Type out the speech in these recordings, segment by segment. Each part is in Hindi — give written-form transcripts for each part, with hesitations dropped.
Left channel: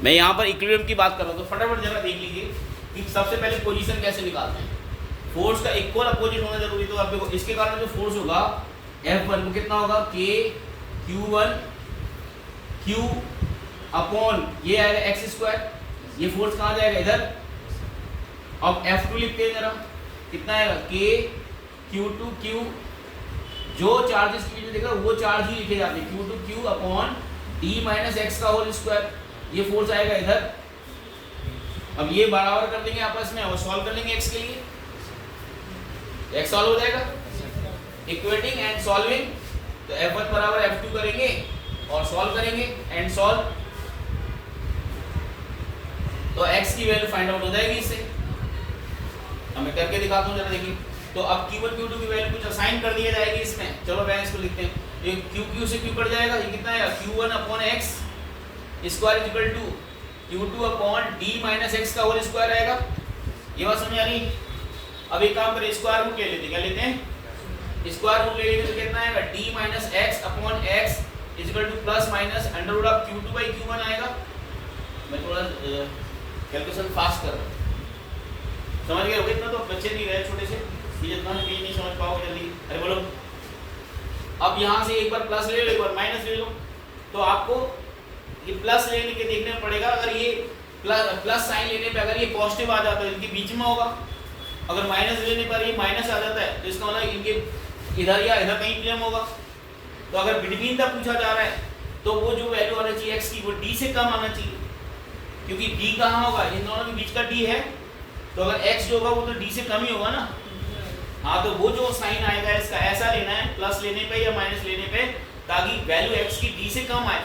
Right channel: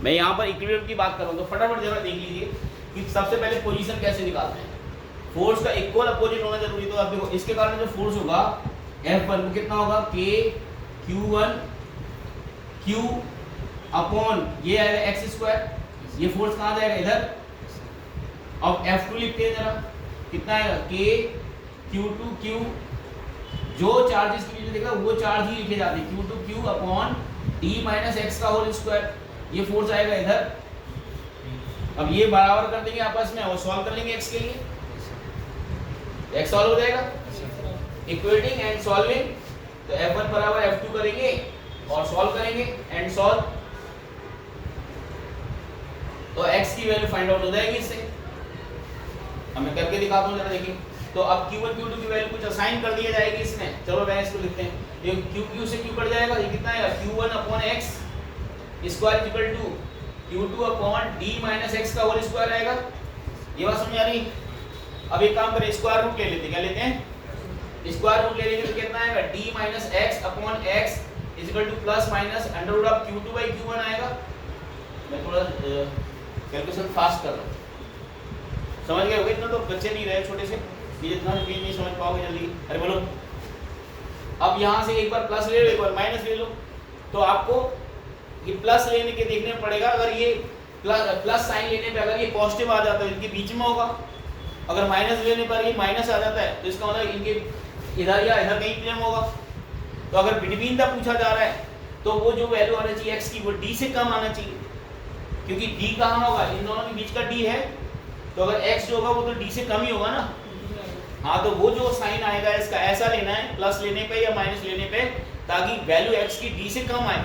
मैं यहाँ पर इक्विलिब्रियम की बात कर रहा हूँ, तो फटाफट जरा देख लीजिए कि सबसे पहले पोजीशन कैसे निकालते हैं। फोर्स का इक्वल अपोजिट होना जरूरी, तो आप देखो इसके कारण जो फोर्स होगा F1 को कितना होगा K Q1 Q अपॉन ये आएगा एक्स स्क्वायर, ये फोर्स कहाँ जाएगा इधर। अब F2 लिखते हैं जरा, कितना आएगा K Q2 Q, जो चार्जेस के लिए देखा वो चार्ज ही लिखे जाते हैं Q2 Q upon D minus x का होल स्क्वायर, ये फोर्स आएगा इधर। अब ये बराबर कर देंगे आपस में और सॉल्व कर लेंगे x के लिए, x सॉल्व हो जाएगा इक्वेटिंग एंड सॉल्विंग, तो F1 बराबर F2 करेंगे और सॉल्व करेंगे एंड सॉल्व, तो x की वैल्यू फाइंड आउट हो जाएगी इससे। अब मैं करके दिखाता हूँ जरा देखिए। तो अब Q1 Q2 की वैल्यू कुछ असाइन कर दिया जाएगी इसमें, चलो मैं इसको लिखते हैं, ये Q से Q कट जाएगा, ये कितना आएगा Q1 upon x square equal to Q2 upon D minus x का होल स्क्वायर आएगा। ये बात समझ आ रही। अब एक काम करें, स्क्वायर रूट ले लेते हैं, क्या लेते हैं स्क्वायर रूट ले लेंगे तो कितना आएगा D minus x upon x equal to plus minus under root of Q2 by Q1 आएगा। मैं थोड़ा कैलकुलेशन फास्ट कर रहा हूँ, समझ गए होगे, इतना तो बच्चे नहीं रहे छोटे से, ये इतना नहीं समझ पाओगे जल्दी। अरे बोलो, अब यहाँ से एक बार प्लस ले लो एक बार माइनस ले लो, तो आपको ये प्लस लेने के देखने में पड़ेगा, अगर ये प्लस साइन लेने पे अगर ये पॉजिटिव आ जाता है इनके बीच में होगा, अगर माइनस लेने पर ये माइनस आ जाता है तो इसका मतलब इनके इधर या इधर कहीं प्लेम होगा। तो अगर बिटवीन द पूछा जा रहा है तो वो जो वैल्यू आना चाहिए x की वो d से कम आना चाहिए, क्योंकि d कहाँ होगा, इन दोनों के बीच का d है, तो अगर x जो होगा वो तो d से कम ही होगा ना। हाँ, तो वो जो साइन आएगा इसका ऐसा लेना है प्लस लेने पे या माइनस लेने पे, ताकि वैल्यू x की d से कम आए,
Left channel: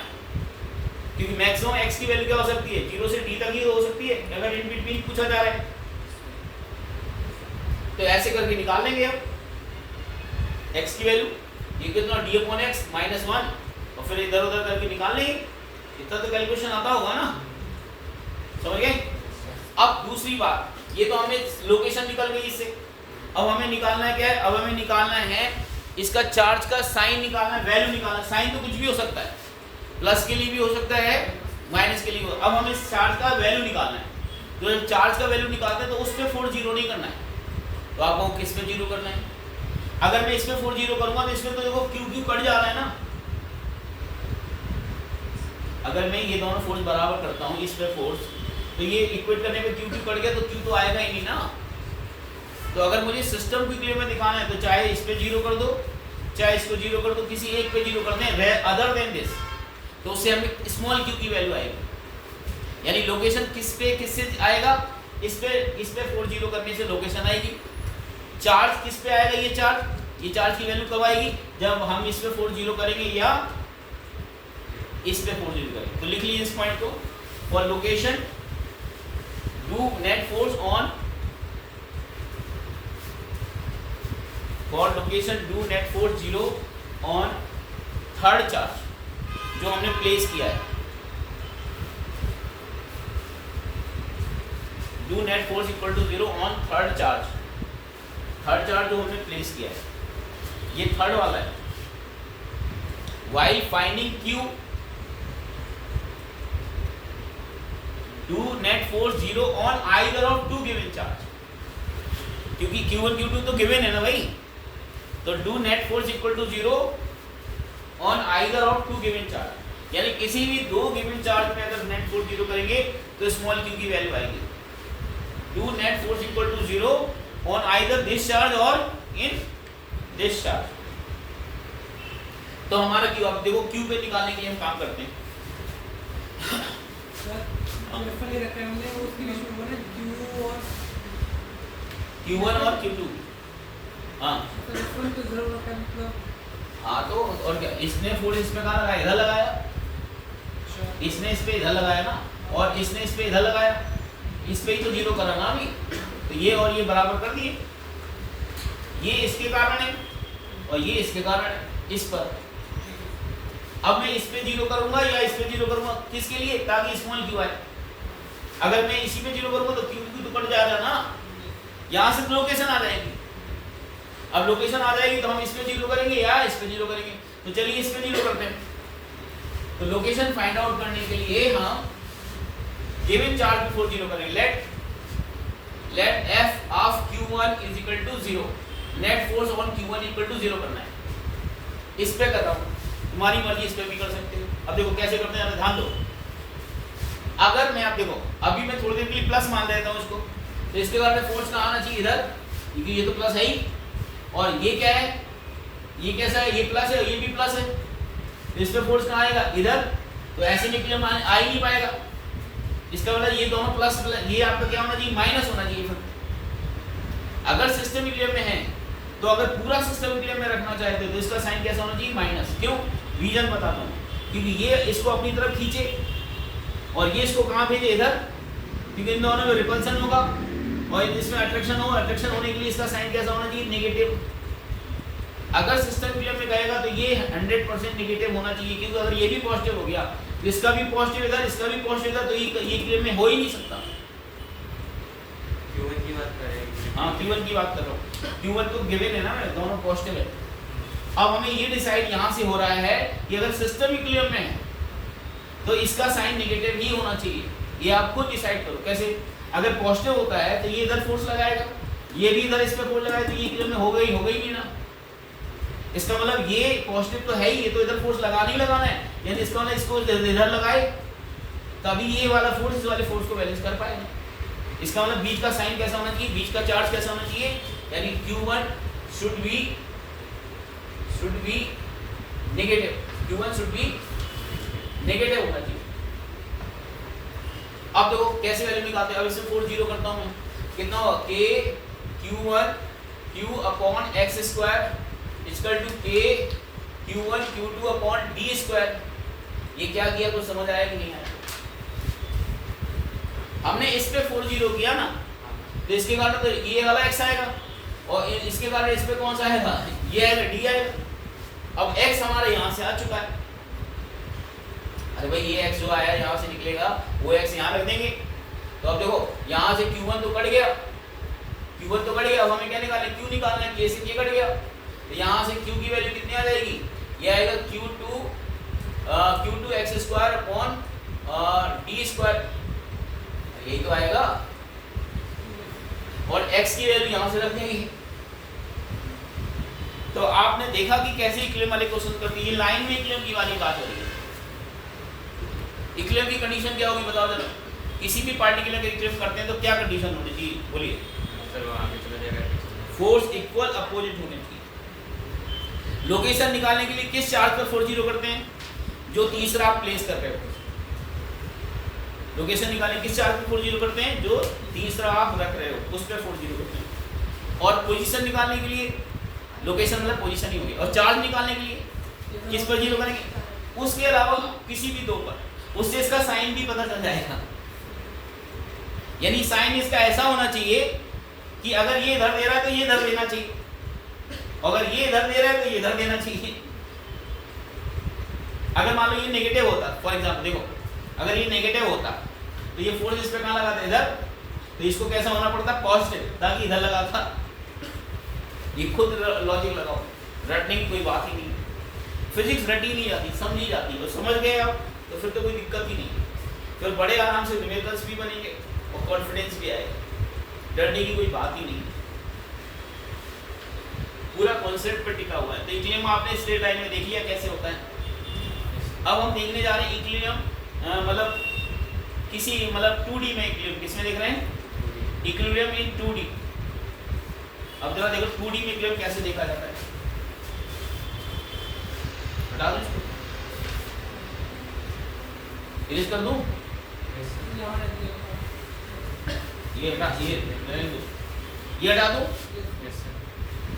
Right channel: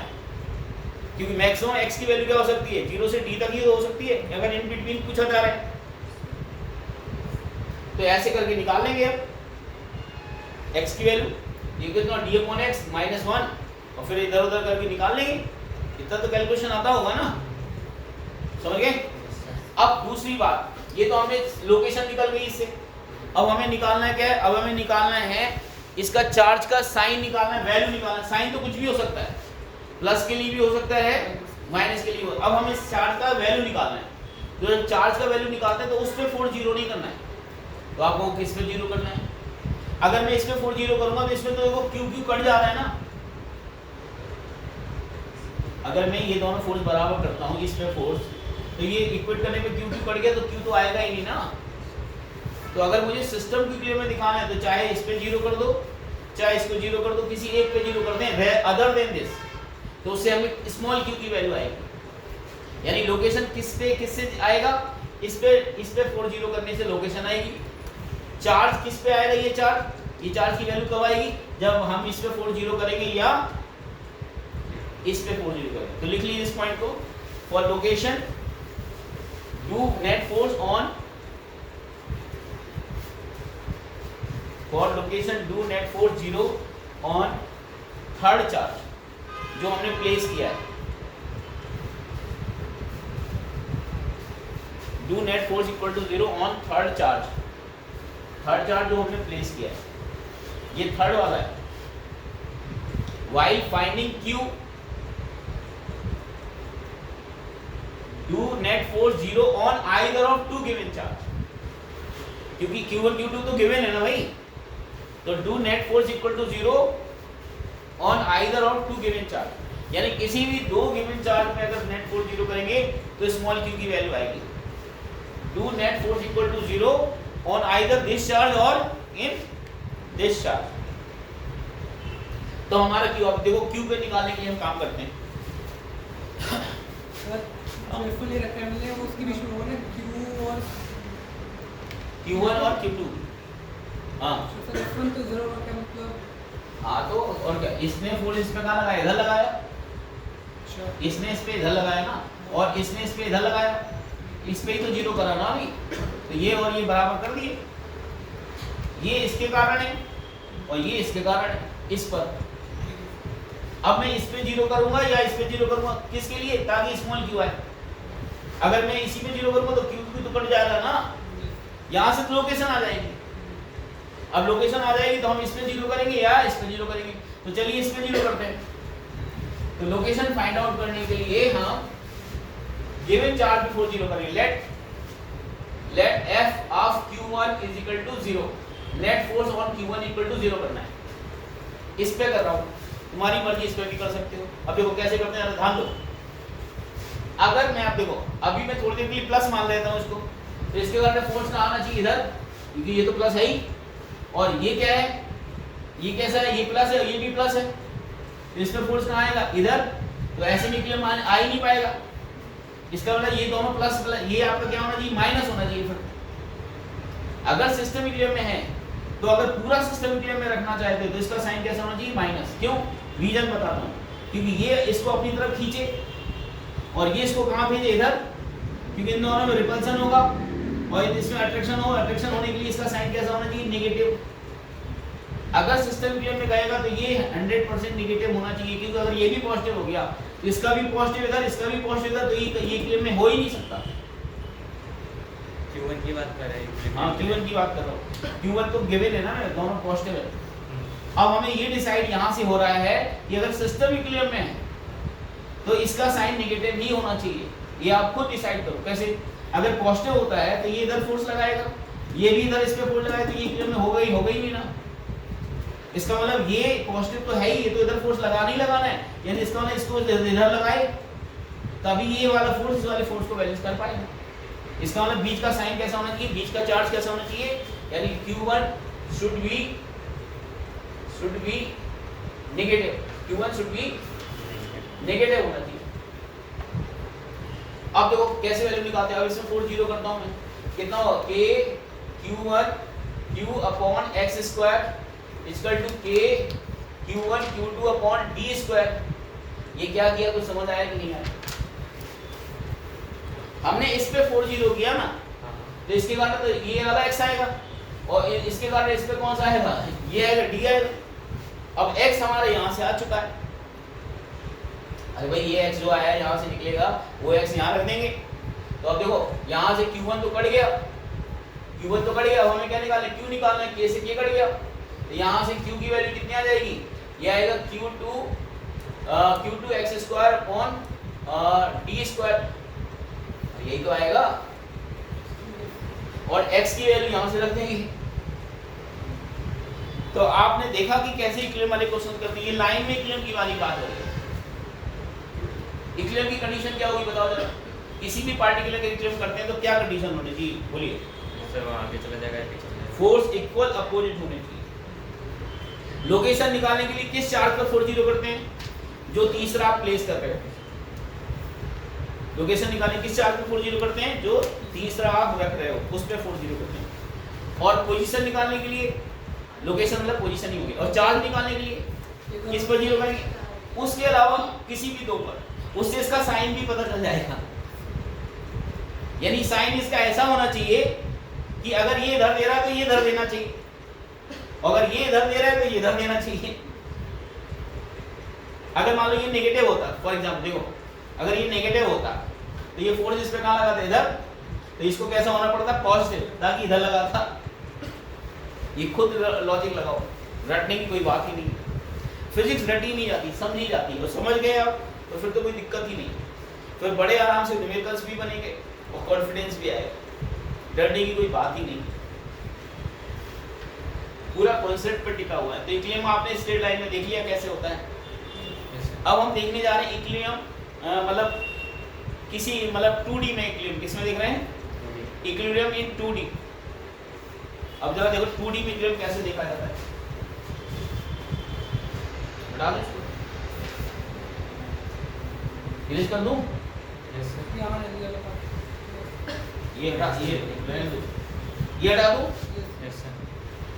क्योंकि मैक्सिमम x की वैल्यू क्या हो सकती है 0 से d तक ही हो सकती है अगर इन बिटवीन पूछा जा रहा है। तो ऐसे करके निकाल लेंगे अब x की वैल्यू, ये कितना d अपॉन x माइनस 1, और फिर इधर उधर करके निकाल लेंगे। इतना तो कैलकुलेशन आता होगा ना, समझ गए। अब दूसरी बात, ये तो हमें लोकेशन निकल गई इससे, अब हमें निकालना है क्या है, अब हमें निकालना है इसका चार्ज का साइन निकालना है, वैल्यू निकालना है। साइन तो कुछ भी हो सकता है, प्लस के लिए भी हो सकता है माइनस के लिए भी। अब हमें चार्ज का वैल्यू निकालना है, तो जब चार्ज का वैल्यू निकालते हैं तो उस पर 4 जीरो नहीं करना है, तो आपको किस पे जीरो करना है। अगर मैं इसमें 4 जीरो करूंगा तो इसमें तो देखो क्यू कट जा रहा है ना। अगर मैं ये दोनों फोर्स बराबर करता हूँ इस पे फोर्स, तो ये इक्वेट करने पे क्यू कट गया तो क्यू तो आएगा ही नहीं ना। तो अगर मुझे सिस्टम क्यू में दिखाना है तो चाहे इस पे जीरो कर दो चाहे इसको जीरो कर दो, किसी एक पे जीरो करते हैं अदर देन दिस, तो उससे हमें स्मॉल क्यू की वैल्यू आएगी। यानी लोकेशन किससे आएगा, इस पे 4 जीरो करने से लोकेशन आएगी। चार्ज किस पे आएगा, ये चार्ज की वैल्यू कब आएगी, जब हम इस पे 4 जीरो करेंगे या इस पे 4 जीरो करेंगे। तो लिख लीजिए इस पॉइंट को, for location do net force on, for location do net force 0 on third charge जो हमने प्लेस किया है। Do net force equal to 0 on third charge जो हमने प्लेस किया है, ये थर्ड वाला है। While finding Q, do net force 0 on either of 2 given charge, क्योंकि Q1 Q2 तो गिवन है ना भाई, तो do net force equal to 0 on either of 2 given charge, यानी किसी भी 2 गिवन चार्ज में अगर नेट फोर्स 0 करेंगे तो स्मॉल q की वैल्यू आएगी। Do net force equal to 0 on either this charge और इन दिस चार्ज। तो हमारा q, अब देखो q पे निकालने के लिए हम काम करते हैं। Q1 और Q2, हाँ हाँ, तो और क्या, इसने फोर्स इस पे कहाँ लगाया, इधर लगाया, इसने इस पे इधर लगाया ना, और इसने इस पे इधर लगाया, इस पे ही तो जीरो करा ना अभी, तो ये और ये बराबर कर दिए, ये इसके कारण है और ये इसके कारण है इस पर। अब मैं इस पे जीरो करूंगा या इस पे जीरो करूंगा, किसके लिए, ताकि स्मॉल क्यू आए। अगर मैं इसी पे जीरो करूंगा तो क्यू तो कट जाएगा ना, यहाँ से लोकेशन आ जाएगी। अब लोकेशन आ जाएगी तो हम इस पे जीरो करेंगे या इस पे जीरो करेंगे, तो चलिए इस पे जीरो करते हैं। तो लोकेशन फाइंड आउट करने के लिए हम गिवन चार्ज पे फोर्स जीरो करेंगे। Let F of Q1 is equal to 0, net force on Q1 equal to 0 करना है। इस पे कर रहा हूँ, तुम्हारी मर्जी, इस पे भी कर सकते हो। अब देखो कैसे करते हैं, ध्यान दो। अगर मैं, आप देखो अभी मैं थोड़ी देर के लिए प्लस मान लेता हूँ इसको, तो इसके बाद में फोर्स कहाँ आना चाहिए, इधर, क्योंकि ये तो प्लस है ही, और ये क्या है, ये कैसा है, ये प्लस है, ये भी प्लस है, इस पे फोर्स कहाँ आएगा, इधर। तो ऐसे निकले आ ही नहीं पाएगा। इसका मतलब ये दोनों प्लस प्लस, ये आपका क्या होना चाहिए, माइनस होना चाहिए। फिर अगर सिस्टम इक्विलिब्रियम में है, तो अगर पूरा सिस्टम इक्विलिब्रियम में रखना चाहते हो तो इसका साइन कैसा होना चाहिए, माइनस। क्यों, रीजन बताता हूँ। क्योंकि ये इसको अपनी तरफ खींचे और ये इसको कहाँ भेजे, इधर, क्योंकि इन दोनों में रिपल्सन होगा और इसमें अट्रैक्शन हो। अट्रैक्शन होने के लिए इसका साइन कैसा होना चाहिए, नेगेटिव। अगर सिस्टम इक्विलिब्रियम में गएगा तो ये 100% नेगेटिव होना चाहिए, क्योंकि अगर ये भी पॉजिटिव हो गया तो इसका भी पॉजिटिव इधर, इसका भी पॉजिटिव इधर, तो ये इक्विलिब्रियम में हो ही नहीं सकता। Q1 की बात कर रहे हैं। हाँ, Q1 की बात कर रहा हूँ। Q1 तो गिवन है ना, दोनों पॉजिटिव है। अब हमें ये डिसाइड यहाँ से हो रहा है कि अगर सिस्टम इक्विलिब्रियम में है तो इसका साइन नेगेटिव ही होना चाहिए। ये आप खुद डिसाइड करो कैसे। अगर पॉजिटिव होता है तो ये इधर फोर्स लगाएगा, ये भी इधर इस पे फोर्स लगाएगा, तो ये इक्विलिब्रियम में होगा ही नहीं ना। इसका मतलब ये पॉजिटिव तो है ही, ये तो इधर फोर्स लगाना ही लगाना है, यानी इसका मतलब इसको इधर लगाए तभी ये वाला फोर्स इस वाले फोर्स को बैलेंस कर पाएगा। इसका मतलब बीच का साइन कैसा होना चाहिए, बीच का चार्ज कैसा होना चाहिए, यानी Q1 should be negative, Q1 should be negative होना चाहिए। अब देखो कैसे वैल्यू निकालते हैं। अब इसमें फोर्स जीरो करता हूं मैं, कितना होगा, K Q1 Q upon x square equal to K Q1 Q2 upon d square. ये क्या किया, कुछ समझ आया कि नहीं आया? हमने इस पे फोर्स जीरो किया ना, तो इसके कारण तो ये वाला x आएगा और इसके कारण इस पे कौन सा आएगा, ये आएगा, d आएगा। अब x हमारे यहाँ से आ चुका है। अरे भाई ये x जो आया है यहाँ से निकलेगा, वो x यहाँ रख देंगे। तो अब देखो यहाँ से Q1 तो कट गया, Q1 तो कट गया, अब हमें क्या निकालना है, Q निकालना है। K से K कट गया, तो यहाँ से Q की वैल्यू कितनी आ जाएगी, ये आएगा Q2 x square upon d square, यही तो आएगा। और x की वैल्यू यहाँ से रख देंगे। तो आपने देखा कि कैसे इक्विलिब्रियम वाले क्वेश्चन करते हैं। ये लाइन में इक्विलिब्रियम की वाली बात है। इक्विलिब्रियम की कंडीशन क्या होगी बताओ जरा। किसी भी पार्टिकुलर का इक्विलिब्रियम करते हैं तो क्या कंडीशन होनी चाहिए, बोलिए। फोर्स इक्वल अपोजिट होने चाहिए। लोकेशन निकालने के लिए किस चार्ज पर फोर्स जीरो करते हैं, जो तीसरा आप प्लेस कर रहे हो। लोकेशन निकालने किस चार्ज पर फोर्स जीरो करते हैं, जो तीसरा आप रख रहे हो उस पर फोर्स जीरो करते हैं। और पोजीशन निकालने के लिए, लोकेशन मतलब पोजीशन ही होगी, और चार्ज निकालने के लिए किस पर जीरो करेंगे, उसके अलावा किसी भी दो पर। उससे इसका साइन भी पता चल जाएगा। यानी साइन इसका ऐसा होना चाहिए कि अगर ये इधर दे रहा है तो ये इधर देना चाहिए, अगर ये इधर दे रहा है तो ये इधर देना चाहिए। अगर मान लो ये नेगेटिव होता, फॉर एग्जांपल देखो, अगर ये नेगेटिव होता तो ये फोर्स इस पे कहाँ लगाता, इधर, तो इसको कैसा होना पड़ता, पॉजिटिव, ताकि इधर लगाता। ये खुद लॉजिक लगाओ, रटने की कोई बात ही नहीं। फिजिक्स रटी नहीं जाती, समझी जाती है। समझ गए आप तो फिर तो कोई दिक्कत ही नहीं, फिर बड़े आराम से न्यूमेरिकल्स भी बनेंगे और कॉन्फिडेंस भी आएगा। डरने की कोई बात ही नहीं, पूरा कॉन्सेप्ट पर टिका हुआ है। तो इक्विलिब्रियम आपने स्ट्रेट लाइन में देख लिया कैसे होता है। अब हम देखने जा रहे हैं इक्विलिब्रियम मतलब किसी मतलब 2D में। इक्विलिब्रियम किसमें देख रहे हैं, इक्विलिब्रियम इन 2D। अब जरा देखो 2D में इक्विलिब्रियम कैसे देखा जाता है। डिलीट कर दूं, ये हटा, ये हटा दूं।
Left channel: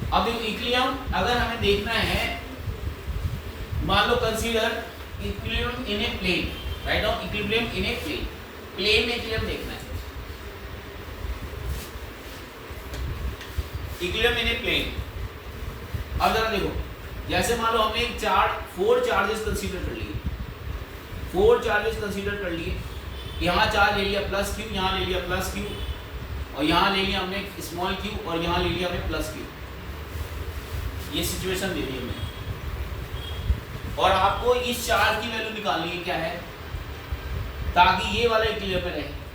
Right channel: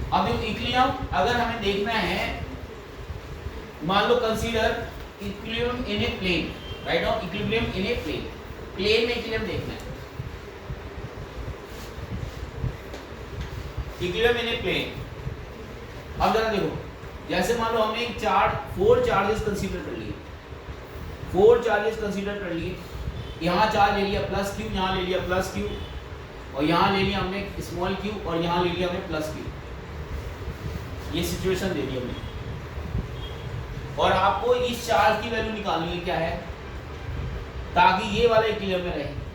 अब इक्विलिब्रियम अगर हमें देखना है, मान लो consider equilibrium in a plane, right now equilibrium in a plane, plane में इक्विलिब्रियम देखना है। Equilibrium in a plane. अब जरा देखो, जैसे मान लो हमने एक चार्ज 4 चार्जेस कंसीडर कर लिए, 4 चार्जेस कंसीडर कर लिए। यहाँ चार्ज ले लिया प्लस क्यू, यहाँ ले लिया प्लस क्यू, और यहाँ ले लिया हमने स्मॉल क्यू, और यहाँ ले लिया हमने प्लस क्यू। ये सिचुएशन दे दी हमने, और आपको इस चार्ज की वैल्यू निकालनी है क्या है, ताकि ये वाला इक्विलिब्रियम में रहे।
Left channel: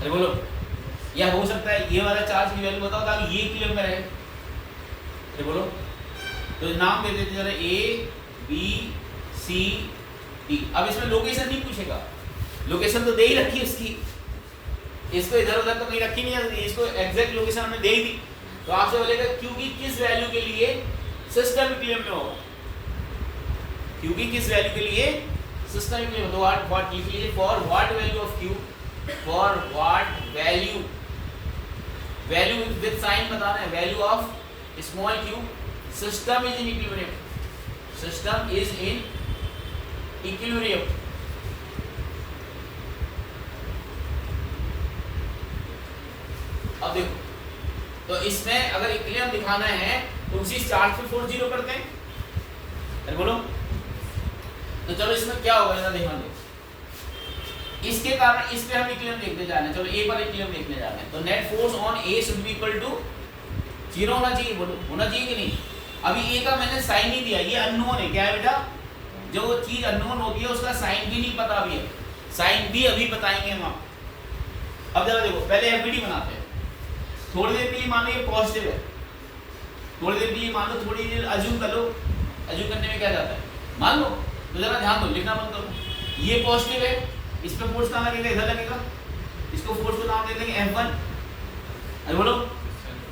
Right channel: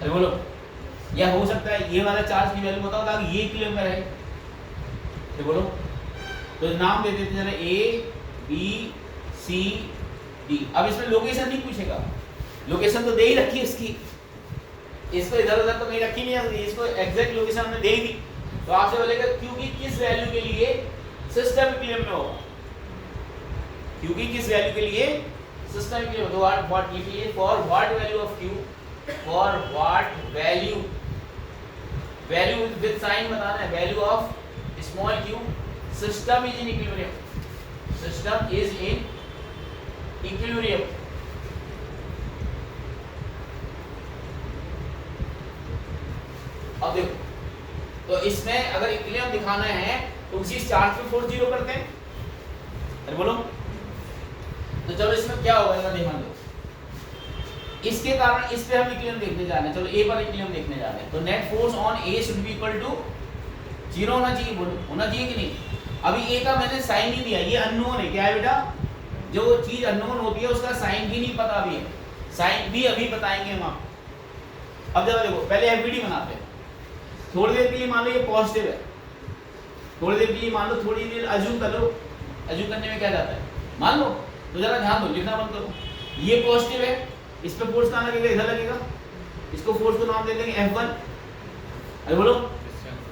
अरे बोलो, या हो सकता है ये वाला चार्ज की वैल्यू बताओ ताकि ये इक्विलिब्रियम में रहे। अरे बोलो, तो नाम दे देते जरा ए बी सी डी। अब इसमें लोकेशन नहीं पूछेगा, लोकेशन तो दे ही रखी है उसकी, इसको इधर उधर तो कहीं रखी नहीं है, इसको एग्जैक्ट लोकेशन हमने दे ही दी। तो आपसे बोलेगा क्योंकि किस वैल्यू के लिए सिस्टम इक्विलिब्रियम में होगा, क्योंकि किस वैल्यू के लिए सिस्टम इक्विलिब्रियम। तो व्हाट लिखिए, for what value of Q, for what value, value with sign बताना है, value of small Q system is in equilibrium, system is in equilibrium. अब देखो, तो इसमें अगर इक्विलिब्रियम दिखाना है तो उसी चार्ज पे फोर्स जीरो करते हैं। अरे बोलो, तो चलो इसमें क्या होगा जरा ध्यान दो, इसके कारण इस पे हम इक्विलिब्रियम देखने जा रहे हैं। चलो ए पर इक्विलिब्रियम देखने जा रहे हैं, तो net force on A should be equal to zero होना चाहिए। बोलो, होना चाहिए कि नहीं? अभी ए का मैंने साइन नहीं दिया, ये अननोन है। क्या है बेटा, जो वो चीज अननोन होती है उसका साइन भी नहीं पता अभी है, साइन भी अभी बताएंगे हम आपको। अब जरा देखो, पहले एफबीडी बनाते हैं। थोड़ी देर के लिए मान लो ये पॉजिटिव है, थोड़ी देर के लिए मान लो, थोड़ी देर अज्यूम कर लो, अज्यूम करने में क्या जाता है, मान लो। तो जरा ध्यान दो, लिखना बंद करो। ये पॉजिटिव है, इस पे फोर्स कहाँ लगेगा, इधर लगेगा। इसको फोर्स को नाम दे देंगे F1। अरे बोलो,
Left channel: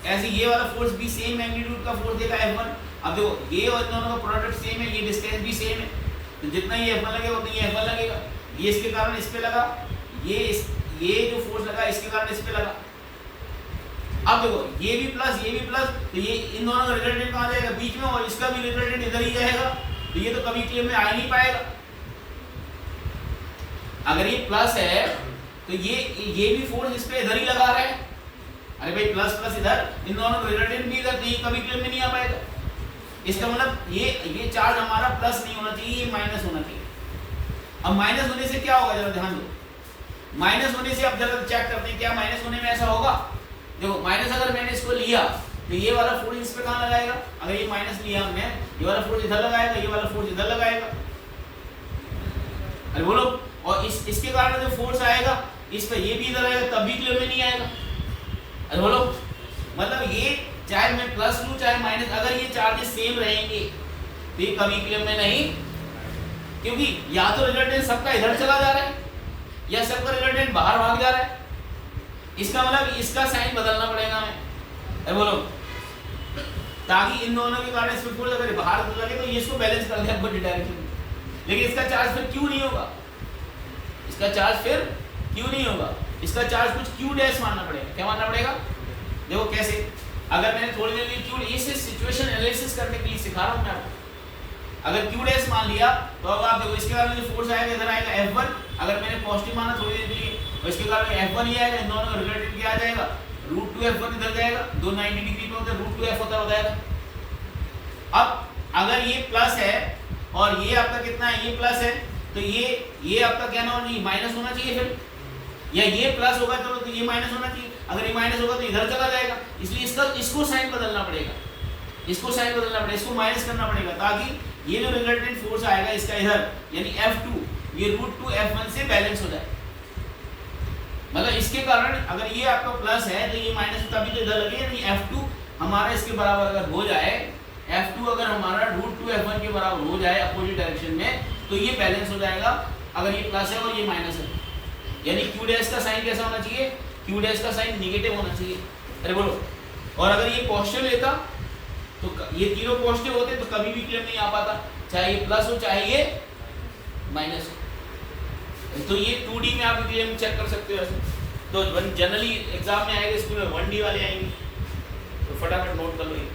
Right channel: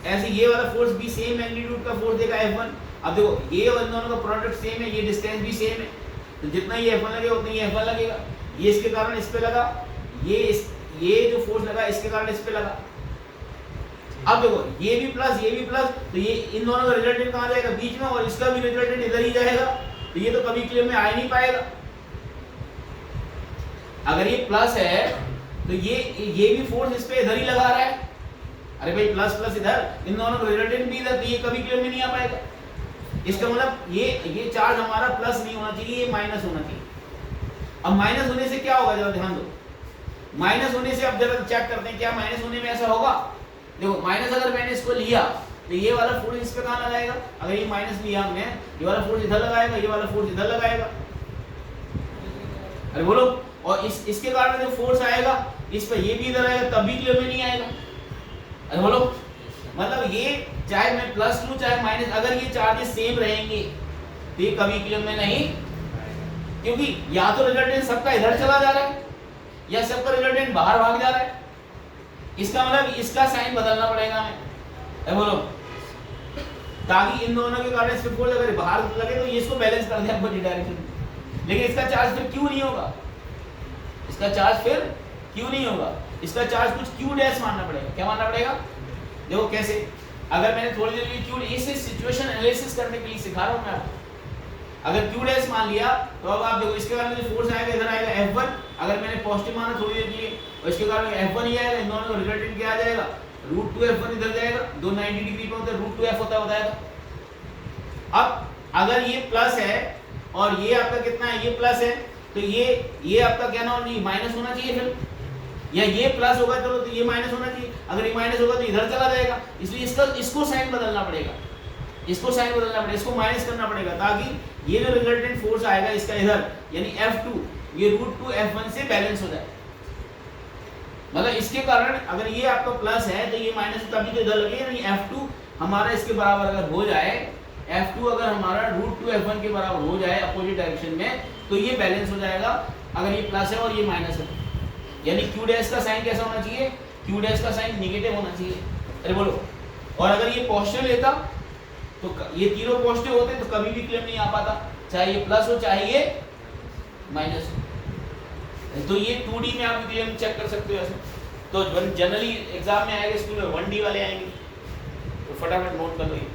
ऐसे ये वाला फोर्स भी सेम मैग्नीट्यूड का फोर्स देगा F1। अब देखो, ये और दोनों का प्रोडक्ट सेम है, ये डिस्टेंस भी सेम है, तो जितना ये F1 लगेगा उतना ये F1 लगेगा। ये इसके कारण इस पे लगा, ये जो फोर्स लगा इसके कारण इस पे लगा। अब देखो, ये भी प्लस, ये भी प्लस, तो ये इन दोनों का रिजल्टेंट कहाँ जाएगा, बीच में, और इसका भी रिजल्टेंट इधर ही जाएगा। तो ये तो कभी इक्विलिब्रियम में आ नहीं पाएगा। अगर ये प्लस है तो ये भी फोर्स इस पे इधर ही लगा रहा है। अरे भाई, प्लस प्लस इधर, इन दोनों का रिजल्टेंट भी इधर, तो ये कभी इक्विलिब्रियम में नहीं आ पाएगा। इसका मतलब ये चार्ज हमारा प्लस नहीं होना चाहिए, ये माइनस होना चाहिए। अब माइनस होने से क्या होगा, जरा ध्यान दो। माइनस होने से अब जरा चेक करते हैं क्या माइनस होने में ऐसा होगा। देखो, माइनस अगर मैंने इसको लिया तो ये वाला फोर्स इस पे कहाँ लगाएगा, अगर ये माइनस लिया हमने, ये वाला फोर्स इधर लगाएगा, ये वाला फोर्स इधर लगाएगा। अरे बोलो, और इसके कारण जो फोर्स आएगा इस पे, ये भी इधर आएगा, तब भी इक्विलिब्रियम में नहीं आएगा। अरे बोलो, मतलब ये चाहे मैं प्लस लूं चाहे माइनस, अगर ये चार्जेस सेम रहेंगे तो ये कभी इक्विलिब्रियम में नहीं, क्योंकि या तो रिजल्टेंट सबका इधर चला जा रहा है या सबका रिजल्टेंट बाहर भाग जा रहा है। इसका मतलब इसका साइन बदलना पड़ेगा हमें। अरे बोलो, ताकि इन दोनों के कारण इसमें फोर्स अगर बाहर लगे तो ये इसको बैलेंस कर दे अपोजिट डायरेक्शन में। लेकिन इसका चार्ज फिर क्यों नहीं होगा, इसका चार्ज फिर क्यों नहीं होगा, इसका चार्ज कुछ क्यू डैश मानना पड़ेगा। क्या मानना पड़ेगा, देखो कैसे। अगर मैंने थोड़ी देर लिए क्यू, इसे सिचुएशन एनालिसिस करने के लिए सिखा रहा हूं मैं आपको। अगर क्यू डैश मान लिया तो अब आप देखो, इसके कारण जो फोर्स आएगा इधर आएगा F1। अगर मैंने पॉजिटिव माना थोड़ी देर के लिए, तो इसके कारण F1 ही आएगा। इन दोनों का रिजल्टेंट क्या आ जाएगा, √2F1 इधर जाएगा, दो 90 डिग्री पे होता है, √2F होता है, बताया। अब अगर ये प्लस है और ये आपका कितना है, ये प्लस है, तो ये आपका क्या होना चाहिए, माइनस होना चाहिए फिर, या ये प्लस होगा तो ये माइनस होना चाहिए। अगर ये माइनस होगा तो इधर चला जाएगा, इसलिए इसको साइन बदलना पड़ेगा, इसको साइन बदलना पड़ेगा, इसको माइनस करना पड़ेगा, ताकि ये जो रिजल्टेंट फोर्स आएगा इसका इधर, यानी F2, ये √2F1 से बैलेंस हो जाए। मतलब इसके कारण अगर ये आपका प्लस है तो ये माइनस तभी तो इधर लगे, यानी F2 हमारा इसके बराबर अगर हो जाए, F2 अगर हमारा √2F1 के बराबर हो जाए अपोजिट डायरेक्शन में, तो ये बैलेंस हो जाएगा। अगर ये प्लस है और ये माइनस है, यानी Q डैश का साइन कैसा होना चाहिए, Q डैश का साइन नेगेटिव होना चाहिए। अरे बोलो, और अगर ये पॉजिटिव लेता तो ये तीनों पॉजिटिव होते तो कभी भी क्लेम नहीं आ पाता, चाहे ये प्लस हो चाहे ये माइनस हो। तो ये 2D में आप क्लेम चेक कर सकते हो ऐसे। तो जनरली एग्जाम में आएगा, इसमें 1D वाले आएंगे, तो फटाफट नोट कर लो, ये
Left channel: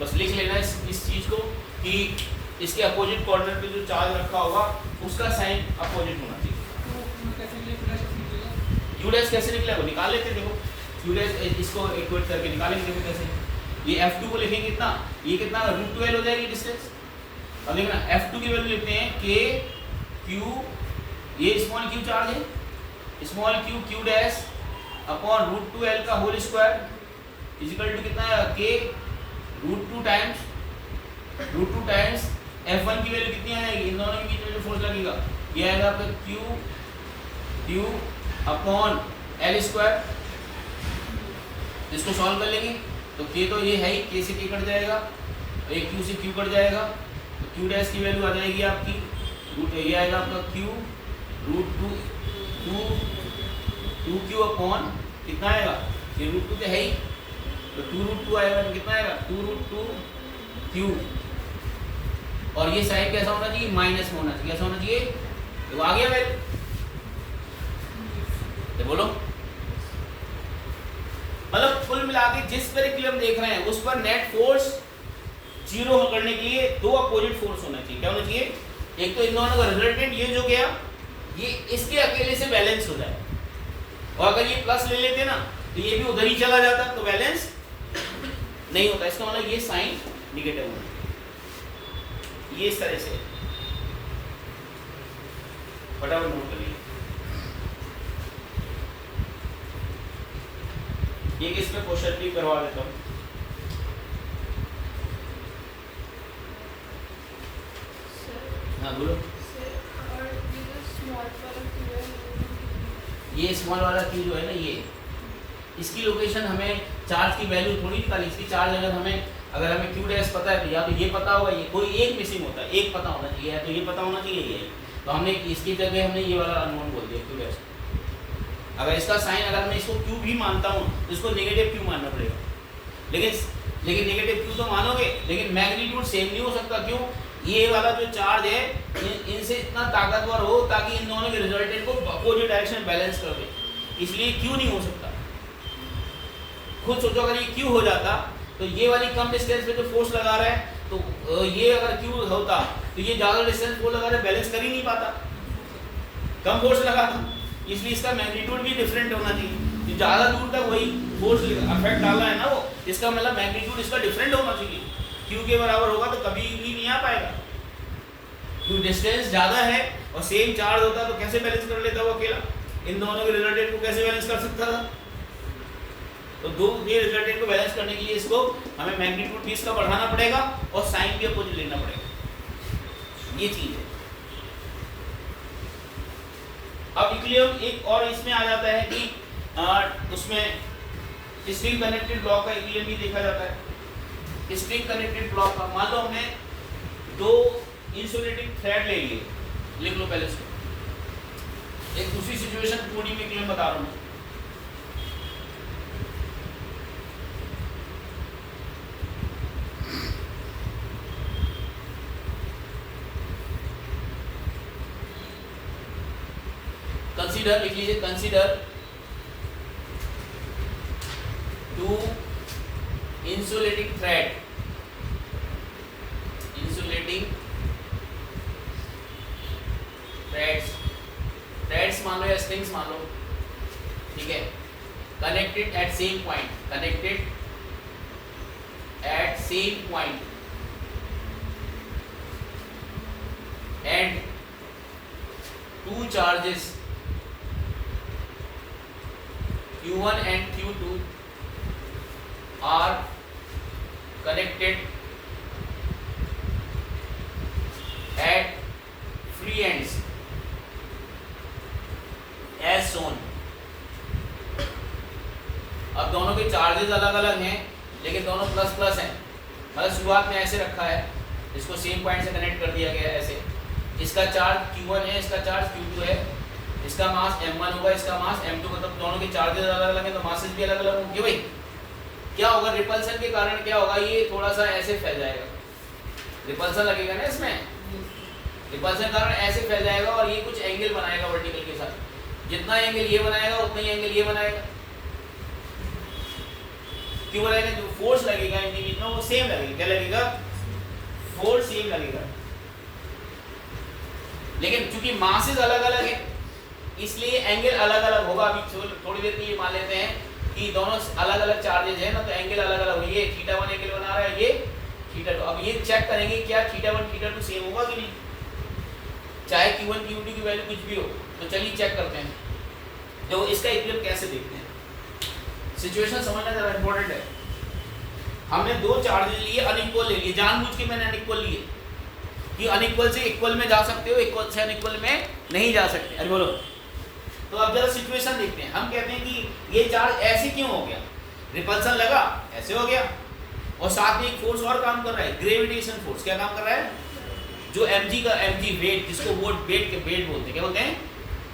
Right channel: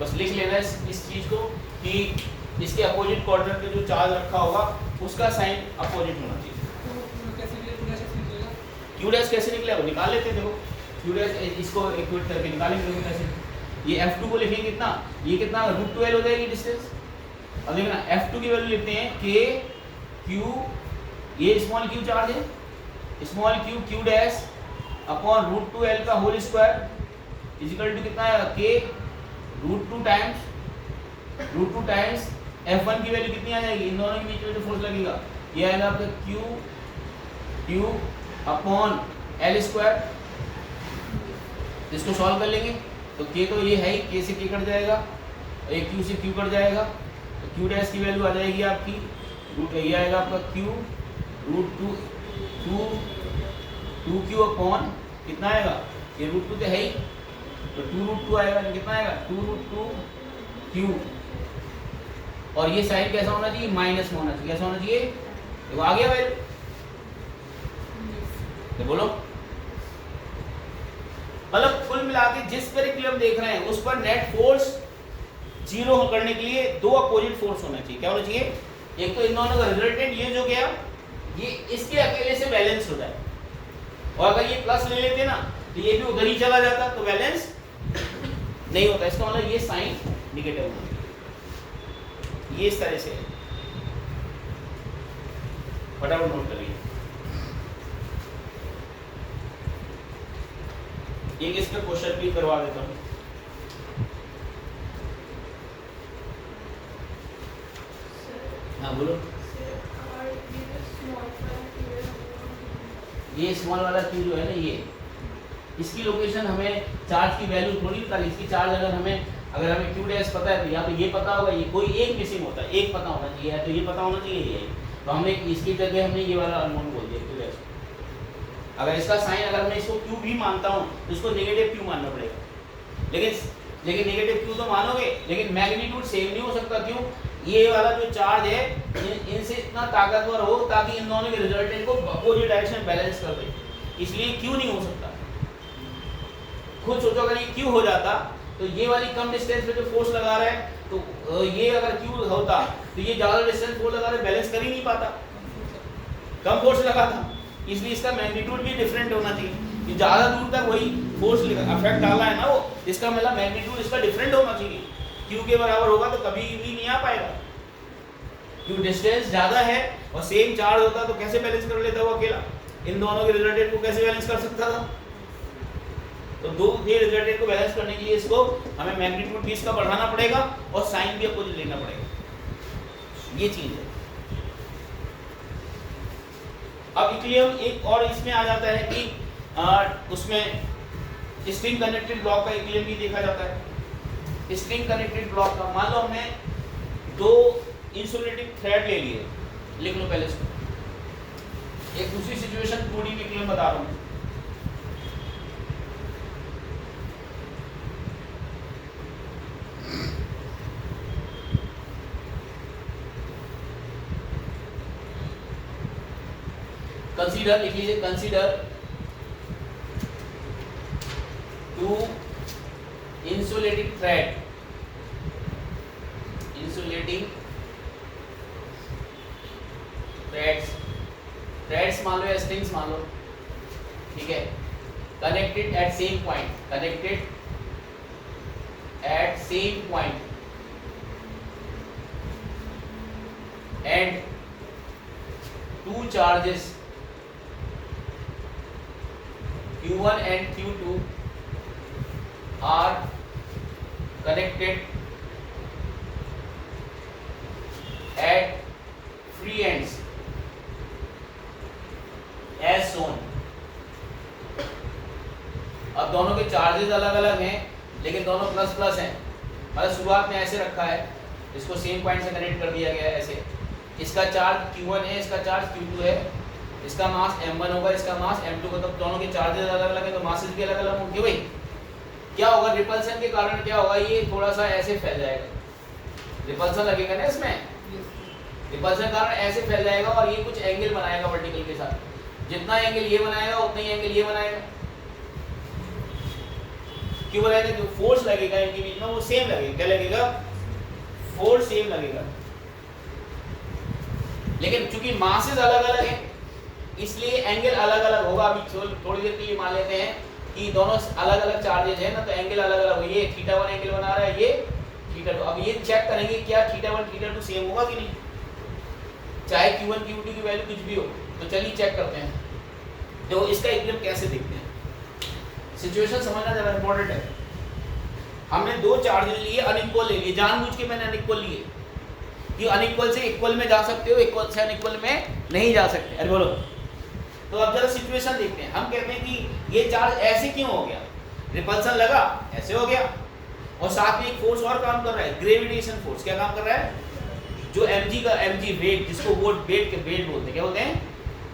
बस लिख लेना है इस चीज को कि इसके अपोजिट क्वाड्रेंट पे जो चार्ज रखा होगा उसका साइन अपोजिट होना चाहिए। Q डैश कैसे निकलेगा वो निकाल लेते हैं। देखो Q डैश, इसको इक्वेट करके निकालेंगे। देखो कैसे, ये F2 को लिखेंगे कितना, ये कितना √2L हो जाएगी डिस्टेंस। अब देखना F2 की वैल्यू लिखते हैं K Q, ये स्मॉल q चार्ज है, small q dash upon √2L का होल स्क्वायर इक्वल टू कितना है, K √2 टाइम्स F1 की वैल्यू कितनी आ जाएगी, इन दोनों के बीच में जो फोर्स लगेगा ये आएगा आपका Q अपॉन एल स्क्वायर, इसको सॉल्व कर लेंगे तो के तो ये है ही, के से के कट जाएगा और ये क्यू से क्यू कट जाएगा, तो क्यू डैश की वैल्यू आ जाएगी आपकी रूट, ये आएगा आपका Q root two Q upon कितना आएगा, ये रूट 2 तो है ही, तो 2 रूट 2 आएगा, तो कितना आएगा 2 रूट 2 क्यू, और ये साइड कैसा होना चाहिए, माइनस में होना चाहिए, कैसा होना चाहिए, तो आ गया वैल्यू, तो बोलो मतलब कुल मिला के जिस पर इक्विलिब्रियम देख रहे हैं उस पर नेट फोर्स जीरो करने के लिए दो अपोजिट फोर्स होना चाहिए, क्या होना चाहिए, एक तो इन दोनों का रिजल्टेंट ये जो गया ये इसके अकेले से बैलेंस हो जाए, और अगर ये प्लस ले लेते ना तो ये भी उधर ही चला जाता, तो बैलेंस नहीं होता, इसका मतलब ये साइन निगेटिव होना चाहिए, ये इस तरह से फटाफट नोट कर लीजिए। ये इस पे क्वेश्चन भी करवा देता हूँ। हाँ बोलो। ये स्मॉल वाला की जो है ना, ये इसकी लोकेशन हमें चार्ज की वैल्यू थोड़ी निकाली, इसकी चार्ज अगर हमें क्यू डैश पता है तो या तो ये पता होगा, ये कोई एक मिसिंग होता है, एक पता होना चाहिए, तो ये पता होना चाहिए ये, तो हमने इसकी जगह हमने ये वाला अननोन बोल दिया क्यू डैश। अगर इसका साइन अगर मैं इसको क्यू भी मानता हूँ तो इसको नेगेटिव क्यू मानना पड़ेगा, लेकिन नेगेटिव क्यू तो मानोगे, लेकिन मैग्नीट्यूड सेम नहीं हो सकता, क्यों, ये वाला जो चार्ज है इनसे इतना ताकतवर हो ताकि इन दोनों के रिजल्टेंट को अपोजिट डायरेक्शन बैलेंस कर दे, इसलिए क्यू नहीं हो सकता। खुद सोचो अगर ये क्यू हो जाता तो ये वाली कम डिस्टेंस पे जो फोर्स लगा रहा है, तो ये अगर क्यू होता तो ये ज़्यादा डिस्टेंस फोर्स लगा रहा है, बैलेंस कर ही नहीं पाता, कम फोर्स लगाता, इसलिए इसका मैग्नीट्यूड भी डिफरेंट होना चाहिए, ज़्यादा दूर तक वही फोर्स अफेक्ट डाला है ना वो, इसका मतलब मैग्नीट्यूड इसका डिफरेंट होना चाहिए, क्यू के बराबर होगा तो कभी भी नहीं आ पाएगा, क्यों डिस्टेंस ज़्यादा है और सेम चार्ज होता तो कैसे बैलेंस कर लेता वो अकेला, इन दोनों के रिजल्टेंट को कैसे बैलेंस कर सकता था, तो दो ये रिजल्टेंट को बैलेंस करने के लिए इसको हमें मैग्नीट्यूड भी इसका बढ़ाना पड़ेगा और साइन भी अपोजिट लेना पड़ेगा, ये चीज़ है। अब इक्विलिब्रियम एक और इसमें आ जाता है कि उसमें स्ट्रिंग कनेक्टेड ब्लॉक का इक्विलिब्रियम भी देखा जाता है। स्ट्रिंग कनेक्टेड ब्लॉक का मान लो हमने दो इंसुलेटिंग थ्रेड ले लिए, लिख लो पहले इसको, एक दूसरी सिचुएशन पूरी में इक्विलिब्रियम बता रहा हूँ। कंसीडर लिख लीजिए, consider two insulating thread, insulating threads मान लो या स्ट्रिंग्स मान लो, ठीक है, connected at same point, connected at same point and two charges Q1 and Q2 are connected at free ends as shown। अब दोनों के चार्जेस अलग अलग हैं लेकिन दोनों प्लस प्लस हैं, मतलब शुरुआत में ऐसे रखा है, इसको सेम पॉइंट से कनेक्ट कर दिया गया है ऐसे, इसका चार्ज Q1 है, इसका चार्ज Q2 है, इसका मास m1 होगा, इसका मास m2 का, तब दोनों के चार्जेस अलग अलग है तो मासेस भी अलग अलग होंगे। भाई क्या होगा, रिपल्सन के कारण क्या होगा, ये थोड़ा सा ऐसे फैल जाएगा, रिपल्सन लगेगा ना इसमें, रिपल्सन के कारण ऐसे फैल जाएगा और ये कुछ एंगल बनाएगा वर्टिकल के साथ, जितना एंगल ये बनाएगा उतना ही एंगल ये बनाएगा, क्यों बनाएगा, जो फोर्स लगेगा इनके बीच में वो सेम लगेगा, क्या लगेगा, फोर्स सेम लगेगा, लेकिन चूंकि मासेस अलग अलग है इसलिए एंगल अलग अलग होगा। अभी थोड़ी देर ये मान लेते हैं कि दोनों अलग अलग चार्जेज है ना, तो एंगल अलग अलग होगा, ये θ1 एंगल बना रहा है, ये θ2, अब ये चेक करेंगे क्या θ1 θ2 सेम होगा कि नहीं, चाहे Q1 Q2 की वैल्यू कुछ भी हो, तो चलिए चेक करते हैं, जो इसका इक्विलिब्रियम कैसे देखते हैं, सिचुएशन समझना ज़रा इंपॉर्टेंट है। हमने दो चार्जेज लिए, अनइक्वल ले लिए, जानबूझ के मैंने अनइक्वल लिए कि अनइक्वल से इक्वल में जा सकते हो, इक्वल से अनइक्वल में नहीं जा सकते। अरे बोलो, तो अब जरा सिचुएशन देखते हैं। हम कहते हैं कि ये चार्ज ऐसे क्यों हो गया, रिपल्सन लगा ऐसे हो गया, और साथ में एक फोर्स और काम कर रहा है, ग्रेविटेशन फोर्स। क्या काम कर रहा है? जो mg का mg वेट, जिसको वो वेट बोलते हैं, क्या बोलते हैं?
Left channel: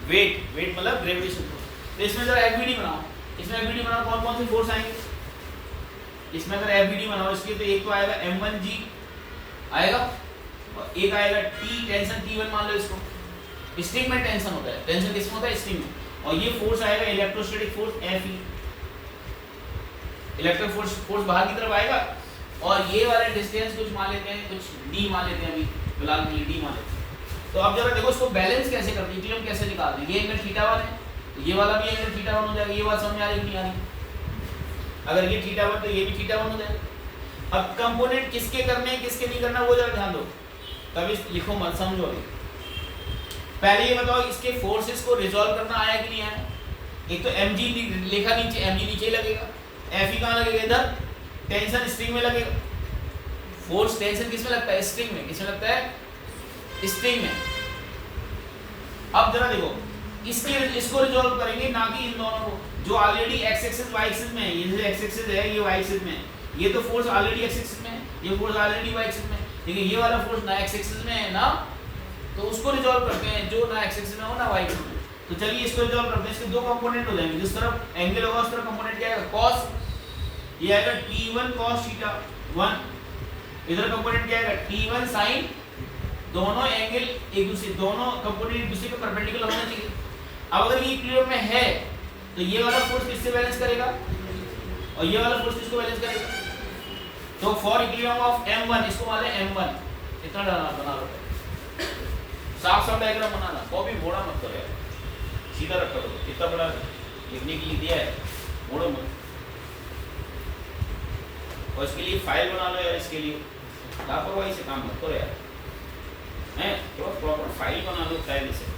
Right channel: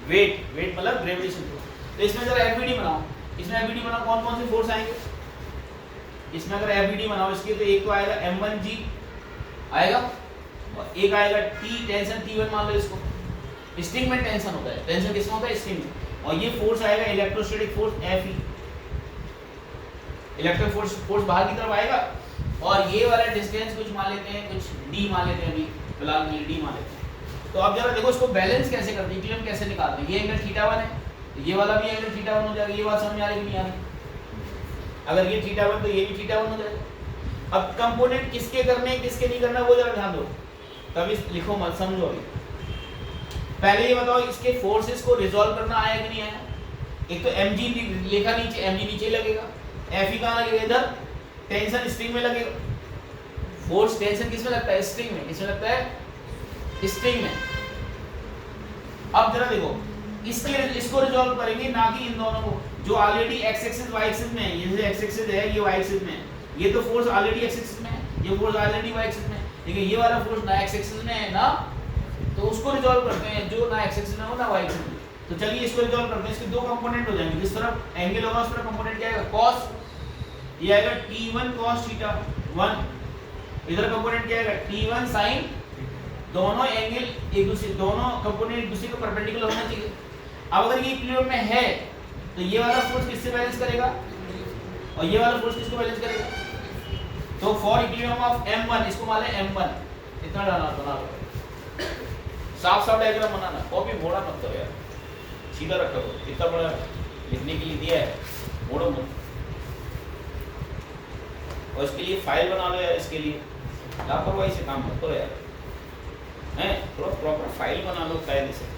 वेट मतलब ग्रेविटेशन फोर्स। तो इसमें जरा एफबीडी बनाओ, इसमें एफबीडी बनाओ, कौन कौन से फोर्स आएंगे इसमें? अगर एफबीडी बनाओ इसके, तो एक तो आएगा m1g आएगा, और एक आएगा T, टेंशन T1 मान लो इसको। स्ट्रिंग में टेंशन होता है, टेंशन किसमें होता है? स्ट्रिंग में। और ये फोर्स आएगा electrostatic force Fe, electric force बाहर की तरफ आएगा। और ये वाला डिस्टेंस कुछ मान लेते हैं, कुछ d मान लेते हैं, अभी फिलहाल नहीं d मान लेते हैं। तो अब जरा देखो इसको बैलेंस कैसे करते हैं, इक्विलिब्रियम कैसे निकालते हैं। ये एंगल θ1 है, तो ये वाला भी एंगल θ1 हो जाएगा। ये बात समझ में आ रही नहीं आ रही? अगर ये θ1 तो ये भी θ1 हो जाएगा। अब कंपोनेंट किसके करने हैं किसके नहीं करना, वो जरा ध्यान दो, तभी लिखो मत, समझो। अभी पहले ये बताओ, इसके फोर्सेस को रिजॉल्व करना आया कि नहीं आया? एक तो mg लिखा नीचे, mg नीचे ही लगेगा, Fe कहाँ लगेगा? इधर। टेंशन स्ट्रिंग में लगेगा, फोर्स टेंशन किसमें लगता है? स्ट्रिंग में। किसमें लगता है? स्ट्रिंग में। अब जरा देखो, इसको रिजॉल्व करेंगे, ना कि इन दोनों को, जो already x axis y axis में है। ये x एक्सिस है, ये y एक्सिस में है। ये तो फोर्स ऑलरेडी x एक्सिस में है, ये फोर्स ऑलरेडी y एक्सिस में है। लेकिन ये वाला फोर्स ना x एक्सिस में है ना, तो उसको रिजॉल्व करते हैं जो ना x एक्सिस में हो ना y एक्सिस में। तो चलिए इसको रिजॉल्व करते हैं। इसके दो कंपोनेंट हो जाएंगे, जिस तरफ एंगल होगा उस तरफ कंपोनेंट क्या आएगा? cos, ये आएगा T1 cos θ1। इधर कंपोनेंट क्या आएगा? T1 sin। दोनों एंगल एक दूसरे, दोनों कंपोनेंट एक दूसरे के परपेंडिकुलर होना चाहिए। अब अगर ये इक्विलिब्रियम में है, तो ये वाला फोर्स किससे बैलेंस करेगा, और ये वाला फोर्स किसको बैलेंस करेगा? तो फॉर इक्विलिब्रियम ऑफ m1, इसको मान लें m1। इतना बना लो, साफ डायग्राम बनाना, कॉपी मोड़ा मत करो यार, सीधा रखो। इतना बड़ा लिखने के लिए दिया है, मोड़ो मत। और इसके लिए फाइल बना लो यार, इसके लिए लापरवाही से काम मत करो यार, हैं? तो प्रॉपर फाइल बना लो कायदे से।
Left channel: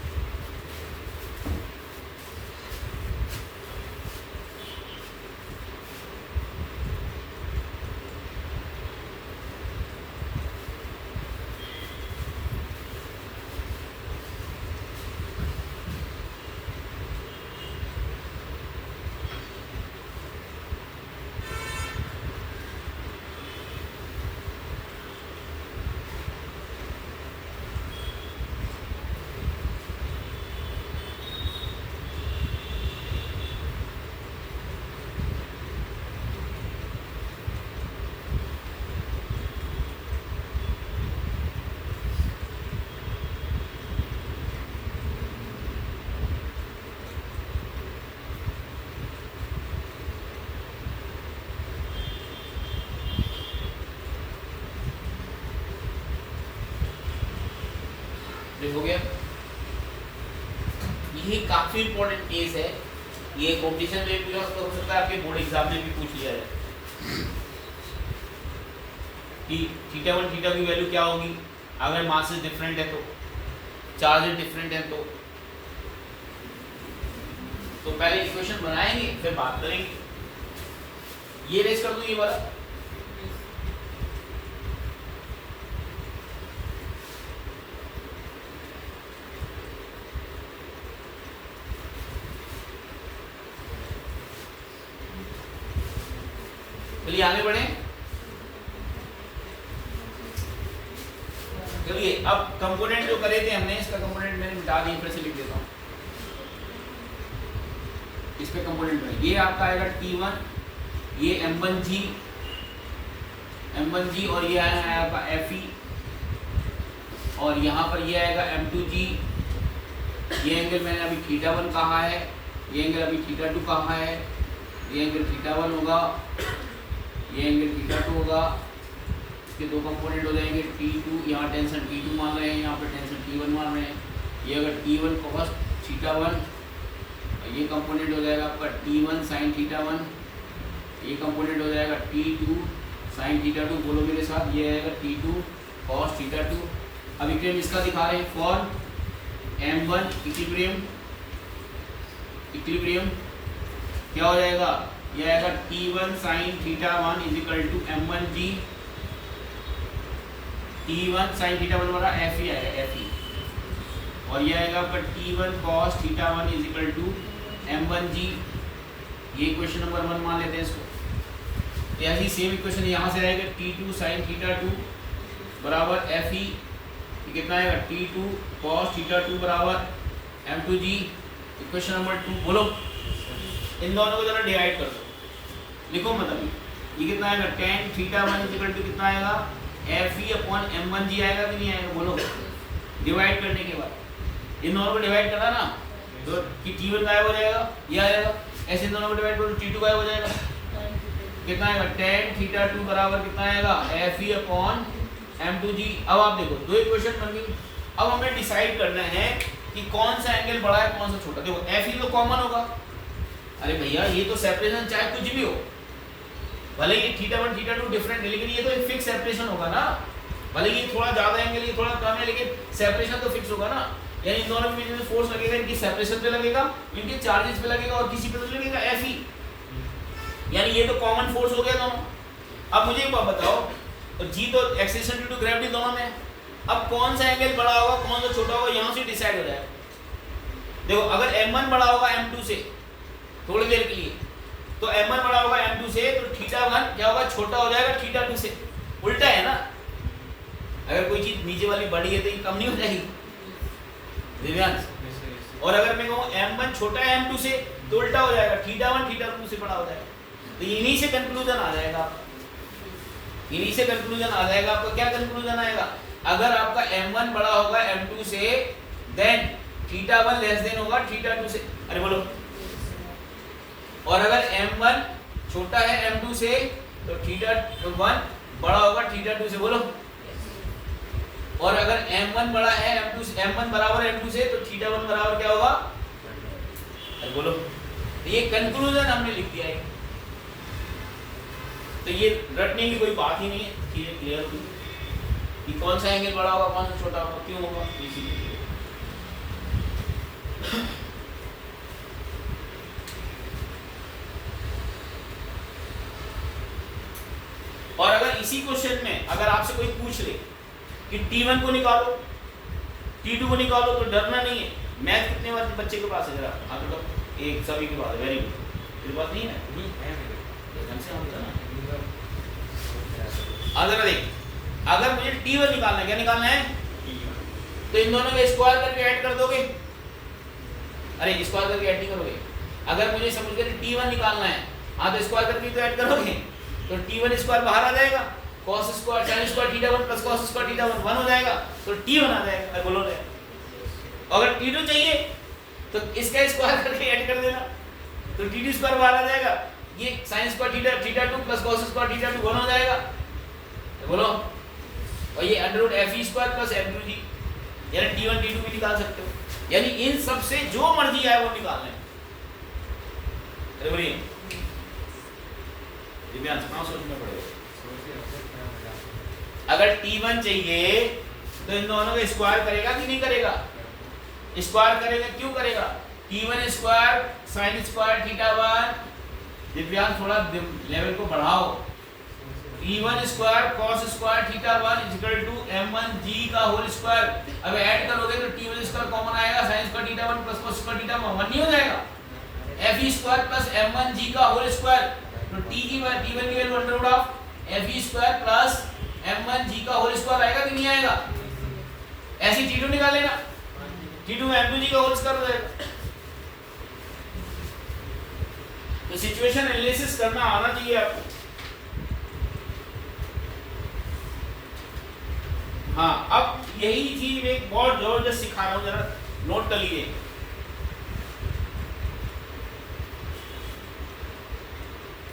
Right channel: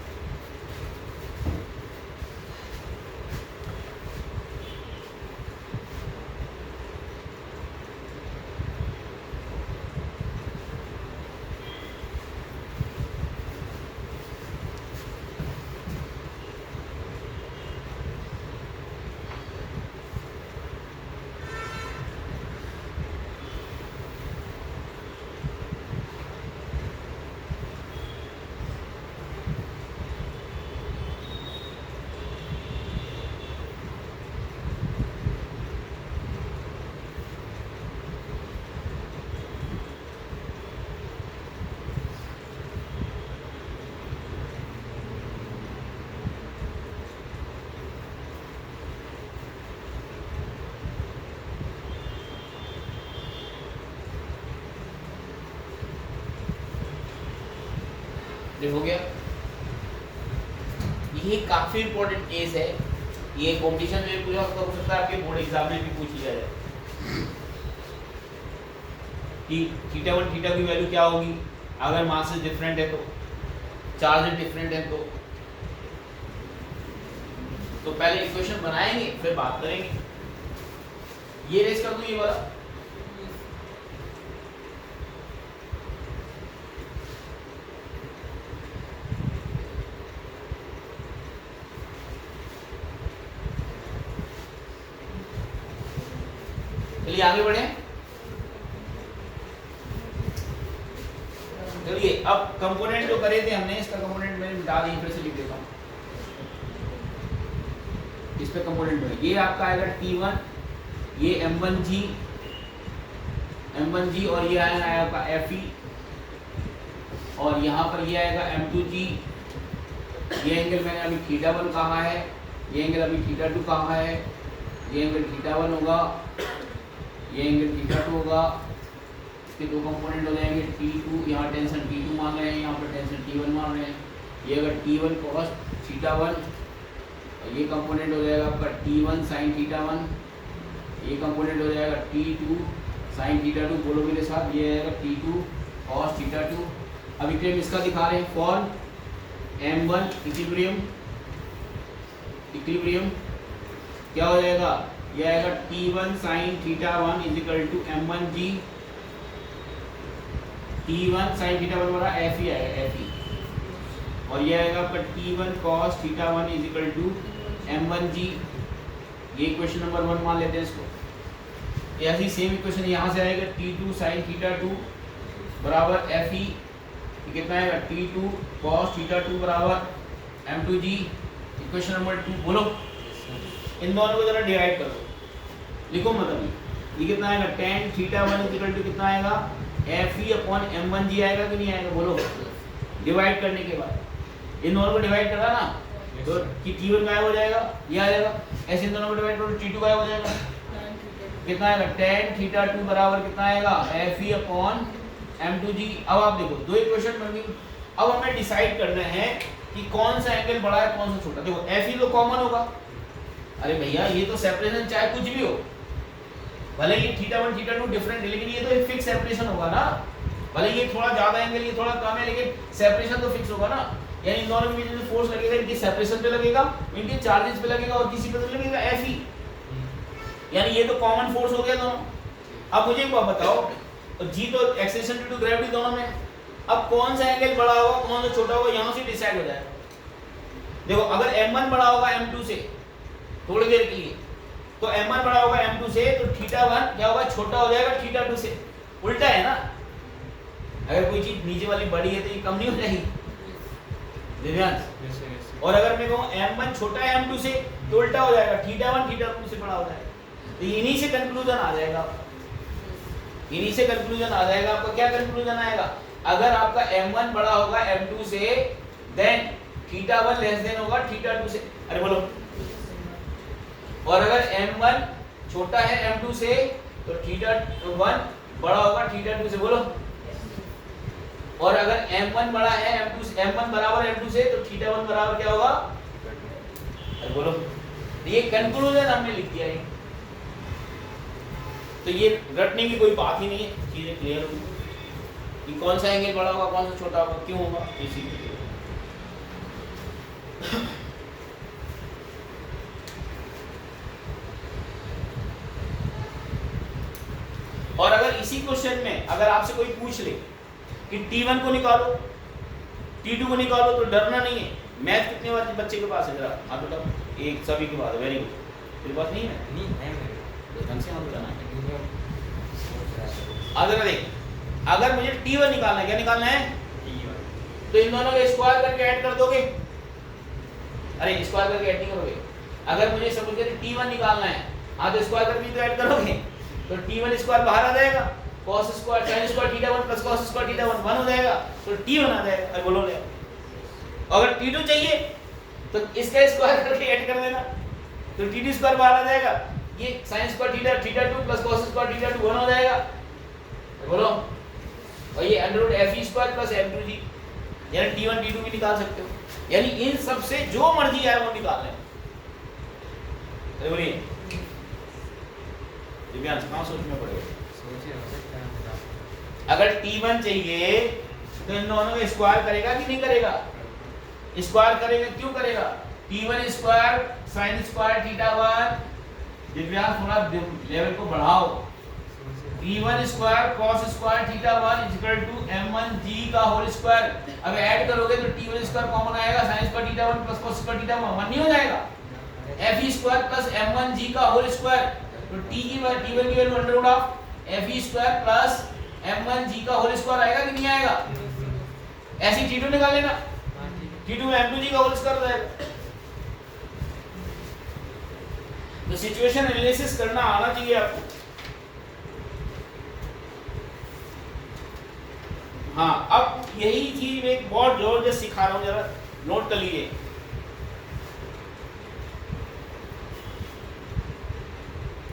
हो गया। ये काफी इंपॉर्टेंट केस है, ये कॉम्पिटिशन में पूछा हो सकता है, आपके बोर्ड एग्जाम में भी पूछ लिया जाए कि θ1 θ की वैल्यू क्या होगी अगर मासेस डिफरेंट है, तो चार्जेस डिफरेंट है। तो पहले इक्वेशन बनाएंगे फिर बात करेंगे। ये रेस कर दूं, ये वाला चलिए आगे बढ़े। चलिए अब कंपोनेंट जो करे थे हमने, इसका कंपोनेंट मैंने मिटा दिया, फिर से लिख देता हूँ। इस पे कंपोनेंट बने, ये आपका आएगा T1, ये M1G और ये आएगा आपका Fe, और यहाँ पर ये आएगा M2G। ये एंगल मैंने अभी θ1 कहा है, ये एंगल अभी θ2 कहा है, ये एंगल θ1 होगा, ये एंगल θ2 होगा। इसके दो कंपोनेंट हो जाएंगे T2, यहाँ टेंशन T2 मान रहे हैं, यहाँ पर टेंशन T1 मान रहे हैं। ये अगर T1 cos θ1, ये कंपोनेंट हो जाएगा आपका T1 sin θ1, ये कंपोनेंट हो जाएगा T2 sin θ2, बोलो मेरे साथ, ये आएगा T2 cos θ2। अब इक्वेशन इसका दिखा रहे हैं फॉर M1 इक्विलिब्रियम क्या हो जाएगा, ये आएगा T1 sin θ1 = M1G, T1 sin θ1 वाला Fe आएगा, Fe, और ये आएगा आपका T1 cos θ1 is equal to m1g। ये इक्वेशन नंबर 1 मान लेते हैं इसको। ऐसी सेम इक्वेशन यहाँ से आएगा T2 sin θ2 बराबर FE, कितना आएगा T2 cos θ2 बराबर m2g। इक्वेशन नंबर 2 बोलो, इन दोनों को जरा डिवाइड कर दो, लिखो मतलब ये कितना आएगा tan θ1 इज इक्वल टू कितना आएगा FE अपॉन m1g आएगा कि नहीं आएगा, बोलो। डिवाइड करने के बाद इन दोनों को डिवाइड करा ना तो कि T1 गायब हो जाएगा, ये आ जाएगा। ऐसे इन दोनों को डिवाइड करो T2 गायब हो जाएगा, कितना आएगा tan θ2 बराबर कितना आएगा FE अपॉन m2g। अब आप देखो दो इक्वेशन बन गई। अब हमें डिसाइड करना है कि कौन सा एंगल बड़ा है कौन सा छोटा। देखो FE तो कॉमन होगा, अरे भैया ये तो सेपरेशन चाहे कुछ भी हो, भले ये θ1 θ2 डिफरेंट है लेकिन ये तो एक फिक्स सेपरेशन होगा ना। भले ये थोड़ा ज्यादा एंगल ये थोड़ा कम है लेकिन सेपरेशन तो फिक्स होगा ना। यानी इन दोनों के बीच में फोर्स लगेगा, इनकी सेपरेशन पे लगेगा, इनके चार्जेस पे लगेगा और किसी पे तो लगेगा FE। यानी ये तो कॉमन फोर्स हो गया दोनों। अब मुझे एक बात बताओ, तो G तो एक्सेलरेशन ड्यू टू ग्रेविटी दोनों में, अब कौन सा एंगल बड़ा होगा कौन सा छोटा होगा यहाँ से डिसाइड हो जाएगा। देखो अगर m1 बड़ा होगा m2 से थोड़ी देर के लिए, तो m1 बड़ा होगा m2 से तो θ1 क्या होगा छोटा हो जाएगा θ2 से। उल्टा है ना, अगर कोई चीज नीचे वाली बड़ी है तो ये कम नहीं हो जाएगी दिव्यांश। और अगर मैं कहूँ m1 छोटा है m2 से तो उल्टा हो जाएगा θ1 θ2 से बड़ा हो जाएगा। तो इन्हीं से कंक्लूजन आ जाएगा, इन्हीं से कंक्लूजन आ जाएगा। आपका क्या कंक्लूजन आएगा, अगर आपका m1 बड़ा होगा m2 से देन θ1 लेस देन होगा θ2 से। अरे बोलो। और अगर m1 छोटा है m2 से तो θ1 बड़ा होगा θ2 से, बोलो। और अगर m1 बड़ा है m2 से, m1 बराबर m2 से तो θ1 बराबर क्या होगा, अरे बोलो। ये कंक्लूजन हमने लिख दिया है, तो ये रटने की कोई बात ही नहीं है, चीजें क्लियर होगी कि कौन सा एंगल बड़ा होगा कौन सा छोटा होगा क्यों होगा, इसीलिए। और अगर इसी क्वेश्चन में अगर आपसे कोई पूछ ले कि T1 को निकालो T2 को निकालो तो डरना नहीं है। मैथ कितने बच्चे के पास है जरा हाथ उठाओ, एक सभी के पास है, वेरी गुड। कोई बात नहीं है, नहीं है मेरे ढंग से हाथ उठाना। अगर देख अगर मुझे T1 निकालना है, क्या निकालना है तो इन दोनों का स्क्वायर करके ऐड कर दोगे। अरे स्क्वायर करके ऐड नहीं करोगे, अगर मुझे समझ गए T1 निकालना है हाँ तो स्क्वायर करके तो ऐड करोगे, तो T1 स्क्वायर बाहर आ जाएगा, cos square sin square θ1 plus cos square θ1 1 हो जाएगा, तो T1 आ जाएगा। अरे बोलो ले। अगर T2 चाहिए तो इसका स्क्वायर करके ऐड कर देना, तो T2 स्क्वायर बाहर आ जाएगा, ये sin square θ2 plus cos square θ2 1 हो जाएगा। अरे बोलो। और ये under FE square plus m2g, यानी T1 T2 भी निकाल सकते हो। यानी इन सब से जो मर्जी आए वो निकाल लें। अरे बोलिए दिव्यांश कहाँ सोचना पड़ेगा। अगर T1 चाहिए तो इन दोनों को स्क्वायर करेगा कि नहीं करेगा, स्क्वायर करेगा। क्यों करेगा, T1 square sin square θ1, Divyansh थोड़ा लेवल को बढ़ाओ, T1 square cos square θ1 equal to m1g का होल स्क्वायर। अब ऐड करोगे तो T1 स्क्वायर कॉमन आएगा, sin square θ1 plus cos square θ1 1 नहीं हो जाएगा। FE स्क्वायर प्लस m1g का होल स्क्वायर, तो T की T1 की value under root of FE square plus m1g का होल स्क्वायर आएगा कि नहीं आएगा। ऐसे T2 निकाल लेना, T2 m2g का होल स्क्वायर हो जाएगा। तो सिचुएशन एनालिसिस करना आना चाहिए आपको। हाँ अब यही थी मैं बहुत जबरदस्त सिखा रहा हूँ, जरा नोट कर लीजिए।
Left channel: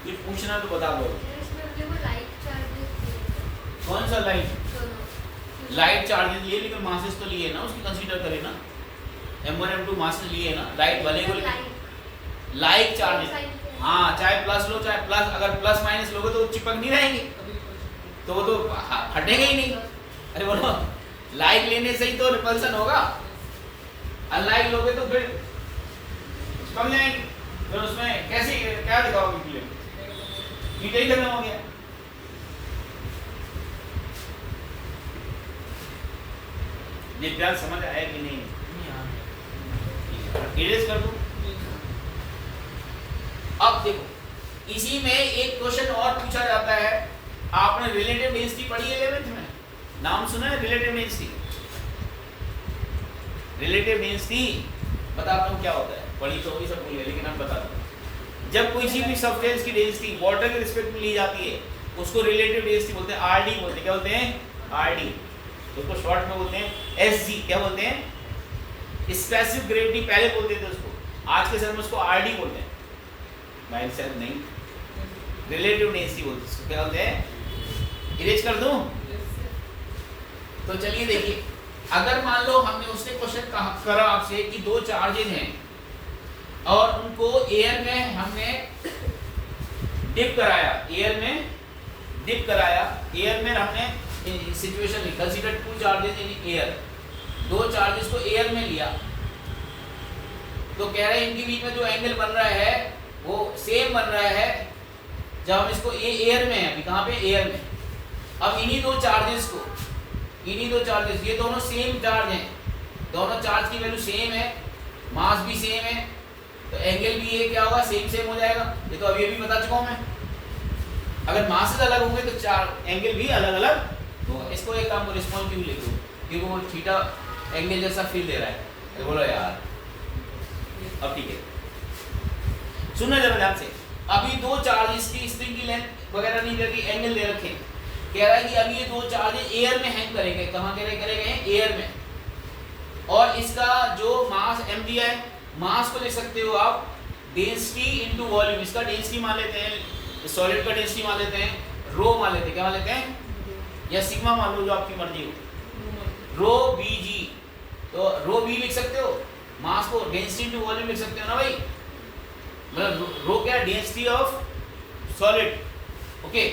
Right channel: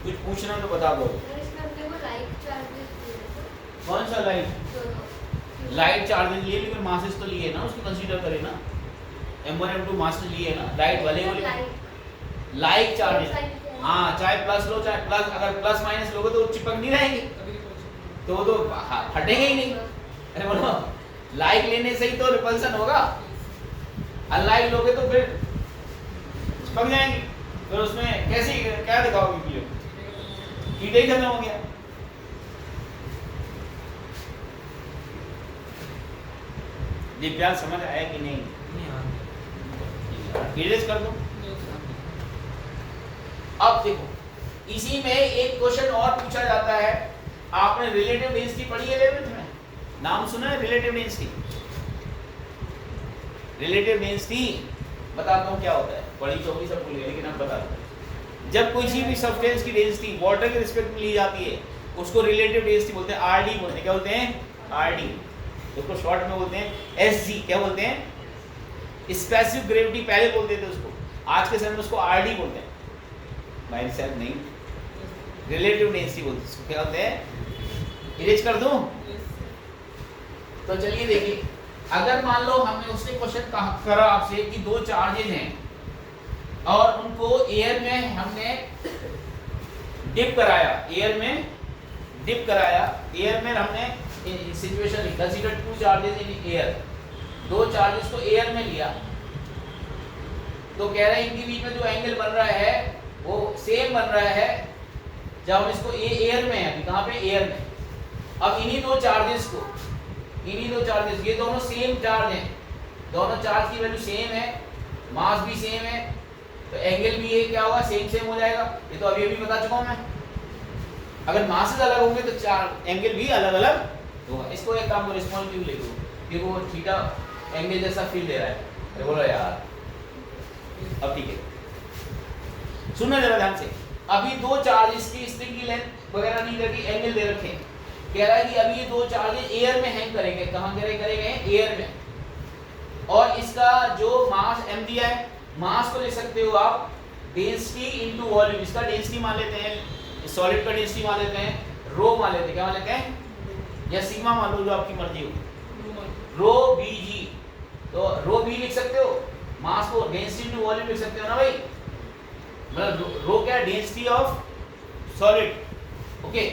कुछ पूछना तो बता दो। कौन सा लाइट चार्जेस लिए, लेकिन मासेस तो लिए ना, उसको कंसीडर करें ना। m1 m2 मास लिए ना, लाइट वाले को लाइट चार्जेस। हाँ चाहे प्लस लो चाहे प्लस, अगर प्लस माइनस लोगे तो चिपक नहीं रहेंगे, तो वो तो हटेंगे ही नहीं। अरे बोलो लाइक लेने से ही तो रिपल्सन होगा, अनलाइक लोगे तो फिर चिपक जाएंगे। फिर उसमें कैसे क्या दिखाओगे, क्लियर हीट ही खत्म हो गया। ये प्यार समझ आया कि नहीं? इरेज कर दो। अब देखो इसी में एक क्वेश्चन और पूछा जाता है, आपने रिलेटिव डेंसिटी पढ़ी है 11th में, नाम सुना है रिलेटिव डेंसिटी? रिलेटिव डेंसिटी बताता हूँ क्या होता है, पढ़ी तो होगी सब भूल गए लेकिन अब बताता हूँ। जब कोई सी भी सब्सटेंस की डेंसिटी वाटर के रिस्पेक्ट में ली जाती है उसको रिलेटिव डेंसिटी बोलते हैं, आरडी बोलते हैं। क्या बोलते हैं? आरडी। उसको शॉर्ट में बोलते हैं एसजी। क्या बोलते हैं? स्पेसिफिक ग्रेविटी पहले बोलते थे उसको, आज के समय में उसको आरडी बोलते हैं। भाई साहब नहीं, रिलेटिव डेंसिटी बोलते हैं उसको। क्या बोलते हैं? इरेज कर दूं? तो चलिए देखिए, अगर मान लो हमने उसने क्वेश्चन करा आपसे कि दो चार्जेज हैं और उनको एयर में हमने डिप कराया, एयर में डिप कराया, एयर में हमने situation consider two charges in air, दो चार्जेस को एयर में लिया, तो कह रहे हैं इनके बीच में जो एंगल बन रहा है वो सेम बन रहा है जब हम इसको एयर में है, अभी कहाँ पे? एयर में। अब इन्हीं दो चार्जेस को, इन्हीं दो चार्जेस, ये दोनों सेम चार्ज हैं, दोनों चार्ज की वैल्यू सेम है, मास भी सेम है, तो एंगल भी ये क्या होगा? सेम सेम हो जाएगा। ये तो अभी बता चुका हूं मैं। अगर मासेस अलग होंगे तो चार एंगल भी अलग अलग होगा। इसको एक काम को रिस्पॉन्सिव लिखो क्योंकि वो थीटा एंगल जैसा फील दे रहा है। तो बोलो यार, अब ठीक है, सुनना जरा ध्यान से। अभी दो चार्जेस की स्ट्रिंग की लेंथ वगैरह नहीं करके एंगल दे रखे, कह रहा है कि अभी ये दो चार्जेस एयर में हैंग करेंगे। कहाँ करेंगे? एयर में। और इसका जो मास m दिया है, मास को लिख सकते हो आप डेंसिटी इनटू वॉल्यूम। इसका डेंसिटी मान लेते हैं, सॉलिड का डेंसिटी मान लेते हैं, रो मान लेते हैं। क्या मान लेते हैं? या सिग्मा मान लो, जो आपकी मर्जी हो। रो बी जी, तो रो बी लिख सकते हो, मास को डेंसिटी इनटू वॉल्यूम लिख सकते हो ना भाई। मतलब रो क्या है? Density of solid. ओके।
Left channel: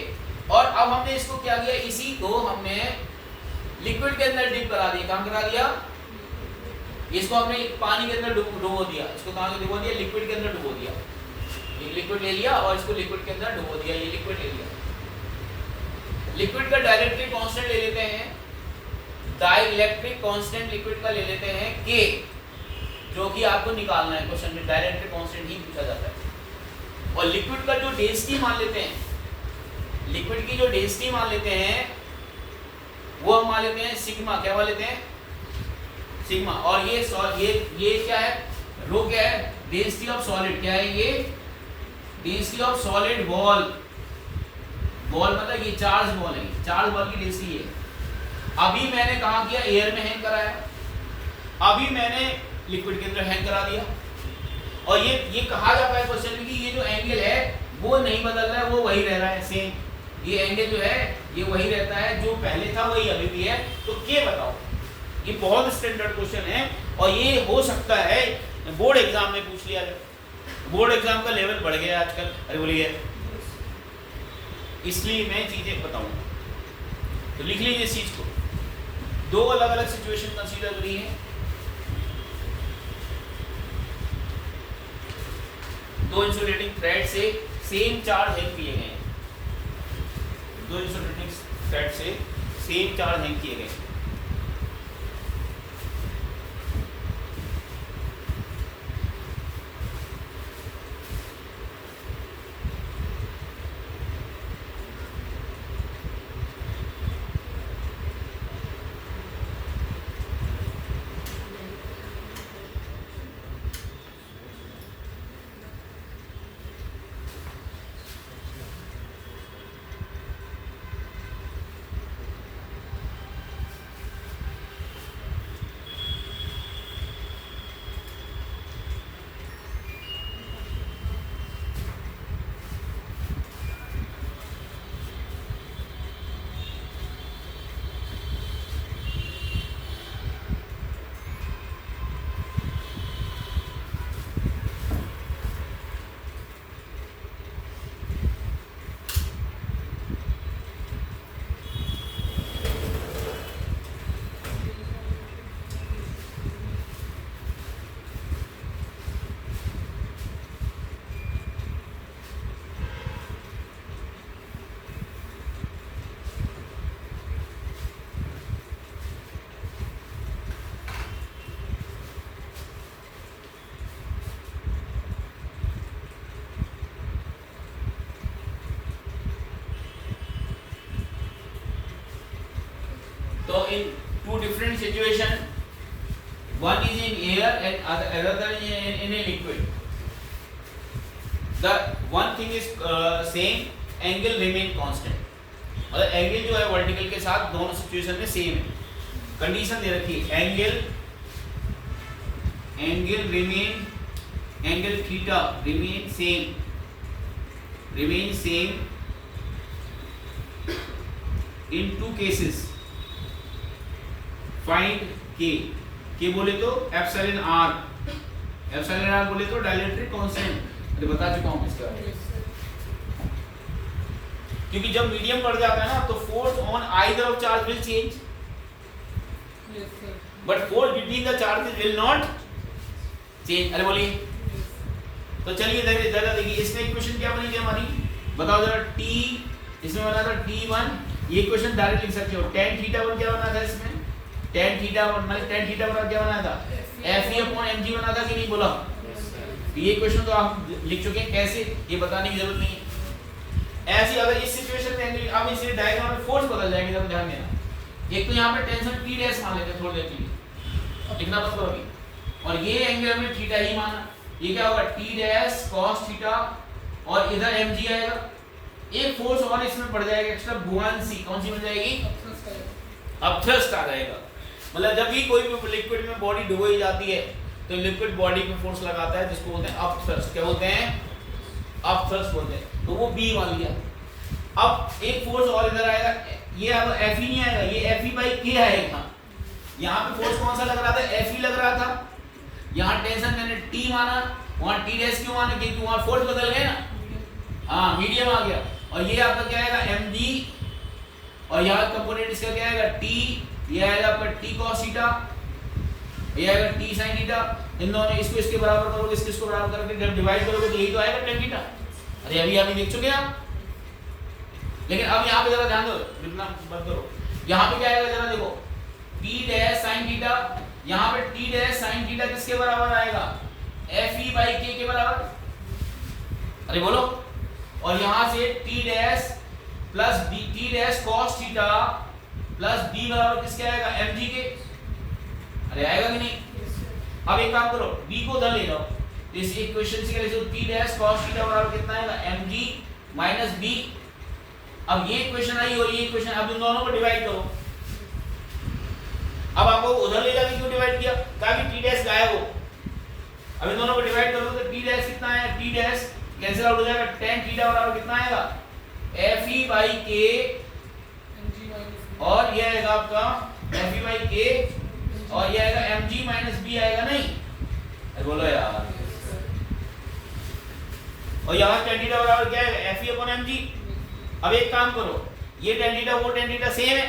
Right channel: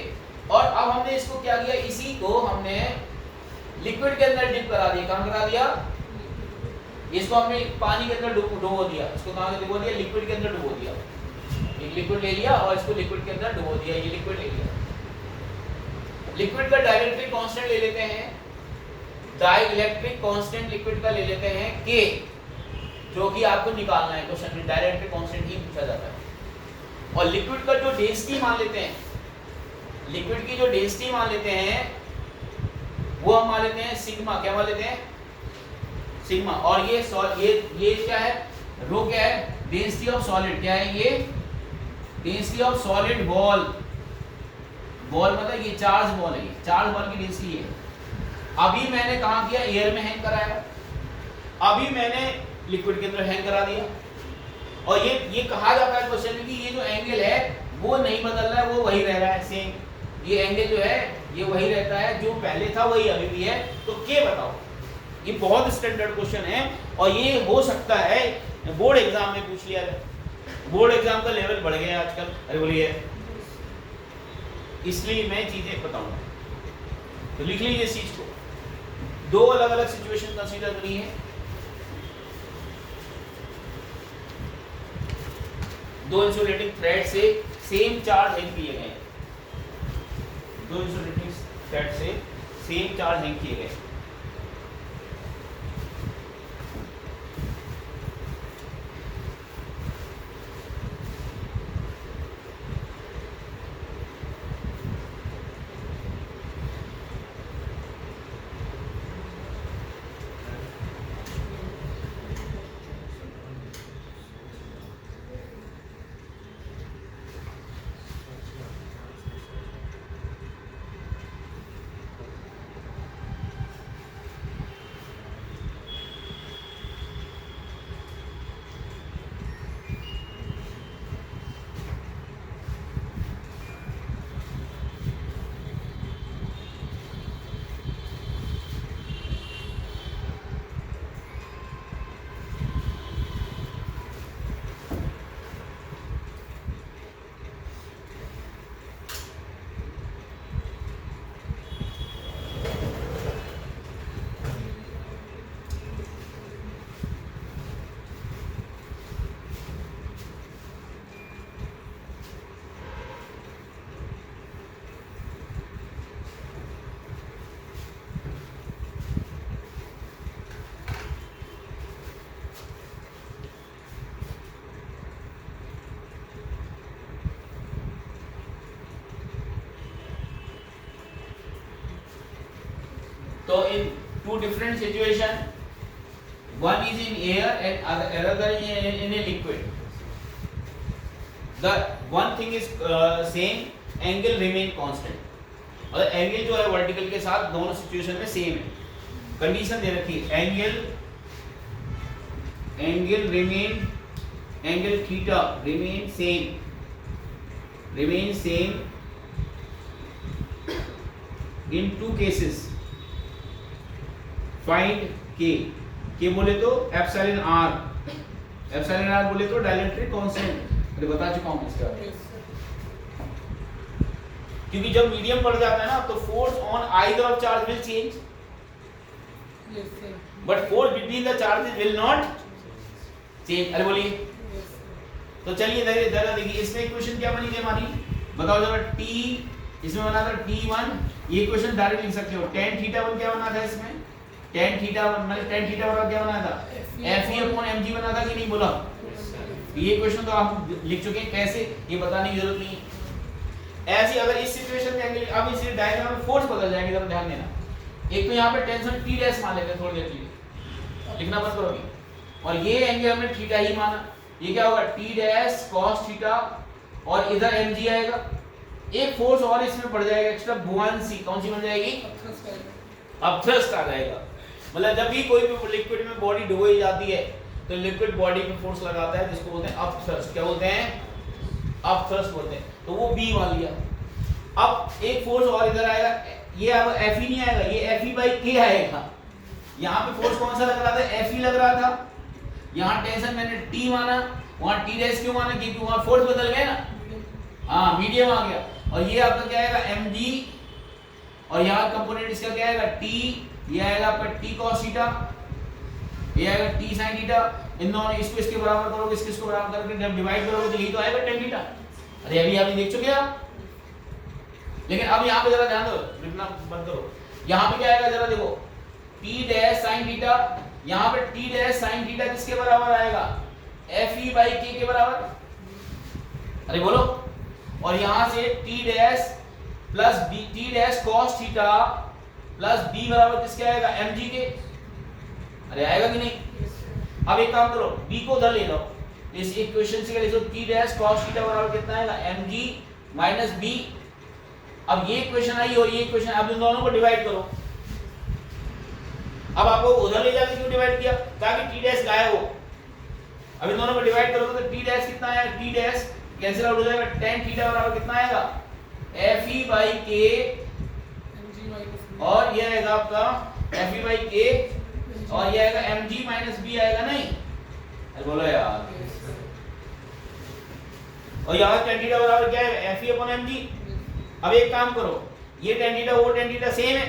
और अब हमने इसको क्या किया? इसी को हमने लिक्विड के अंदर डिप करा दिया। कहाँ करा दिया? इसको हमने पानी के अंदर डुबो दिया। इसको कहाँ डुबो दिया? लिक्विड के अंदर डुबो दिया। ये लिक्विड ले लिया और इसको लिक्विड के अंदर डुबो दिया। ये लिक्विड ले लिया। लिक्विड का डाइलेक्ट्रिक कांस्टेंट ले लेते हैं, डाइलेक्ट्रिक कांस्टेंट लिक्विड का ले लेते हैं के, जो कि आपको निकालना है क्वेश्चन में, डाइलेक्ट्रिक कांस्टेंट ही पूछा जाता है। और लिक्विड का जो डेंसिटी मान लेते हैं, लिक्विड की जो डेंसिटी मान लेते हैं वो हम मान लेते हैं सिग्मा। क्या मान लेते हैं? सिग्मा। और ये क्या है? रो क्या है? Density of solid. क्या है ये? Density of solid ball. Ball मतलब ये चार्ज बॉल है, चार्ज बॉल की डेंसिटी है। अभी मैंने कहाँ किया? एयर में हैंग कराया, अभी मैंने लिक्विड के अंदर हैंग करा दिया। और ये कहा जाता है क्वेश्चन में कि ये जो एंगल है वो नहीं बदल रहा है, वो वही रह रहा है सेम। ये एंगल जो है ये वही रहता है, जो पहले था वही अभी भी है। तो क्या बताओ? ये बहुत स्टैंडर्ड क्वेश्चन है और ये हो सकता है बोर्ड एग्जाम में पूछ लिया जाए। बोर्ड एग्जाम का लेवल बढ़ गया आजकल। अरे बोलिए, इसलिए मैं चीजें बताऊंगा। तो लिख लीजिए इस चीज को। दो अलग अलग सिचुएशन कंसीडर करी है। दो इंसुलेटिंग थ्रेड से सेम चार्ज हैंग किए गए हैं। दो इंसुलेटिंग थ्रेड से सेम चार्ज हैंग किए गए हैं। तो in two different situation, one is in air and another in a liquid, the one thing is same, angle remain constant. अगर एंगल जो है वर्टिकल के साथ दोनों सिचुएशन में सेम है, कंडीशन दे रखी है angle theta remain same in two cases, find के बोले तो एप्सिलॉन आर बोले तो डाइलेक्ट्रिक कांस्टेंट। अरे बता चुका हूं इसका, क्योंकि जब मीडियम बढ़ जाता है ना तो force on either of charge will change, but force between the charges will not change. अरे बोलिए, तो चलिए जरा देखिए इसमें इक्वेशन क्या बनी थी हमारी, बताओ जरा। टी इसमें बना था T1, ये इक्वेशन डायरेक्ट लिख सकते हो। tan θ1 क्या बना था इसमें, tan θ1 मतलब tan θ1 क्या बना था, Fe/mg बना था कि नहीं बोला। ये इक्वेशन तो आप लिख चुके हैं, कैसे ये बताने की जरूरत नहीं है। ऐसे अगर इस सिचुएशन में एंगल, अब इस डायग्राम में फोर्स बदल जाएंगे, जरा ध्यान देना। एक तो यहाँ पे टेंशन T डैश मान लेते हैं थोड़ी देर के लिए, लिखना बंद करोगे, और ये एंगल हमने थीटा ही माना, ये क्या होगा T डैश cos थीटा, और इधर mg आएगा। एक फोर्स और इसमें बढ़ जाएगा एक्स्ट्रा, बुआंसी। कौन सी बन जाएगी, अपथ्रस्ट आ जाएगा। मतलब जब भी कोई भी लिक्विड में बॉडी डुबोई जाती है तो लिक्विड बॉडी पे फोर्स लगाता है, जिसको बोलते हैं अपथ्रस्ट। क्या बोलते हैं, अपथ्रस्ट बोलते हैं। तो वो B मान लिया। अब एक फोर्स और इधर आएगा, ये अब Fe नहीं आएगा, ये Fe/k आएगा। यहाँ पे फोर्स कौन सा लग रहा था, Fe लग रहा था। यहाँ टेंशन मैंने T माना, वहाँ T डैश क्यों माना, क्योंकि वहाँ फोर्स बदल गए ना, हाँ मीडियम आ गया। और ये आपका क्या आएगा mg, और यहाँ कंपोनेंट इसका क्या आएगा T, ये आएगा आपका T cos थीटा, ये आएगा T sin थीटा। इन दोनों इसको इसके बराबर करोगे, इसको बराबर करके जब डिवाइड करोगे तो यही तो आएगा tan थीटा। अरे अभी आप देख चुके हैं आप, लेकिन अब यहाँ पे जरा ध्यान दो, लिखना बंद करो। यहाँ पे क्या आएगा जरा देखो, T डैश sin थीटा, यहाँ पे T डैश sin थीटा किसके बराबर आएगा, Fe/k के बराबर। अरे बोलो, और यहाँ से T dash plus T dash cos theta plus B बराबर किसके आएगा, mg के। अरे आएगा कि नहीं। अब एक काम करो, B को उधर ले लो, इस इक्वेशन से लिखो T डैश cos थीटा बराबर कितना आएगा, mg माइनस B। अब ये इक्वेशन आई और ये इक्वेशन, अब इन दोनों को डिवाइड करो। अब आपको उधर ले जाके क्यों डिवाइड किया, ताकि T डैश गायब हो। अब इन दोनों को डिवाइड करोगे तो T डैश कितना आएगा, T डैश कैंसिल आउट हो जाएगा, tan थीटा बराबर कितना आएगा, Fe/k, और ये आएगा आपका Fe/k, और ये आएगा mg माइनस B आएगा नहीं। अरे बोलो यार, और यहाँ tan थीटा बराबर क्या है, Fe/mg। अब एक काम करो, ये tan थीटा वो tan थीटा सेम है,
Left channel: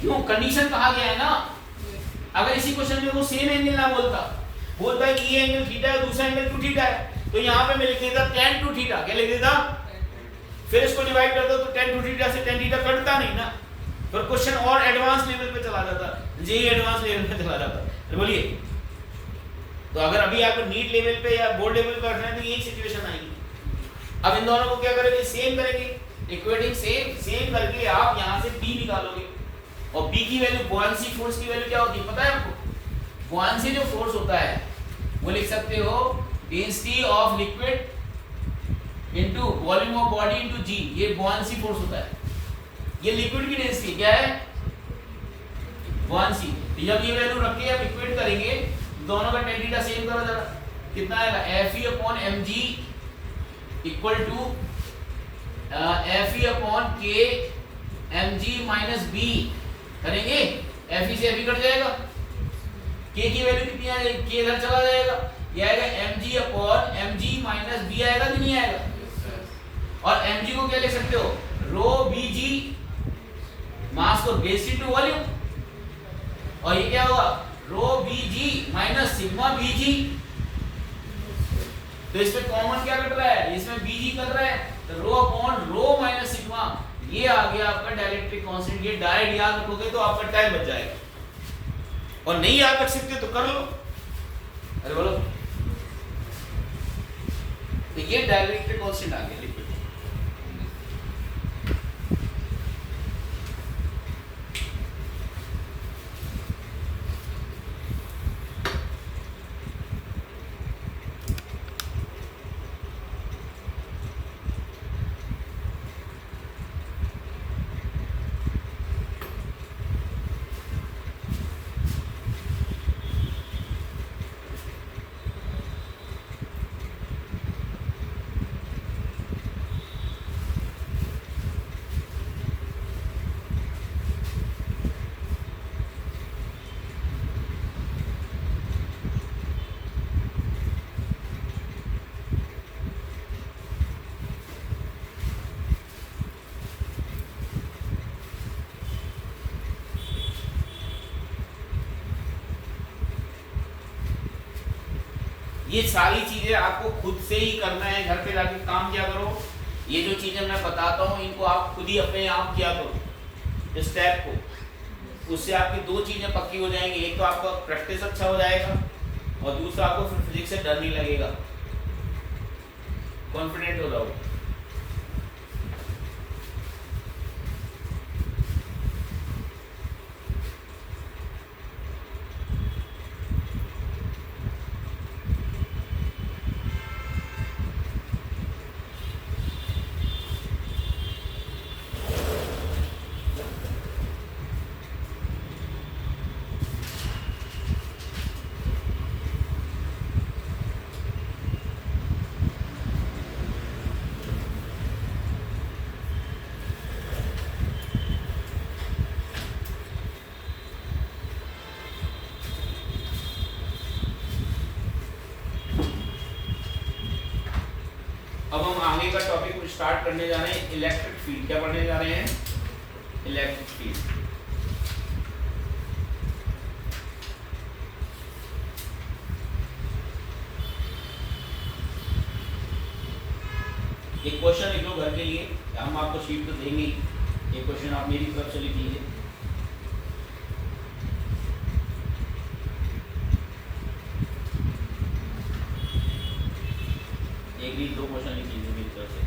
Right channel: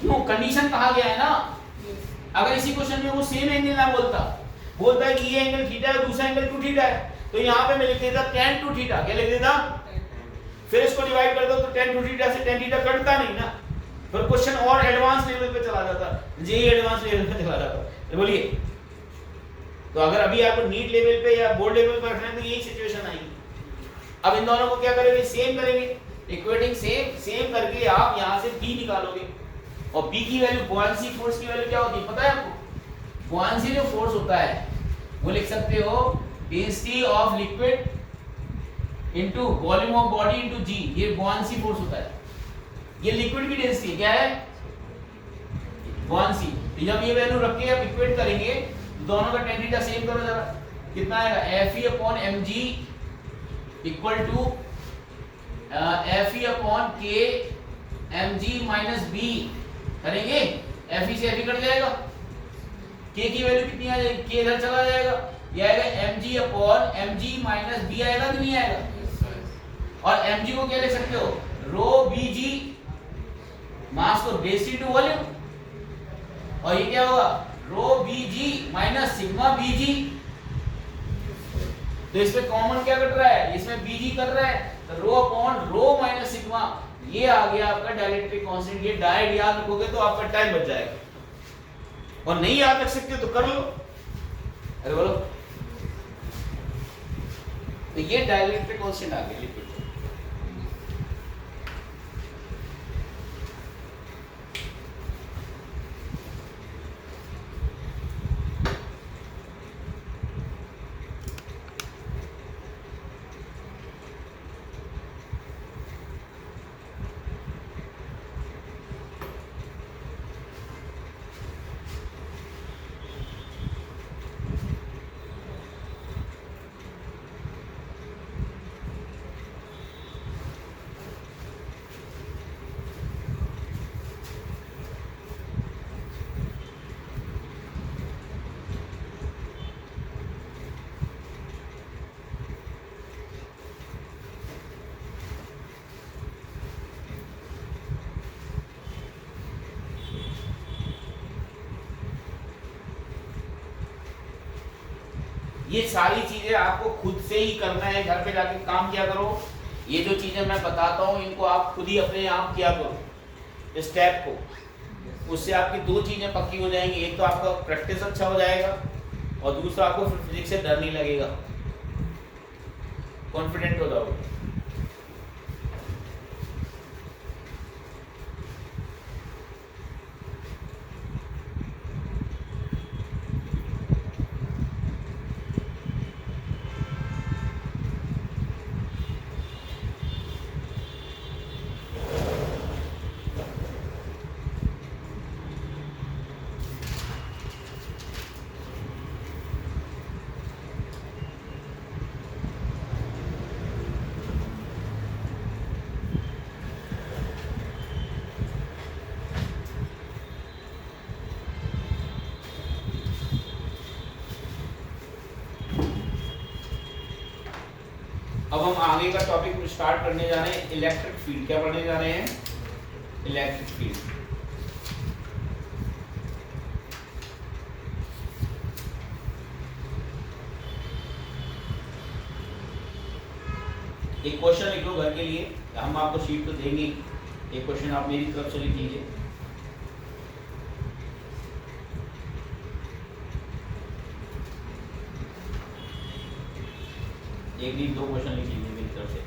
क्यों, कंडीशन कहा गया है ना। अगर इसी क्वेश्चन में वो सेम एंगल ना बोलता है कि ये एंगल थीटा है, दूसरा एंगल 2 थीटा है, तो यहाँ पे मैं लिख देता tan 2 थीटा। क्या लिख देता, फिर इसको डिवाइड कर दो तो tan 2 थीटा से tan थीटा कटता नहीं ना, तो क्वेश्चन और एडवांस लेवल पे चला जाता, जी एडवांस लेवल पे चला जाता। तो बोलिए, तो अगर अभी आपको नीट लेवल पे या बोर्ड लेवल पर रखना है तो यही सिचुएशन आएगी। अब इन दोनों को क्या करेंगे, सेम करेंगे, इक्वेटिंग सेम करके आप यहाँ से B निकालोगे, और B की वैल्यू, बुआंसी फोर्स की वैल्यू क्या होती है पता है आपको। बुआंसी जो फोर्स होता है वो लिख सकते हो density of liquid into volume of body into g, ये बुआंसी फोर्स होता है। ये लिक्विड की डेंसिटी क्या है, बुआंसी। जब ये वैल्यू रख के आप इक्वेट करेंगे, दोनों का tan थीटा सेम करो जरा, कितना आएगा, Fe/mg equal to Fe/k mg minus B करेंगे, Fe से Fe कट जाएगा, k की वैल्यू कितनी आ जाएगी, k इधर चला जाएगा, ये आएगा mg/mg माइनस B आएगा कि नहीं आएगा। और mg को क्या लिख सकते हो, रो bg, मास को बेस इनटू वॉल्यूम, और ये क्या होगा, रो bg माइनस सिग्मा bg। तो इसमें कॉमन क्या कट रहा है, इसमें bg कर रहा है, तो rho upon rho minus sigma, ये आ गया आपका डाइलेक्ट्रिक कांस्टेंट। ये डायरेक्ट याद रखोगे तो आपका टाइम बच जाएगा, और नहीं याद रख सकते तो कर लो। अरे बोलो, तो ये डाइलेक्ट्रिक कांस्टेंट आ गया लिक्विड। ये सारी चीजें आपको खुद से ही करना है, घर पे जाके काम किया करो। ये जो चीजें मैं बताता हूँ इनको आप खुद ही अपने आप किया करो स्टेप को, उससे आपकी दो चीजें पक्की हो जाएंगी। एक तो आपका प्रैक्टिस अच्छा हो जाएगा और दूसरा आपको फिर फिजिक्स से डर नहीं लगेगा, कॉन्फिडेंट हो जाओगे। अब हम आगे का टॉपिक स्टार्ट करने जा रहे हैं, इलेक्ट्रिक फील्ड। क्या पढ़ने जा रहे हैं? Electric field. एक क्वेश्चन लिख लो घर के लिए, हम आपको शीट तो देंगे, एक क्वेश्चन आप मेरी तरफ से लिख लीजिए। एक भी दो क्वेश्चन लिख लीजिए मेरी तरफ से।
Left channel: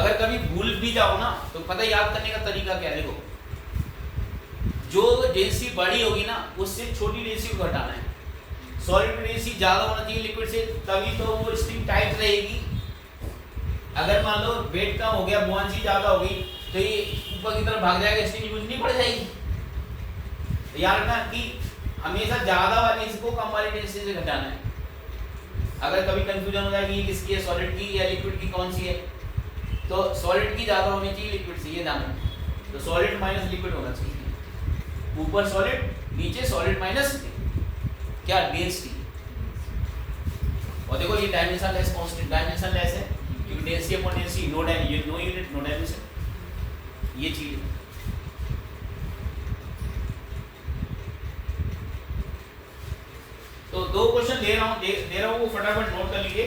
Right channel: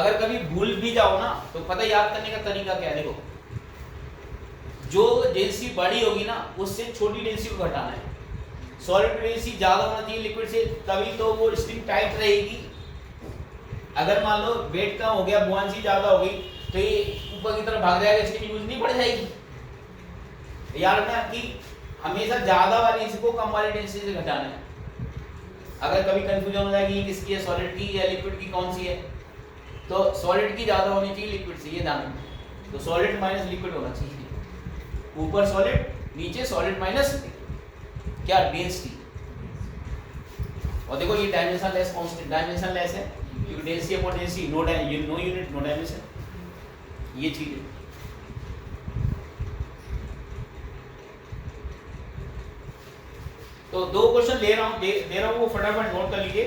अगर कभी भूल भी जाओ ना तो पता याद करने का तरीका क्या है, देखो जो डेंसिटी बड़ी होगी ना उससे छोटी डेंसिटी को घटाना है। सॉलिड डेंसिटी ज्यादा होना चाहिए लिक्विड से, तभी तो वो स्ट्रिंग टाइट रहेगी। अगर मान लो वेट कम हो गया, बुआंसी ज्यादा हो गई तो ये ऊपर की तरफ भाग जाएगा, स्ट्रिंग यूज नहीं पड़ जाएगी। याद रखना कि हमेशा ज्यादा वाली इसको कम वाली डेंसिटी से घटाना है। अगर कभी कंफ्यूजन हो जाएगी किसकी है, सॉलिड की या लिक्विड की कौन सी है, तो सॉलिड की ज्यादा होनी चाहिए लिक्विड से, ये ध्यान रखना। तो सॉलिड माइनस लिक्विड होना चाहिए, ऊपर सॉलिड नीचे सॉलिड माइनस क्या डेंसिटी। और देखो ये dimensionless constant, dimensionless है क्योंकि density upon density, no unit no dimension, ये चीज। तो दो क्वेश्चन दे रहा हूं वो फटाफट नोट कर लीजिए,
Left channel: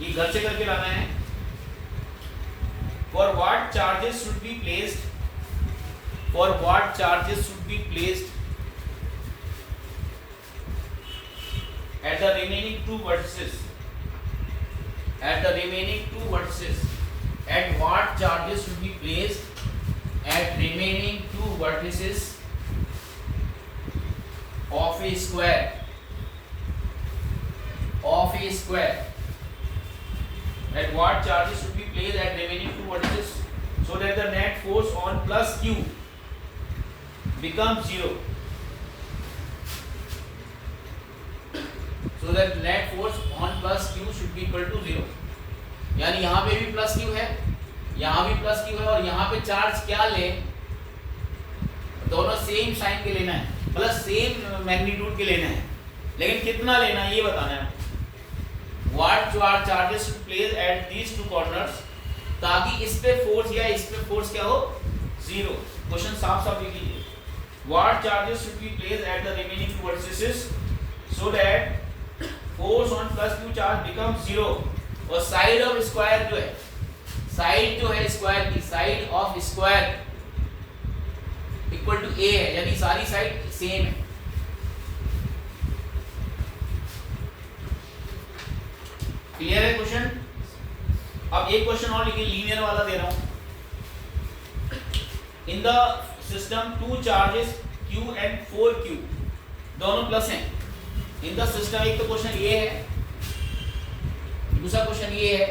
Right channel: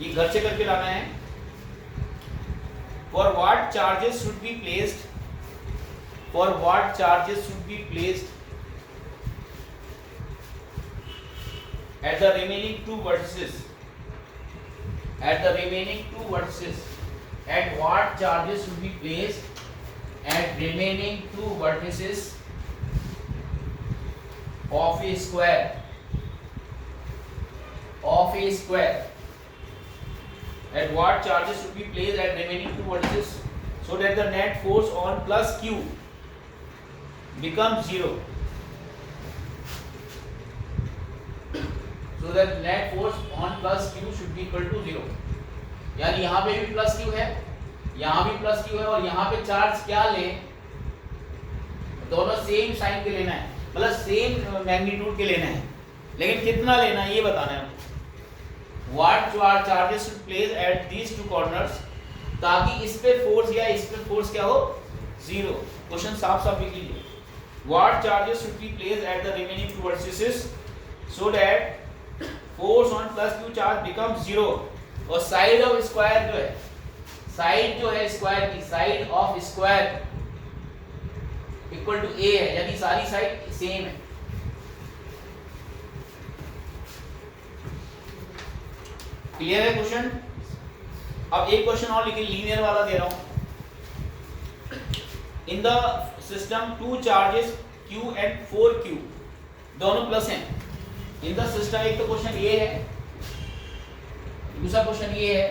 ये घर से करके लाना है। For what charges should be placed? For what charges should be placed at the remaining two vertices? At the remaining two vertices, at what charges should be placed at remaining two vertices of a square? Of a square. At what charges should be placed at remaining two vertices so that the net force on plus q becomes 0. So that net force on plus q should be equal to 0. यानी यहाँ पे भी प्लस क्यू है, यहाँ भी प्लस क्यू है, और यहाँ पे चार्ज क्या ले, दोनों सेम साइन के लेना है, मतलब सेम मैग्नीट्यूड के लेना है, लेकिन कितना लेना है ये बताना है। What charges should place at these two corners, ताकि इस पे फोर्स या इस पे फोर्स क्या हो, 0। क्वेश्चन साफ साफ लिख लीजिए। What charges should be placed at the remaining two vertices so that force on plus q charge becomes 0। और साइड ऑफ स्क्वायर जो है, साइड जो है स्क्वायर की, side of square equal to a है, यानी सारी साइड सेम है। क्लियर है क्वेश्चन? अब एक क्वेश्चन और लिखिए, लीनियर वाला दे रहा हूं। In the system two charges q and 4q, दोनों प्लस हैं इन द सिस्टम। एक तो क्वेश्चन ये है, दूसरा क्वेश्चन ये है,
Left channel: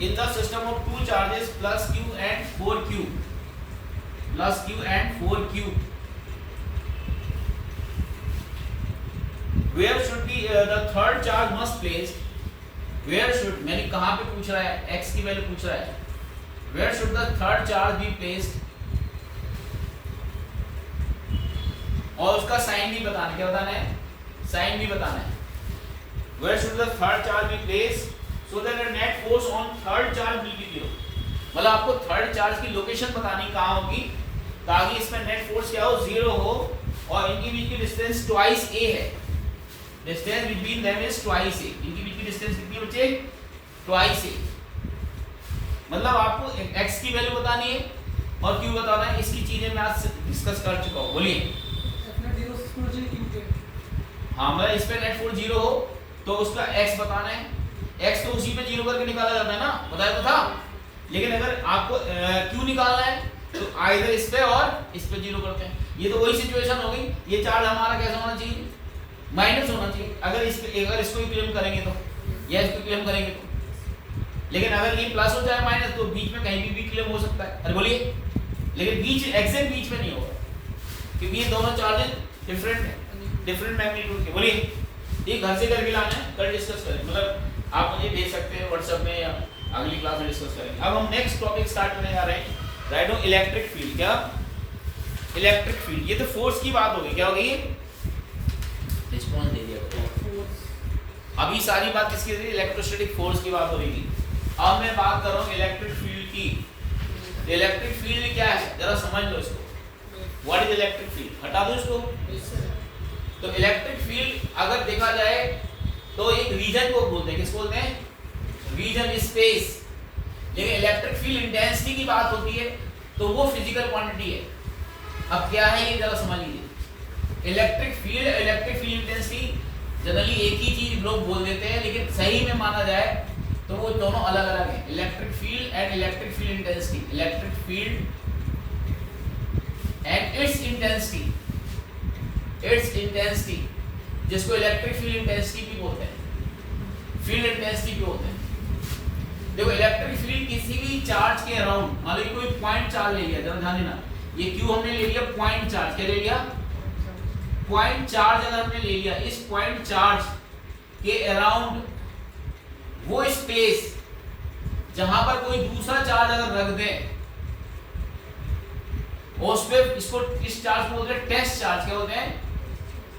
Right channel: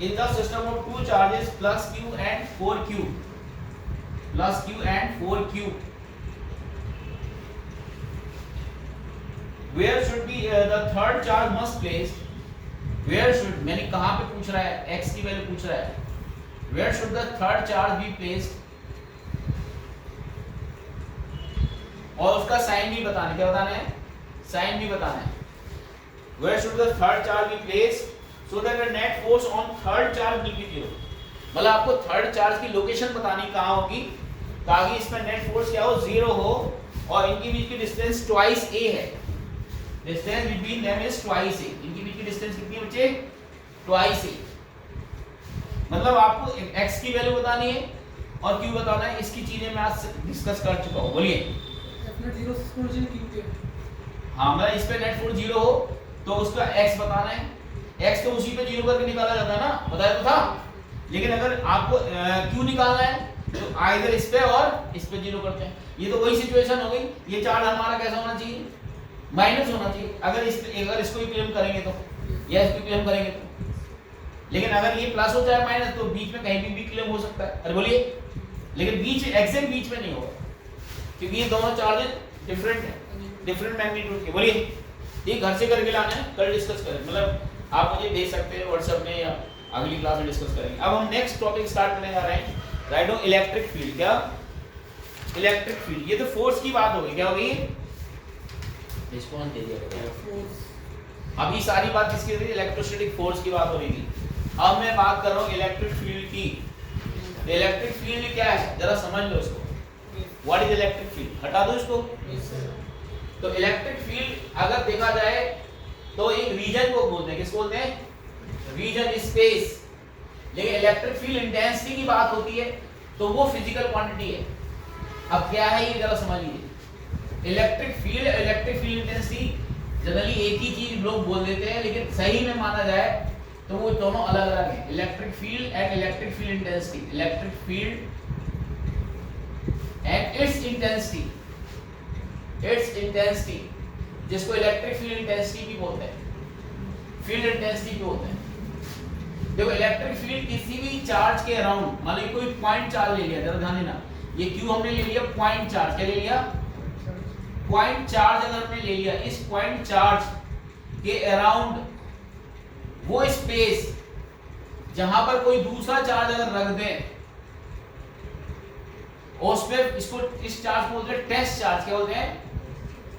in the system of two charges plus q and 4q, plus q and 4q, where should be the third charge must placed, where should, मैंने कहाँ पे पूछ रहा है, x की वैल्यू पूछ रहा है, where should the third charge be placed, और उसका साइन भी बताना है। क्या बताना है? साइन भी बताना है। where should the third charge be placed so that the net force on third charge will be 0। मतलब आपको थर्ड चार्ज की लोकेशन बतानी कहाँ होगी ताकि इसमें नेट फोर्स क्या हो, 0 हो और इनके बीच की डिस्टेंस ट्वाइस a है। Distance between them is twice a। इनके बीच की डिस्टेंस कितनी बच्चे, ट्वाइस a। मतलब आपको x की वैल्यू बतानी है और q बताना है। इसकी चीजें मैं आज डिस्कस कर चुका हूँ। बोलिए। हाँ मतलब इस पे नेट फोर्स 0 हो तो उसका x बताना है। x तो उसी पे 0 करके निकाला जाता है ना, बताया तो था। लेकिन अगर आपको q निकालना है तो आइदर इस पे और इस पे 0 करते हैं। ये तो वही सिचुएशन हो गई। ये चार्ज हमारा कैसा होना चाहिए, माइनस होना चाहिए। अगर इसको इक्विलिब्रियम करेंगे तो, या इसको इक्विलिब्रियम करेंगे तो। लेकिन अगर ये प्लस हो जाए माइनस तो बीच में कहीं भी इक्विलिब्रियम हो सकता है। अरे बोलिए। लेकिन बीच एग्जैक्ट बीच में नहीं होगा क्योंकि ये दोनों चार्जेस डिफरेंट है, डिफरेंट मैग्नीट्यूड के। बोलिए। ये घर से करके लाना है, कल डिस्कस करें। मतलब आप मुझे भेज सकते हैं व्हाट्सएप में या अगली क्लास में डिस्कस करेंगे। अब हम नेक्स्ट टॉपिक स्टार्ट करने जा रहे हैं। Write down electric field. क्या इलेक्ट्रिक फील्ड, ये तो फोर्स की बात हो गई। क्या होगी, रिस्पांस दे दिया। अभी सारी बात किसकी हो रही थी, इलेक्ट्रोस्टैटिक फोर्स की बात हो रही थी। अब मैं बात कर रहा हूँ इलेक्ट्रिक फील्ड की। इलेक्ट्रिक फील्ड क्या है जरा समझ लो इसको। व्हाट इज इलेक्ट्रिक फील्ड, हटा दो इसको। तो इलेक्ट्रिक फील्ड अगर देखा जाए तो एक रीजन को बोलते हैं, किसको बोलते हैं, रीजन, स्पेस। लेकिन इलेक्ट्रिक फील्ड इंटेंसिटी की बात होती है तो वो फिजिकल क्वांटिटी है। अब क्या है ये जरा समझ लीजिए। इलेक्ट्रिक फील्ड इंटेंसिटी जनरली एक ही चीज लोग बोल देते हैं, लेकिन सही में माना जाए तो वो दोनों अलग अलग हैं। Electric field and electric field intensity. Electric field and it's intensity, it's intensity, जिसको इलेक्ट्रिक फील्ड इंटेंसिटी भी बोलते हैं, फील्ड इंटेंसिटी भी बोलते हैं। देखो इलेक्ट्रिक फील्ड किसी भी चार्ज के अराउंड, मान लो कोई पॉइंट चार्ज ले लिया, जरा ध्यान देना, ये क्यू हमने ले लिया पॉइंट चार्ज। क्या ले लिया, पॉइंट चार्ज। अगर हमने ले लिया इस पॉइंट चार्ज के अराउंड वो स्पेस जहां पर कोई दूसरा चार्ज अगर रख दे और उस पे इसको, इस चार्ज को बोलते हैं टेस्ट चार्ज। क्या बोलते हैं,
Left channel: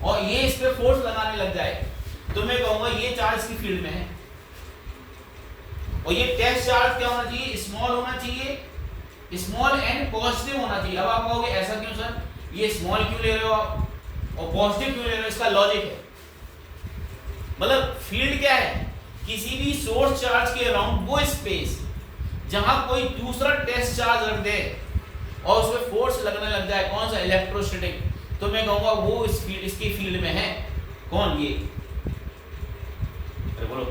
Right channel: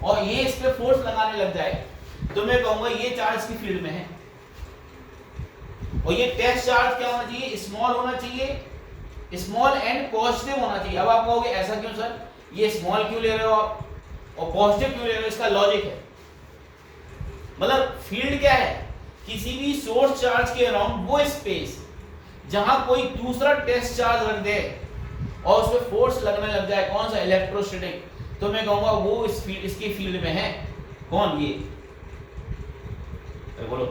और ये इस पे फोर्स लगाने लग जाए तो मैं कहूंगा ये चार्ज की फील्ड में है। और ये टेस्ट चार्ज क्या होना चाहिए, स्मॉल होना चाहिए, स्मॉल एंड पॉजिटिव होना चाहिए। अब आप कहोगे ऐसा क्यों सर, ये स्मॉल क्यों ले रहे हो आप और पॉजिटिव क्यों ले रहे हो, इसका लॉजिक है। मतलब फील्ड क्या है, किसी भी सोर्स चार्ज के अराउंड वो स्पेस जहां कोई दूसरा टेस्ट चार्ज रख दे और उस पे फोर्स लगने लग जाए, कौन सा, इलेक्ट्रोस्टैटिक, तो मैं कहूंगा वो इस फील्ड, इसकी फील्ड में है। कौन, ये, बोलो।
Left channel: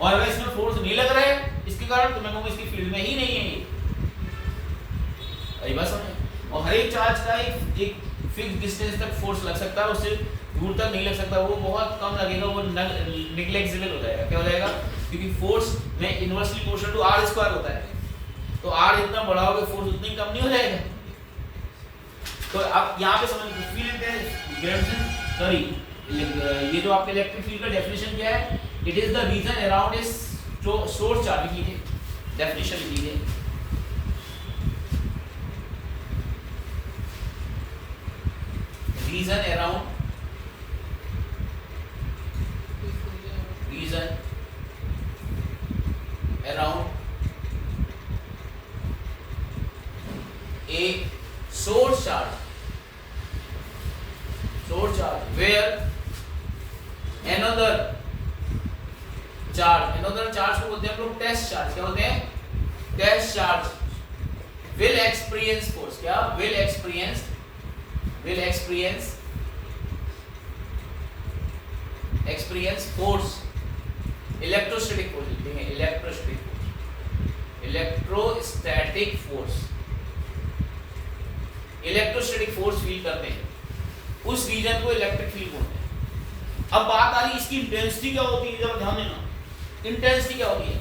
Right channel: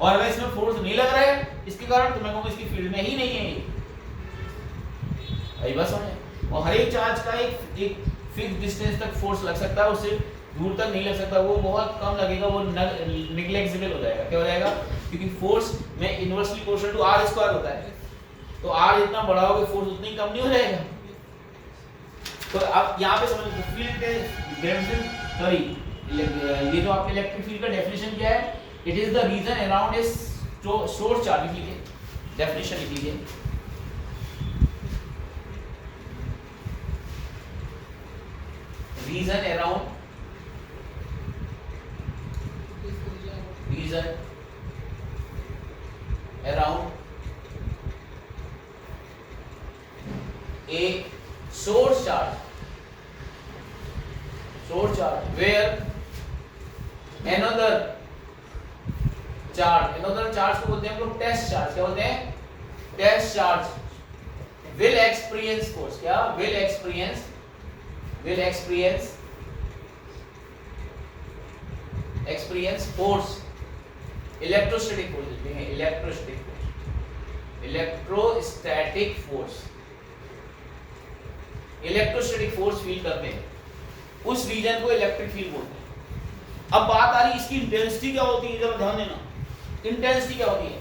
और अगर इसमें फोर्स नहीं लग रहा है इसके कारण तो मैं कहूंगा इसकी फील्ड में ही नहीं है ये। बस समझे। और हर एक चार्ज का एक फिक्स डिस्टेंस तक फोर्स लग सकता है, उससे दूर तक नहीं लग सकता। वो बहुत कम लगेगा, वो नेग्लेक्टेबल हो जाएगा। क्या हो जाएगा, क्योंकि फोर्स में inversely proportional to R square होता है। तो आर जितना बढ़ाओगे फोर्स उतनी कम नहीं हो जाएगा। तो आप यहाँ पे समझ, फील्ड सॉरी, ये जो आपके इलेक्ट्रिक फील्ड का डेफिनेशन क्या है, it is the region around a source charge. लिख लीजिए, डेफिनेशन लिख लीजिए। Region around, region around a source charge where another charge को बोलते हैं हम लोग टेस्ट चार्ज। क्या बोलते हैं, test charge will experience force। क्या, will experience force, electrostatic force लिखते हैं, electrostatic force, electrostatic force feel करते हैं, उस रीजन को इलेक्ट्रिक फील्ड बोलते हैं। अब बात आ रही इसकी इंटेंसिटी क्या होती है, जरा ध्यान देना। इंटेंसिटी क्या होती है,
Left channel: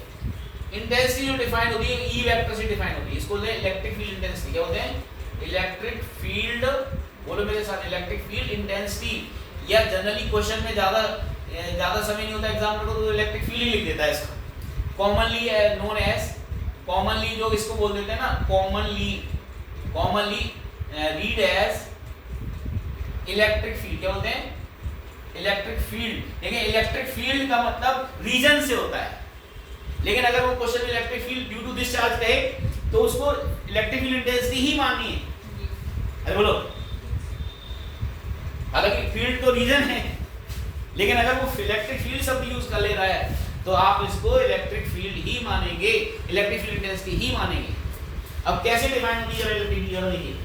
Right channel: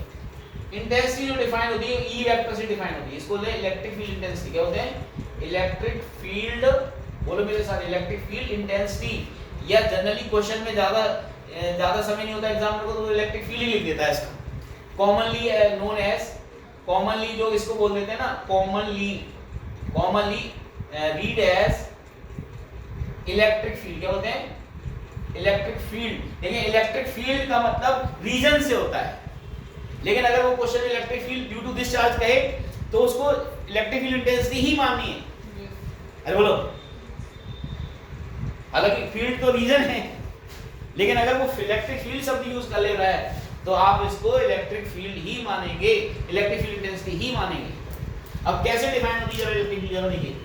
इंटेंसिटी जो डिफाइन होती है ई वेक्टर से डिफाइन होती है, इसको बोलते हैं इलेक्ट्रिक फील्ड इंटेंसिटी। क्या बोलते हैं, इलेक्ट्रिक फील्ड, बोलो मेरे साथ, इलेक्ट्रिक फील्ड इंटेंसिटी। या जनरली क्वेश्चन में ज्यादा समय नहीं होता एग्जामिनर को तो इलेक्ट्रिक फील्ड ही लिख देता है इसका। कॉमनली नोन एज, कॉमनली जो इसको बोल देते हैं ना, commonly read as electric field. क्या बोलते हैं, इलेक्ट्रिक फील्ड। देखिए इलेक्ट्रिक फील्ड का मतलब रीजन से होता है। लेकिन अगर वो क्वेश्चन में electric field due to this charge कहे तो उसको इलेक्ट्रिक फील्ड इंटेंसिटी ही माननी है। अरे बोलो, हालांकि फील्ड तो रीजन है, लेकिन अगर वो इलेक्ट्रिक फील्ड शब्द यूज कर ले रहा है तो आप इसको इलेक्ट्रिक फील्ड ही मानेंगे, इलेक्ट्रिक फील्ड इंटेंसिटी ही मानेंगे। अब कैसे डिफाइन होती है इलेक्ट्रिक फील्ड? देखिए,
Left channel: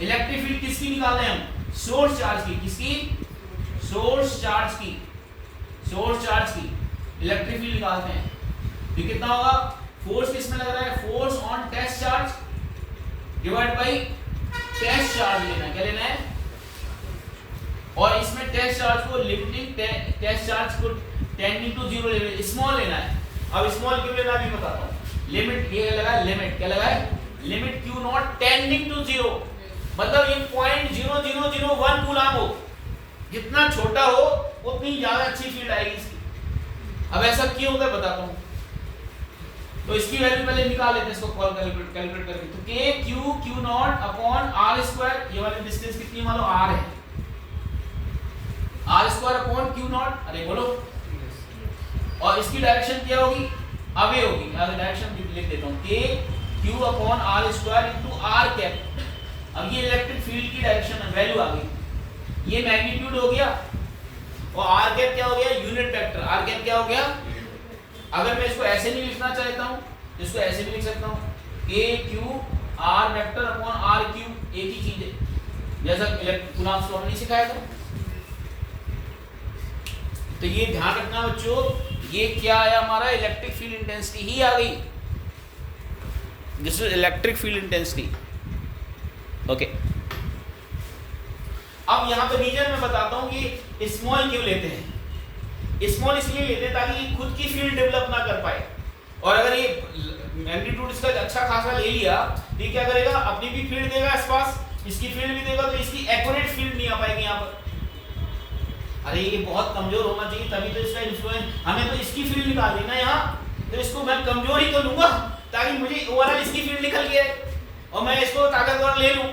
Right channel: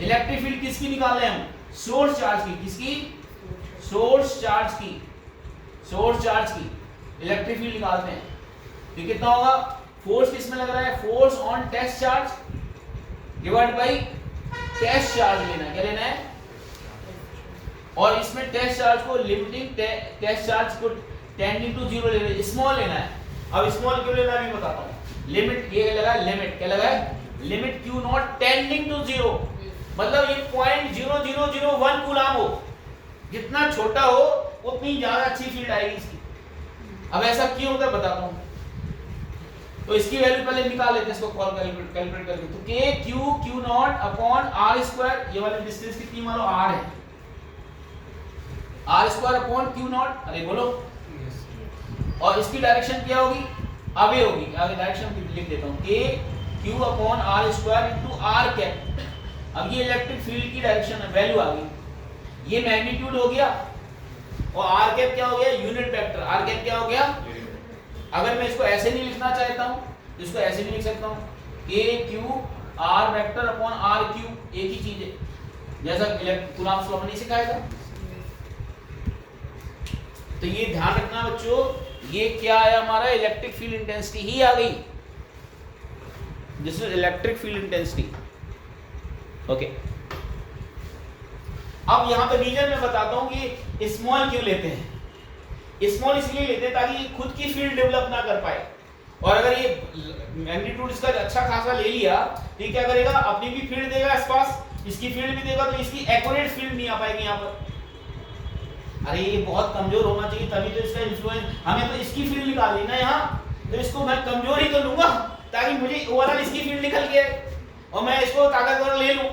इलेक्ट्रिक फील्ड किसकी निकाल रहे हैं हम? सोर्स चार्ज की। किसकी? सोर्स चार्ज की। सोर्स चार्ज की इलेक्ट्रिक फील्ड निकालते हैं तो कितना होगा? फोर्स किसमें लग रहा है? Force on test charge divide by test charge लेना। क्या लेना है? और इसमें टेस्ट चार्ज को लिमिटिंग टेस्ट चार्ज को टेंडिंग टू जीरो लेना, स्मॉल लेना है। अब स्मॉल क्यों लेना भी बताता हूँ। लिमिट ये लगा, लिमिट क्या लगा है? Limit Q naught tending to zero, मतलब ये 0.0001 कूलम हो, जितना छोटा हो उतनी ज्यादा अच्छी फील्ड आएगी इसकी। अब ऐसा क्यों होता है बताता हूँ। तो इसकी वैल्यू पहले निकाल लेते हैं, इसको कॉल कैलकुलेट करके। तो K Q naught upon R square, ये वाली डिस्टेंस कितनी मान लो आर है, R square upon Q naught. अरे बोलो, और इसकी डायरेक्शन क्या होगी? अवे होगी। आगे डायरेक्शन लिख देता हूँ, K Q upon R square into R cap. अब ये इलेक्ट्रिक फील्ड की डायरेक्शन वैल्यू आ गई, ये मैग्नीट्यूड हो गया, और आर कैप क्या हो गया? Unit vector. आर कैप क्या हो गया? अगर मैं इसको ऐसे नहीं लिखना चाहता हूँ तो इसको ऐसे भी लिख सकता हूँ, K Q R vector upon R Q, एक ही चीज है, जैसा कूलम्ब्स लॉ में नहीं सिखाया था। तो ये ध्यान रखना बच्चों, ये क्या आया हमारा? इलेक्ट्रिक फील्ड इंटेंसिटी ही आ गई। This is electric field intensity. Okay, अब यहाँ पे रीजन में बताता हूँ कि स्मॉल क्यों लेते हैं। स्मॉल इसलिए लेते हैं ताकि ये खुद की फील्ड डेवलप ना कर पाए, और अगर ये मैग्नीट्यूड इसका अच्छा खासा ले लिया तो ये क्या करेगा? अपनी भी फील्ड देगा आसपास, इसकी फील्ड भी देगा, तो इसकी एक्यूरेट फील्ड नहीं आ पाएगी यहाँ पर। अरे ये बहुत कमजोर होना चाहिए तभी तो इसका इन्फ्लुएंस, हमें तो इसकी फील्ड निकालनी ना यहाँ, तो इसको मैं कमजोर ही तो लूंगा ताकि मुझे ओवरऑल इसकी फील्ड निकल गया और मैं इसको ताकतवर ले लूं।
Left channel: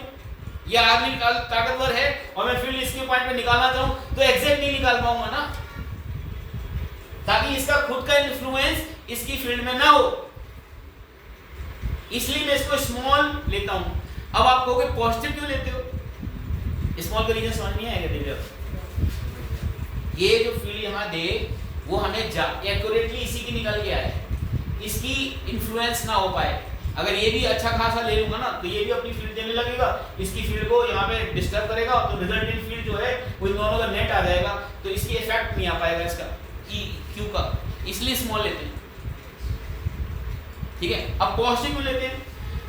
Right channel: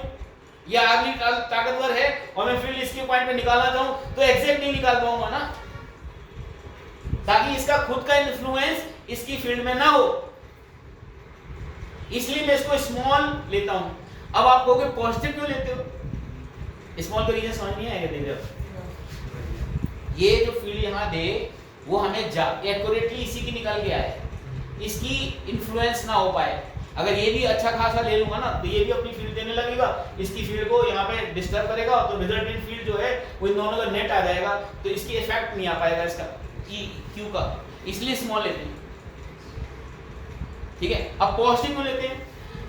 ये आदमी ताकतवर है और मैं फील्ड इसके पॉइंट पे निकालना चाहूं तो एग्जैक्ट नहीं निकाल पाऊंगा ना, ताकि इसका खुद का इन्फ्लुएंस इसकी फील्ड में ना हो, इसलिए मैं इसको स्मॉल लेता हूं। अब आप कहोगे पॉजिटिव क्यों लेते हो? स्मॉल का रीजन समझ नहीं आएगा। देखिए ये जो फील्ड यहाँ दे वो हमें एक्यूरेटली इसी की निकल गया है, इसकी इन्फ्लुएंस ना हो पाए। अगर ये भी अच्छा खासा ले लूंगा ना तो ये भी अपनी फील्ड देने लगेगा, इसकी फील्ड को यहाँ पे डिस्टर्ब करेगा, तो रिजल्टेंट फील्ड जो है वो इन दोनों का नेट आ जाएगा, तो इसकी इफेक्ट नहीं आ पाएगा इसका क्यू का, इसलिए स्मॉल लेते हैं। ठीक है, अब पॉजिटिव में लेते हैं।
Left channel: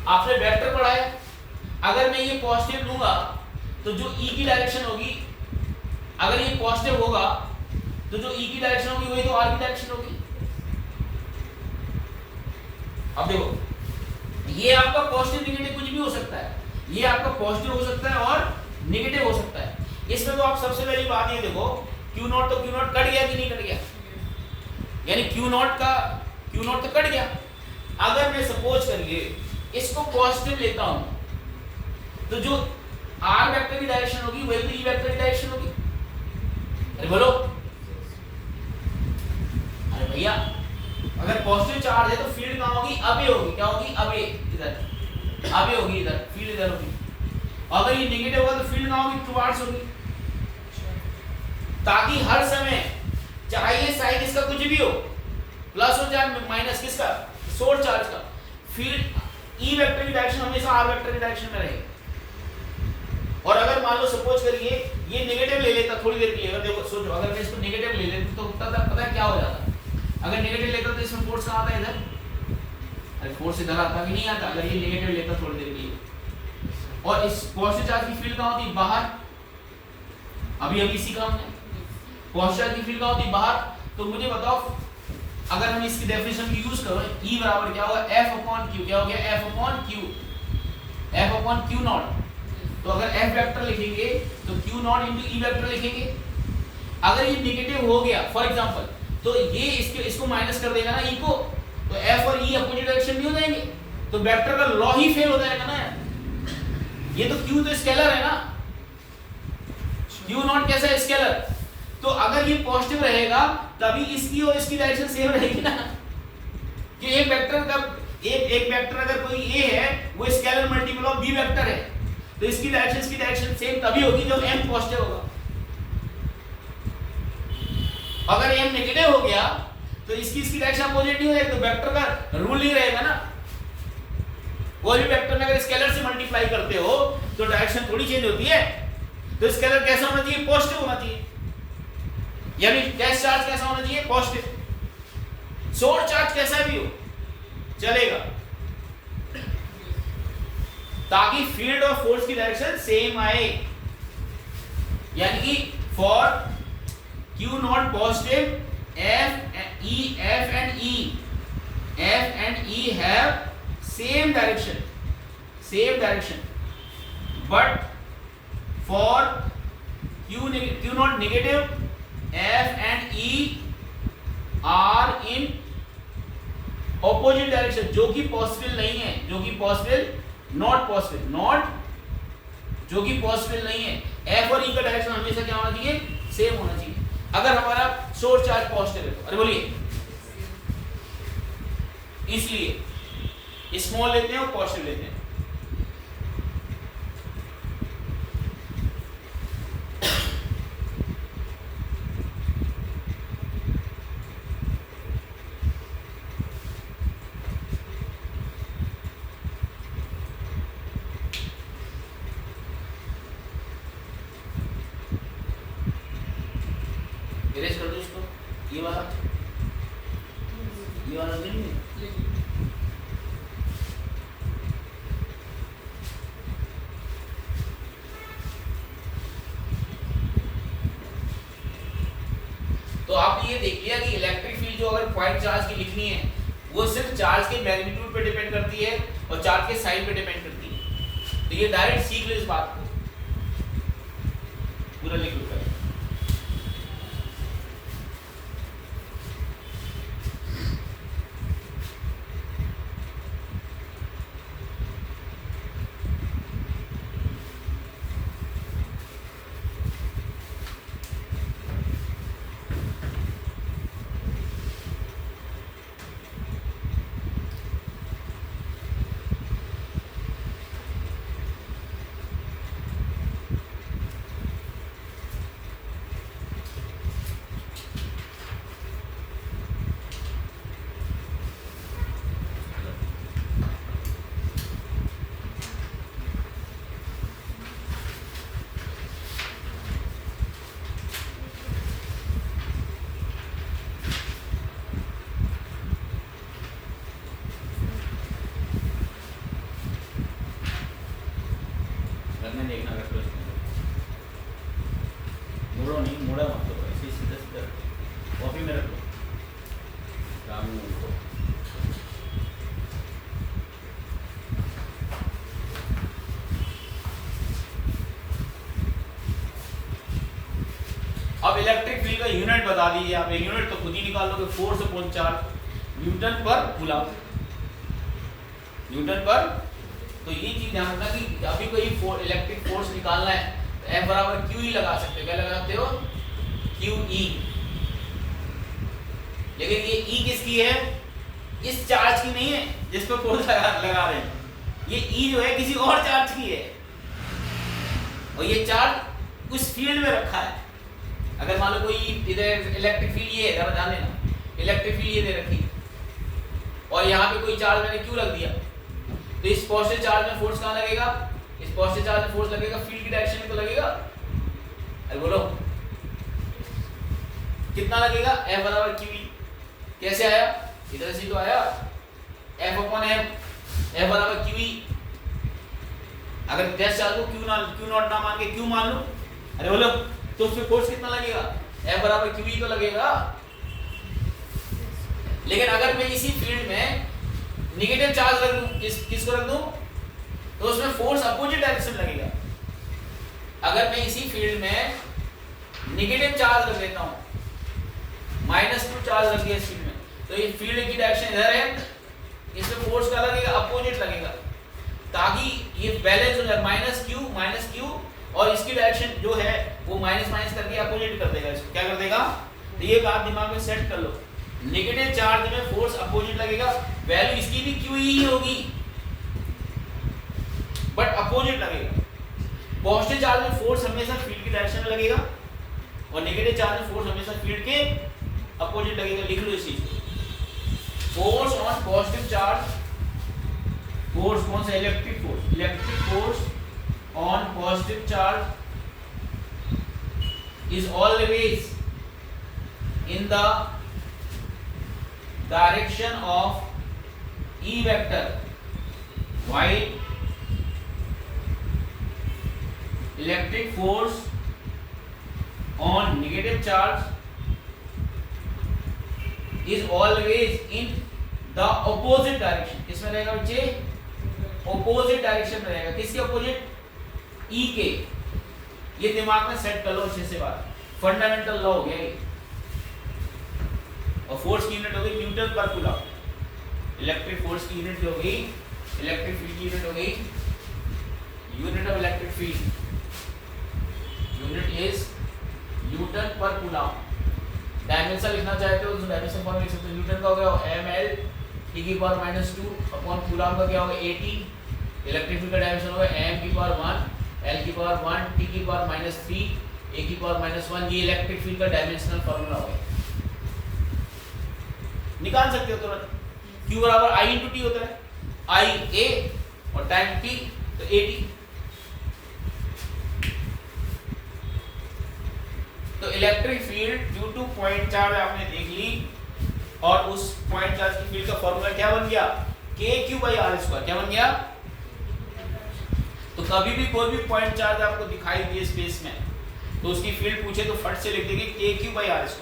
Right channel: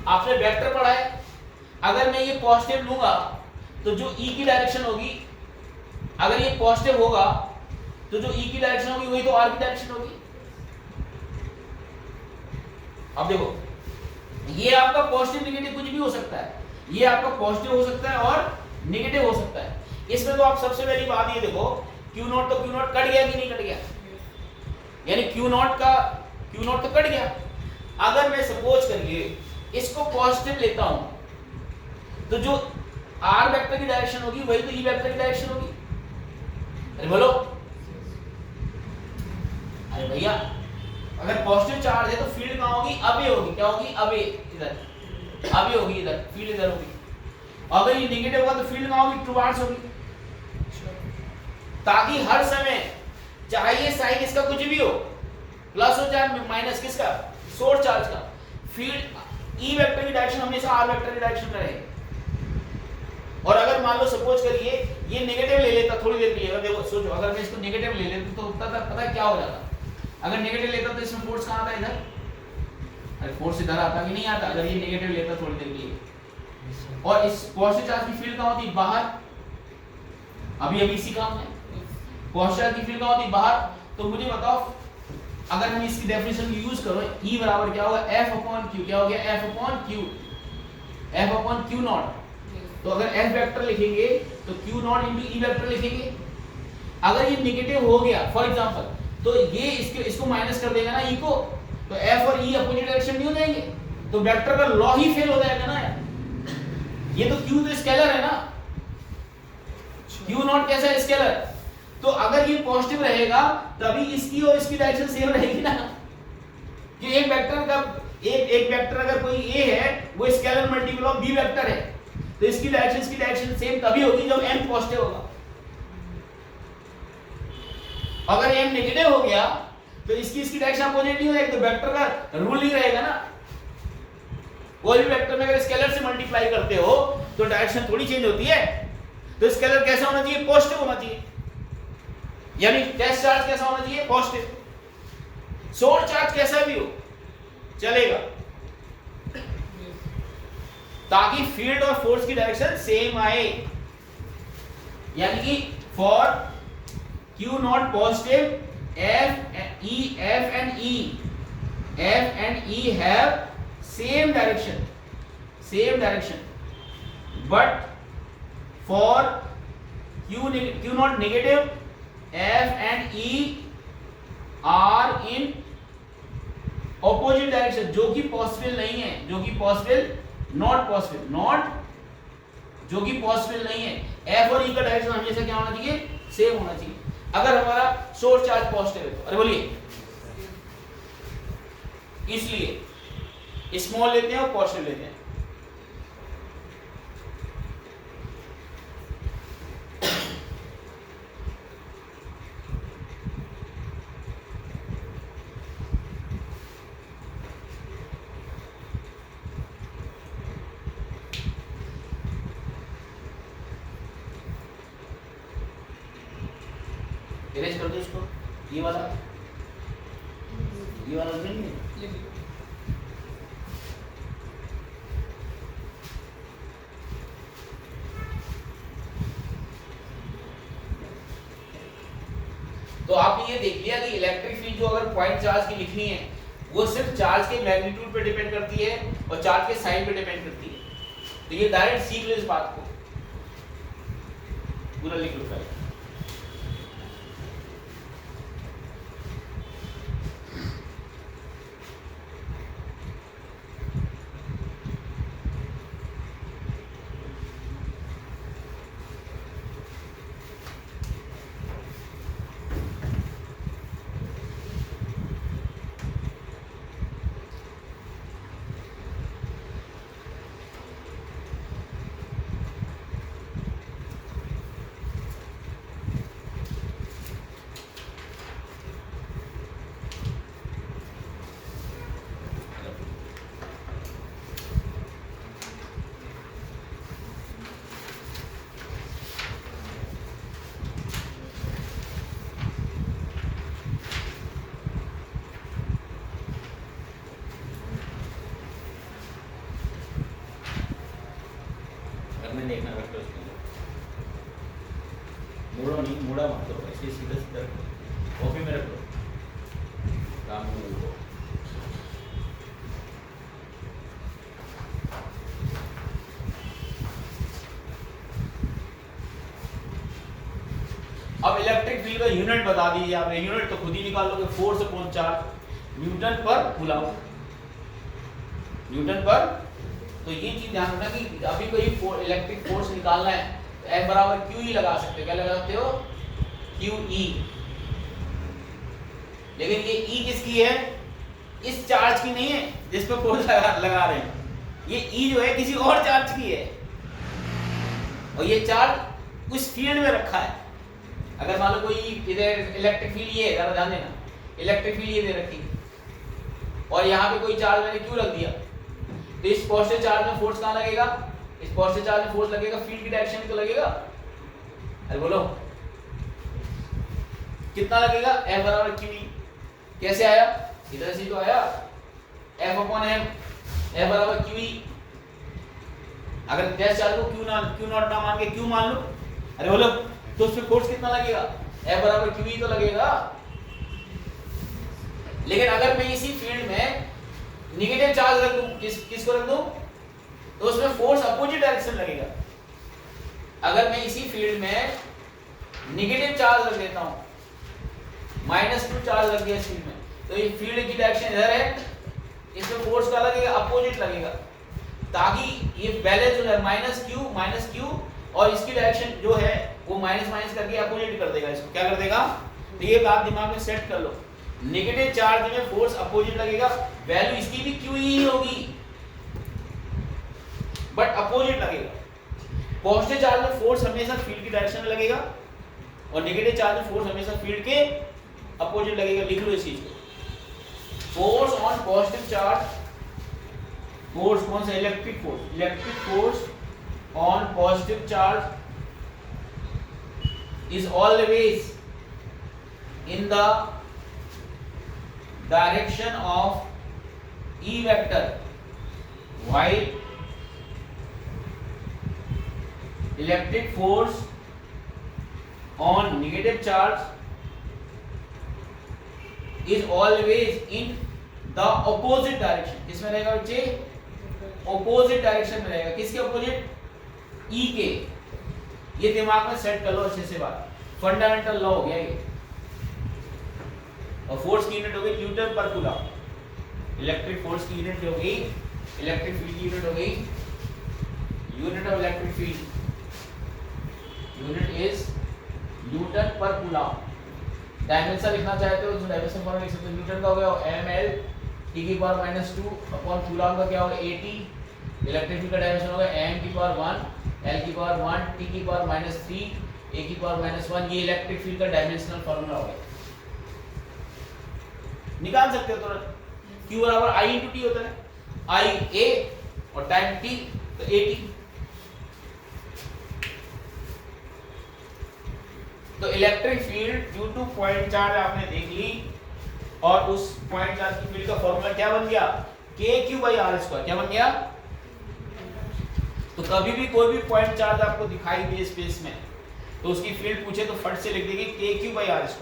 आपने वेक्टर पढ़ा है, अगर मैं ये पॉजिटिव लूंगा तो जो ई की डायरेक्शन होगी, अगर ये पॉजिटिव होगा तो जो ई की डायरेक्शन होगी वही तो आर की डायरेक्शन होगी। अब देखो ये आपका पॉजिटिव नेगेटिव कुछ भी हो सकता है, ये आपका पॉजिटिव हो सकता है और नेगेटिव हो सकता है। इसमें तो आप सबसे पहली बात ये देखो, क्यू नॉट तो क्यू नॉट कट गया कि नहीं कट गया, यानी क्यू नॉट तो कट गया। अगर मैं सपोज करिए इसको पॉजिटिव लेता हूं तो जो आर वेक्टर की डायरेक्शन होगी वही तो ई वेक्टर की डायरेक्शन होगी। अरे बोलो, अरे भैया अगर पॉजिटिव चार्ज है तो फील्ड कहां होगी? अवे होगी। क्या होगी? अवे, इधर अवे होगी, इधर फील्ड इधर होगी। अगर ये नेगेटिव होगा तो फील्ड कहां होगी? टुवार्ड्स होगी, ताकि हर समय चाहे ये साइन इसका कुछ भी हो, प्लस हो चाहे माइनस किसका, सोर्स चार्ज का, फील्ड ई वेक्टर की डायरेक्शन हमेशा आर वेक्टर की डायरेक्शन में रहेगी। और अगर मान लो सपोज करिए ये नेगेटिव ले लेता थोड़ी देर के लिए, देखो सोचो अगर मैं इसको नेगेटिव ले लेता तो पता है क्या हो जाता। अगर नेगेटिव लेता तो इसमें फोर्स कहां आता है? इधर। अरे फोर्स इधर आता भी नहीं आता अगर ये नेगेटिव लेता थोड़ी देर के लिए। और इस पॉजिटिव चार्ज की फील्ड कहां होती? बाहर। अभी इसी काम में पॉजिटिव चार्ज की फील्ड कहां होती? बाहर। तो मुझे बताओ अगर मैंने इसकी डेफिनेशन यूज करो, E बराबर क्या होगा? F/Q। क्या हो गया? F/Q not. तो अगर F वेक्टर लिखेंगे तो Q not into E vector लिखेंगे। अगर ये नेगेटिव हो गया फॉर एग्जांपल तो ये इसको माइनस कर देगा ना E को, तो F और E अपोजिट डायरेक्शन नहीं हो जाएंगे, तो वेक्टर का लॉ ही फेल हो जाएगा ना यार। ये तो Q तो स्केलर है ना, Q नॉट कैसा है? स्केलर। तो अगर ये पॉजिटिव रहेगा तभी इसकी और इसकी डायरेक्शन सेम रहेगी ना, कि एक वेक्टर का एक वेक्टर अगर कोई ए है वो scalar multiple of B vector है, तो इसकी डायरेक्शन सेम तभी होगी जब m पॉजिटिव होगा। अगर m नेगेटिव हो गया तो इसकी डायरेक्शन अपोजिट नहीं होगी, तो वेक्टर का रूल ही रहेगा ना। कोई भी वेक्टर में अगर स्केलर से मल्टीप्लाई करते हो तो डायरेक्शन थोड़ी चेंज होती है। तो स्केलर कैसा होना चाहिए? पॉजिटिव होना चाहिए, यानी टेस्ट चार्ज कैसा होना चाहिए? पॉजिटिव। सोर्स चार्ज कैसा भी हो चलेगा, ताकि फील्ड और फोर्स की डायरेक्शन सेम आए। यानी कि for Q not positive F and E have same direction, but for Q not negative F and E are in opposite direction, जो कि पॉसिबल नहीं है, जो कि नॉट पॉसिबल नहीं है। F और E का डायरेक्शन हमेशा क्या होना चाहिए? सेम होना चाहिए। अगर हमारा सोर्स चार्ज पॉजिटिव है, अरे बोलिए, इसलिए स्मॉल लेते हैं और पॉजिटिव लेते हैं। इरेज कर दो इसको, ये वाला नहीं है। तो आपने ये देख लिया कि इलेक्ट्रिक फील्ड जो अगर पॉइंट चार्ज की लिखनी है वो सिर्फ चार्ज के मैग्नीट्यूड पे डिपेंड करती है और चार्ज के साइन पे डिपेंड करती है। तो ये डायरेक्ट सीख लो इस बात को, पूरा लिख लो पहले। देखना वेक्टर मुड़ो नहीं, मुड़ा मत लो, ऐसे सीधा सीधा कॉपी में रख लो काम में उनको। अब इलेक्ट्रिक फील्ड का यूनिट बता दीजिए आप, यूनिट तो खुद ही निकाल लोगे, फोर्स अपॉन चार्ज न्यूटन पर कूलम, न्यूटन पर। तो ये चीज ध्यान रखना कि अभी कोई इलेक्ट्रिक फोर्स निकालना है तो F बराबर QE लगा सकते हो। क्या लगा सकते हो? QE। लेकिन ये E किसकी है? इस चार्ज की नहीं है जिस पर फोर्स लगा रहे हैं, ये E जो है किसी और चार्ज की है, और ये चार्ज उस फील्ड में रखा है। अगर मान लो कोई इधर इलेक्ट्रिक फील्ड ये है, जरा ध्यान देना, इलेक्ट्रिक फील्ड ये दे रखी है और यहाँ पे कोई चार्ज मैंने क्यों रख दिया, तो इस पॉजिटिव चार्ज में फोर्स कहाँ लगेगा? इस पॉजिटिव चार्ज में फोर्स लगेगा फील्ड की डायरेक्शन में तो लगेगा। अरे बोलो कितना लगेगा? F बराबर QE। कैसे आया? इधर से तो आया, F अपॉन M, F बराबर QE। अगर टेस्ट चार्ज को Q नॉट ना मान के Q मान लो, अरे बोलो तो उसमें फोर्स कितना लगेगा? F बराबर QE तो लगेगा। लेकिन अगर मैं इसी फील्ड में नेगेटिव चार्ज रख दूं, किसको रख दूं, तो उसमें फोर्स अपोजिट डायरेक्शन लगेगा। अगर मैं इसी फील्ड में नेगेटिव चार्ज रख देता हूं, -2 चार्ज रख दिया इस फील्ड में, तो ये फील्ड की डायरेक्शन इधर है, इसमें फोर्स का लगेगा अपोजिट लगेगा, ताकि ये बैलेंस हो जाए, -Q और इसकी डायरेक्शन जो है वो माइनस करके अपोजिट कर देगा। इसको क्या कर देगा? ये बात दिमाग में सेट कर लो, नेगेटिव चार्ज में फोर्स अपोजिट लगेगा, वैल्यू इसकी भी क्यू ही होगी बट अपोजिट लगेगा। पॉजिटिव चार्ज में फोर्स हमेशा फील्ड की डायरेक्शन में लगेगा और नेगेटिव चार्ज में फोर्स हमेशा फील्ड के अपोजिट लगेगा। लिख लो इस चीज को, force on positive charge, force कौन सा, electric force on positive charge is always in the direction of E vector, while electric force on negative charge is always in the opposite direction। किसमें रहेगा बच्चे, opposite direction में रहेगा। किसके opposite, E के। ये दिमाग में सेट कर लो अच्छे से, बात फंडामेंटल लॉ हो गया ये। और फोर्स की यूनिट हो गई न्यूटन पर कूलम। इलेक्ट्रिक फोर्स की यूनिट हो गई, इलेक्ट्रिक फील्ड की यूनिट हो गई, unit of electric field unit is Newton पर कूलम। डायमेंशन लिखना चाहते हो तो डायमेंशन फॉर्मूला लिख सकते हो, न्यूटन का हो गया ml t की पावर -2 अपॉन कूलम का क्या होगा 80। इलेक्ट्रिक फील्ड का डायमेंशन होगा m की पावर 1 L की पावर 1 T की पावर -3 A की पावर -1। ये इलेक्ट्रिक फील्ड का डायमेंशनल फार्मूला हो गया, निकाल सकते हो तुरंत। Q बराबर I × T होता है, I A और टाइम T तो AT। तो electric field due two point charge आपने देख ली और उस पॉइंट चार्ज की फील्ड का फार्मूला क्या बन गया, KQ/R²। क्या बन गया, तो कभी भी कोई भी पॉइंट चार्ज आपको दिखाई दे स्पेस में तो उसकी फील्ड पूछे तो फट से लिख देगी KQ/R²।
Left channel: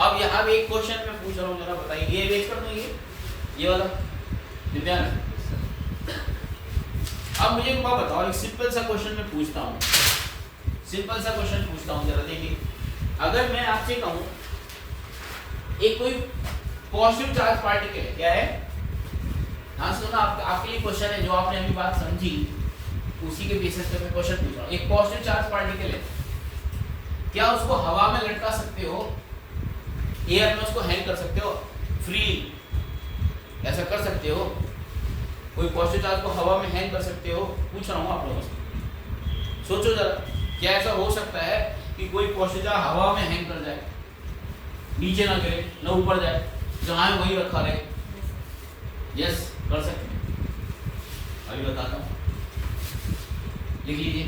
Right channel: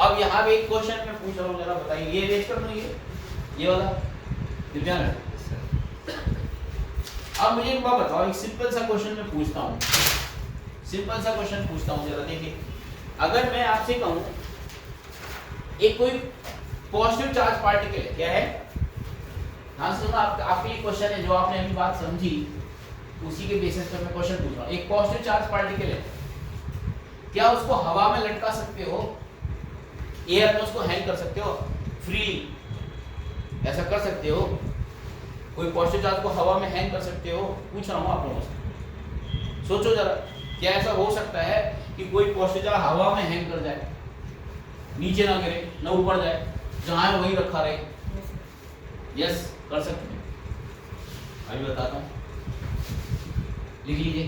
अब यहां भी एक क्वेश्चन मैं पूछ रहा हूं, जरा बताइए, ये वेट कर दो, ये वाला दिव्यांग। अब मुझे एक बात बताओ, एक सिंपल सा क्वेश्चन मैं पूछता हूं, सिंपल सा क्वेश्चन पूछता हूं, जरा देखिए। अगर मैं आपसे कहूं एक कोई पॉजिटिव चार्ज पार्टिकल है, क्या है, हाँ सुनो, आपके लिए क्वेश्चन है, जो आपने अभी बात समझी उसी के बेसिस पे मैं क्वेश्चन पूछ रहा हूं। एक पॉजिटिव चार्ज पार्टिकल है, क्या उसको हवा में लटका सकते हो, एयर में उसको हैंग कर सकते हो फ्री, ऐसा कर सकते हो? कोई पॉजिटिव चार्ज को हवा में हैंग कर सकते हो? पूछ रहा हूं आप लोगों से, सोचो जरा, क्या ऐसा हो सकता है कि कोई पॉजिटिव चार्ज हवा में हैंग कर जाए, नीचे ना गिरे ना ऊपर जाए, जहां है वहीं रखा रहे? यस, कर सकते हैं, अभी बताता हूं, लिख लीजिए।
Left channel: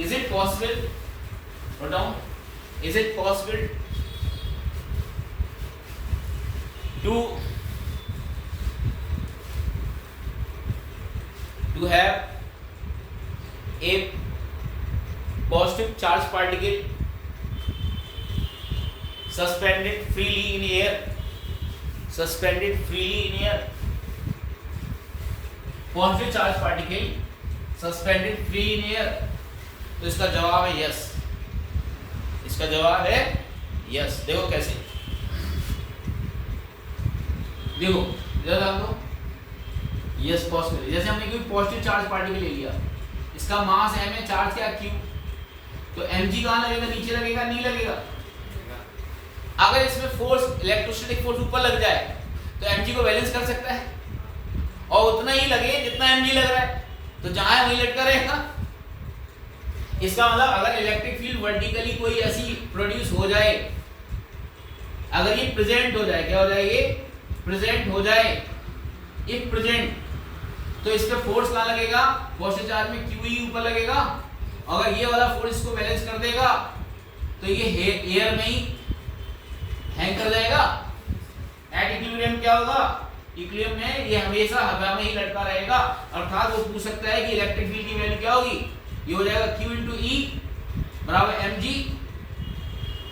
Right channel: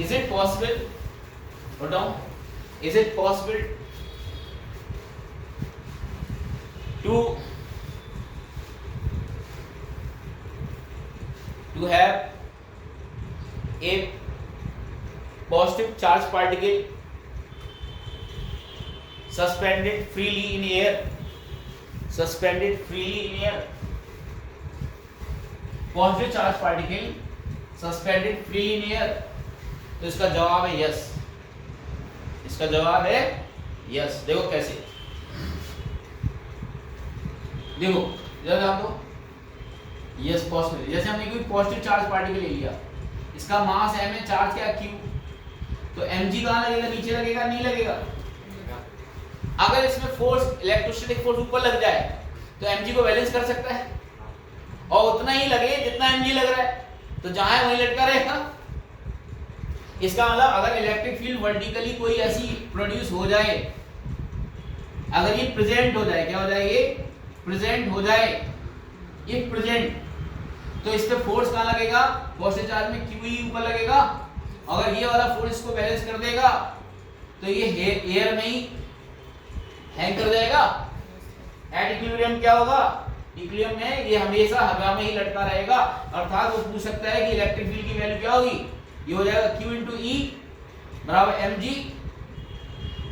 इज इट पॉसिबल, बताओ, is it possible to have a positive charge particle suspended freely in air, suspended freely in air, positive charge particle suspended free in air? तो इसका जवाब है यस, इसका जवाब है यस। देखो कैसे, देखो इधर आप दो, यस पॉसिबल। जैसे हमने कोई पॉजिटिव चार्ज पार्टिकल ले लिया, इसका मास m है, चार्ज क्या q, तो mg कहाँ लगेगा, नीचे लगेगा, नहीं लगेगा? अगर इसमें फोर्स, इलेक्ट्रोस्टैटिक फोर्स ऊपर लग जाए तो mg को बैलेंस कर सकता है और उतना ही लगे जितना mg लग रहा है, तो जहां है वहीं लटका रहेगा। इसका मतलब अगर इलेक्ट्रिक फील्ड वर्टिकली कोई ऐसी प्रोड्यूस हो जाए, अगर ये प्रेजेंट हो जाए, क्या हो जाए, ये प्रेजेंट हो जाए, इफ प्रेजेंट, तो इस पे फोर्स कहाँ लगेगा, पॉजिटिव चार्ज में क्यू ही ऊपर लगेगा। अगर ये वाला फोर्स इसको बैलेंस कर देगा तो ये एयर में ही हैंग कर जाएगा। एट इक्विलिब्रियम क्या होगा, इक्विलिब्रियम में ये हमेशा हवा में ही लटका रहेगा। अर्थात वो पूछ सकता है कि इलेक्ट्रिक फील्ड की वैल्यू क्या होगी, ये हो जाएगा Q × E बराबर mg।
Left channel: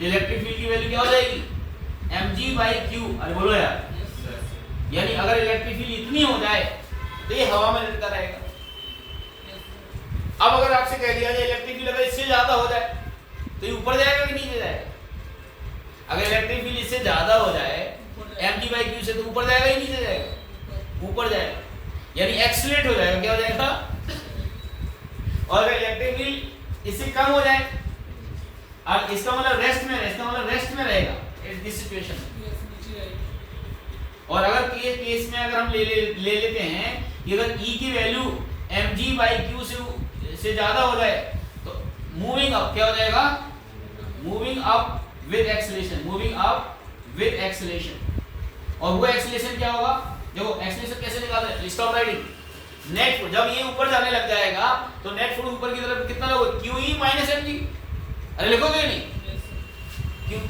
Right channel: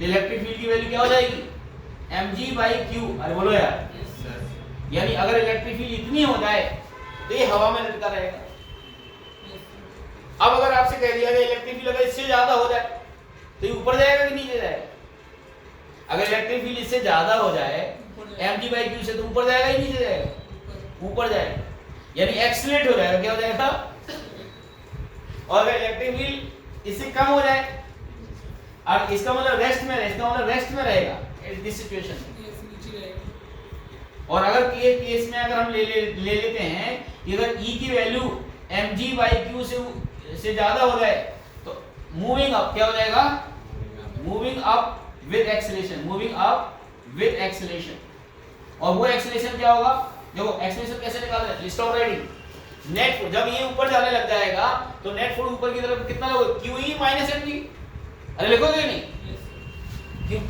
इलेक्ट्रिक फील्ड की वैल्यू क्या हो जाएगी, mg/q। अरे बोलो यार, यानी अगर इलेक्ट्रिक फील्ड इतनी हो जाए तो ये हवा में लटका रहेगा। अब अगर आपसे कह दिया कि इलेक्ट्रिक फील्ड अगर इससे ज्यादा हो जाए तो ये ऊपर जाएगा कि नीचे जाएगा? अगर इलेक्ट्रिक फील्ड इससे ज्यादा हो जाए mg/q से, तो ऊपर जाएगा ही नीचे जाएगा? ऊपर जाएगा। यानी एक्सीलरेट हो जाएगा, क्या हो जाएगा? और अगर इलेक्ट्रिक फील्ड इससे कम हो जाए और इसका मतलब रेस्ट में रहेगा, इसका मतलब रेस्ट में रहेगा इस सिचुएशन में। और अगर केस में अगर हम ले लेते हैं कि अगर E की वैल्यू mg/q से ज्यादा हो जाए तो मूविंग अप क्या हो जाएगा? Moving up with acceleration, moving up with acceleration. और वो एक्सेलरेशन क्या होगा? देखो एक्सेलरेशन कैसे निकालते हैं? Stop writing. नेट जब ये ऊपर जाने लग जाएगा तो नेट फोर्स ऊपर की तरफ कितना होगा? QE - mg। अरे लिखोगे नहीं?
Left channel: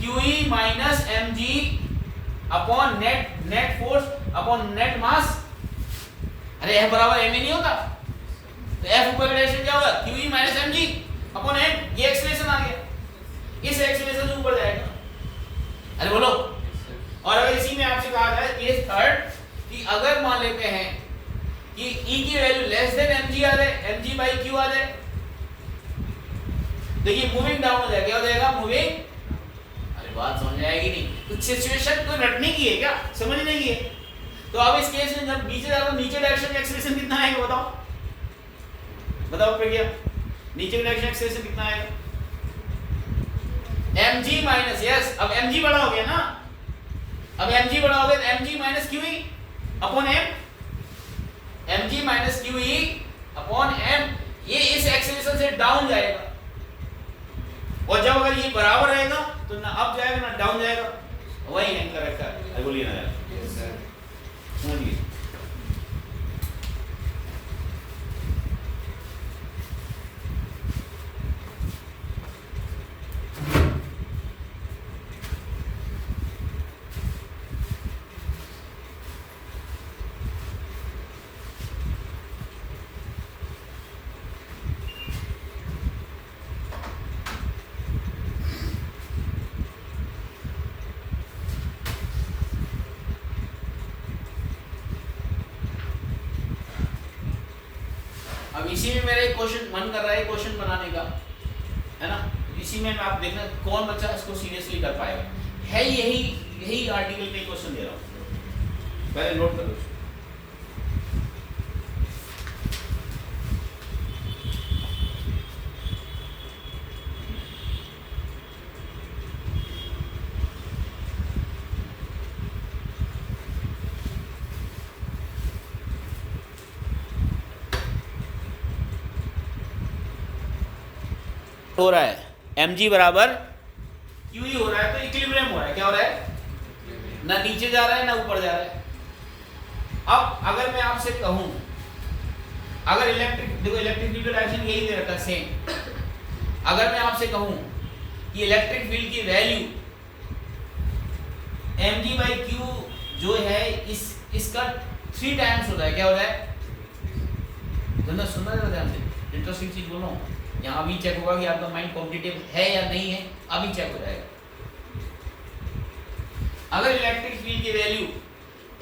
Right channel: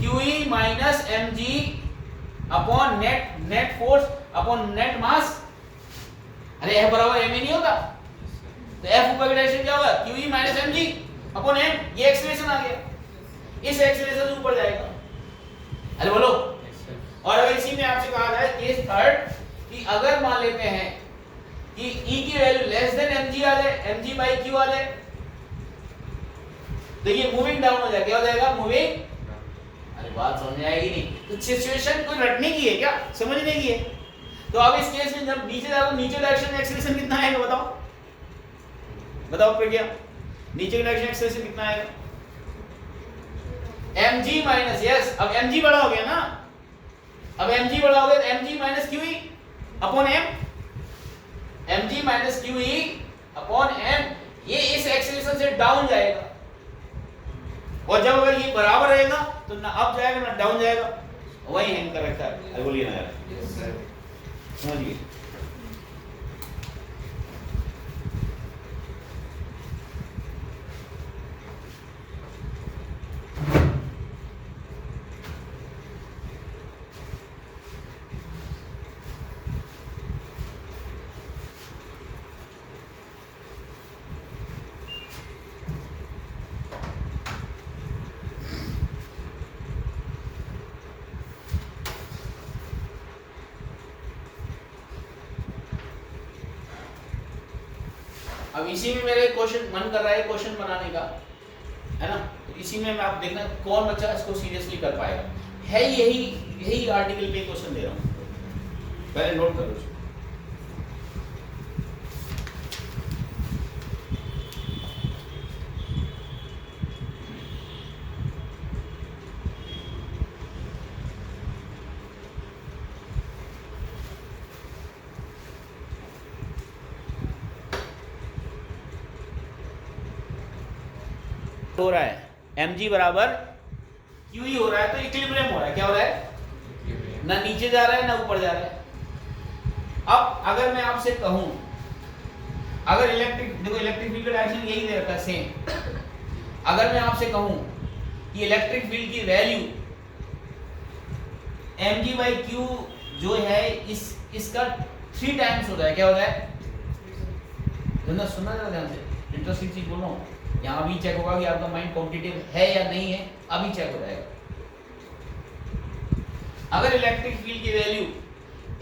QE - mg upon net force upon net mass. अरे F बराबर m ही नहीं होता, तो F ऊपर की डायरेक्शन क्या होगा? QE - mg upon m। ये एक्सेलरेशन आ गया, इस एक्सेलरेशन से ऊपर जाएगा। अरे बोलो। और अगर इसी में आपसे कहा जाए केस थर्ड कि अगर मान लेते हैं कि E की वैल्यू लेस देन mg आ जाए, mg/q आ जाए, तो ये मूविंग डाउन हो जाएगा, क्या हो जाएगा? मूविंग। अरे बात समझ में आएगी नहीं? तो सिचुएशन कोई रटने की है क्या? समझने की है? तो अब इस केस में जब नीचे जाता नीचे डायरेक्शन में एक्सेलरेशन कितना आएगा? बताओ बताओ भैया, नीचे की डायरेक्शन एक्सेलरेशन कितना आएगा? mg माइनस, यस अब mg बड़ा हो गया ना, अब mg बड़ा हो गया तो mg minus QE upon m, mg minus QE upon m। ये इस एक्सेलरेशन से डाउन जाएगा, और जब अगर ये बराबर रहेगा तो ना अप जाएगा ना डाउन जाएगा। वही है इनका रखा है। अरे बोलिए ना यार, समझिए। अब इसी में मेरे क्वेश्चन मन कर रहा है क्वेश्चन बनाने का, है ना? इसी में आप देखना कौन बच्चा इसको सीरियसली कर पाएगा। है यही आर्टिकल पे क्वेश्चन दे रहा हूँ, पहले नोट करो। हो रहा है mg बराबर QE हो रहा है, तो इक्विलिब्रियम हो रहा है। क्या हो रहा है? ना नीचे जा रहा है ना ऊपर जा रहा है। अब अगर मैं आपसे कहूं, अगर देखो इलेक्ट्रिक फील्ड का डायरेक्शन यही दे रखा है सेम। अगर मैं आपसे कहूं कि इलेक्ट्रिक फील्ड की वैल्यू mg/q जो है इसका 3 टाइम्स होता है। क्या होता है? सुनना जरा ध्यान से, इंटरेस्टिंग चीज बोल रहा हूं। यहाँ भी चेक होगा कि आपका माइंड कॉम्पिटिटिव है या नहीं है, अभी चेक हो जाएगा। अगर इलेक्ट्रिक फील्ड की वैल्यू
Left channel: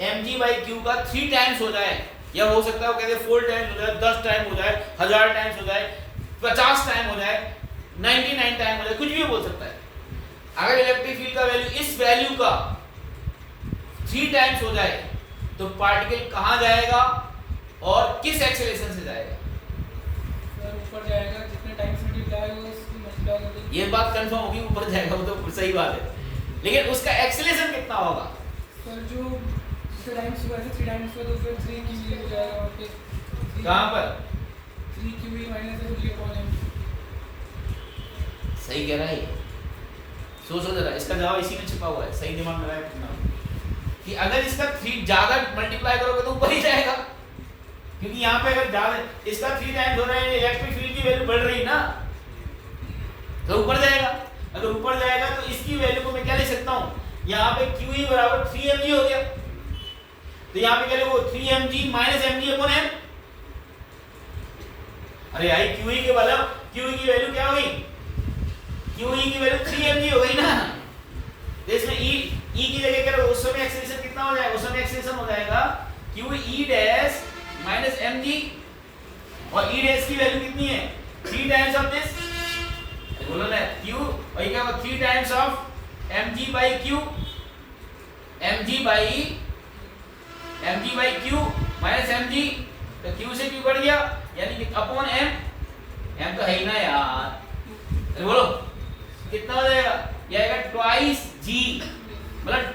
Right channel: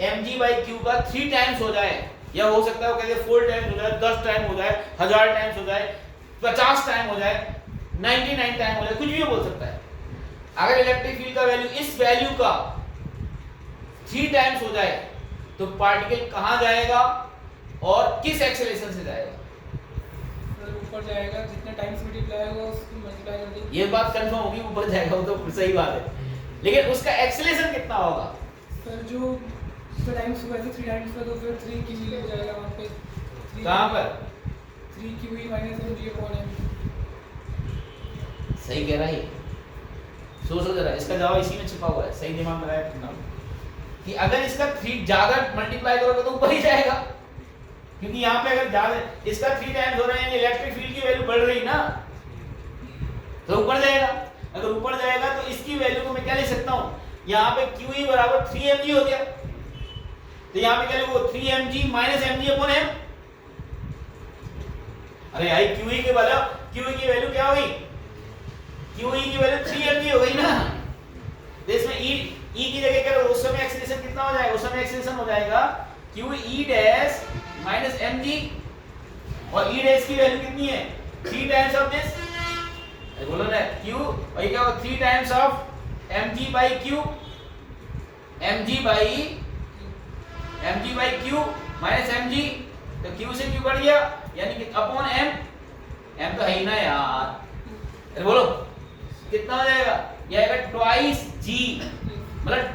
mg/q का 3 टाइम्स हो जाए, या हो सकता है वो कहते 4 टाइम्स हो जाए, 10 टाइम हो जाए, 1000 टाइम्स हो जाए, 50 टाइम हो जाए, 99 टाइम हो जाए, कुछ भी बोल सकता है। अगर इलेक्ट्रिक फील्ड का वैल्यू इस वैल्यू का 3 टाइम्स हो जाए तो पार्टिकल कहाँ जाएगा और किस एक्सेलरेशन से जाएगा? ऊपर जाएगा, जितने टाइम्स मल्टीप्लाई होगा उसकी मल्टीप्लाई करके। ये बात कंफर्म होगी ऊपर जाएगा, वो तो सही बात है, लेकिन उसका एक्सेलरेशन कितना होगा? सर जो टाइम्स हुआ है 3 टाइम्स पे, तो फिर 3 QE हो जाएगा वहां पे। कहां पर? 3 QE minus mg upon m। सही कह रहा है। सोचो जरा, इसका जवाब इसी में छिपा हुआ है। सही दिमाग में लगाया कि अगर इसका 3 ज्यादा मल्टीप्लाई करोगे तो ऊपर ही जाएगा, क्योंकि यहाँ पे अगर ज्यादा इसका 3 टाइम्स हो रहा है, इलेक्ट्रिक फील्ड की वैल्यू बढ़ रही ना, तो ऊपर जाएगा। अगर ऊपर जाएगा तो इसकी वैल्यू को मैं क्या ले सकता हूँ? यहाँ पे QE बराबर 3mg हो गया, तो यहाँ पे क्या लिखो? 3mg minus mg upon m। अरे आई QE के मतलब QE की वैल्यू क्या हो गई? QE की वैल्यू 3mg हो गई ना, तो इसमें E की जगह क्या उस समय एक्सेलरेशन कितना हो जाएगा? उस समय एक्सेलरेशन हो जाएगा QE डैश माइनस mg, और E डैश की वैल्यू कितनी है? 3 टाइम्स ऑफ दिस, बोलो ना Q, और ये क्या होगा? 3 times of mg/q, mg/q minus mg तो Q से Q कट गया यानी कि अपॉन M, M तो है ही ना यार, अरे बोलो कितना हो जाएगा, ये आएगा ट्वाइस G, मतलब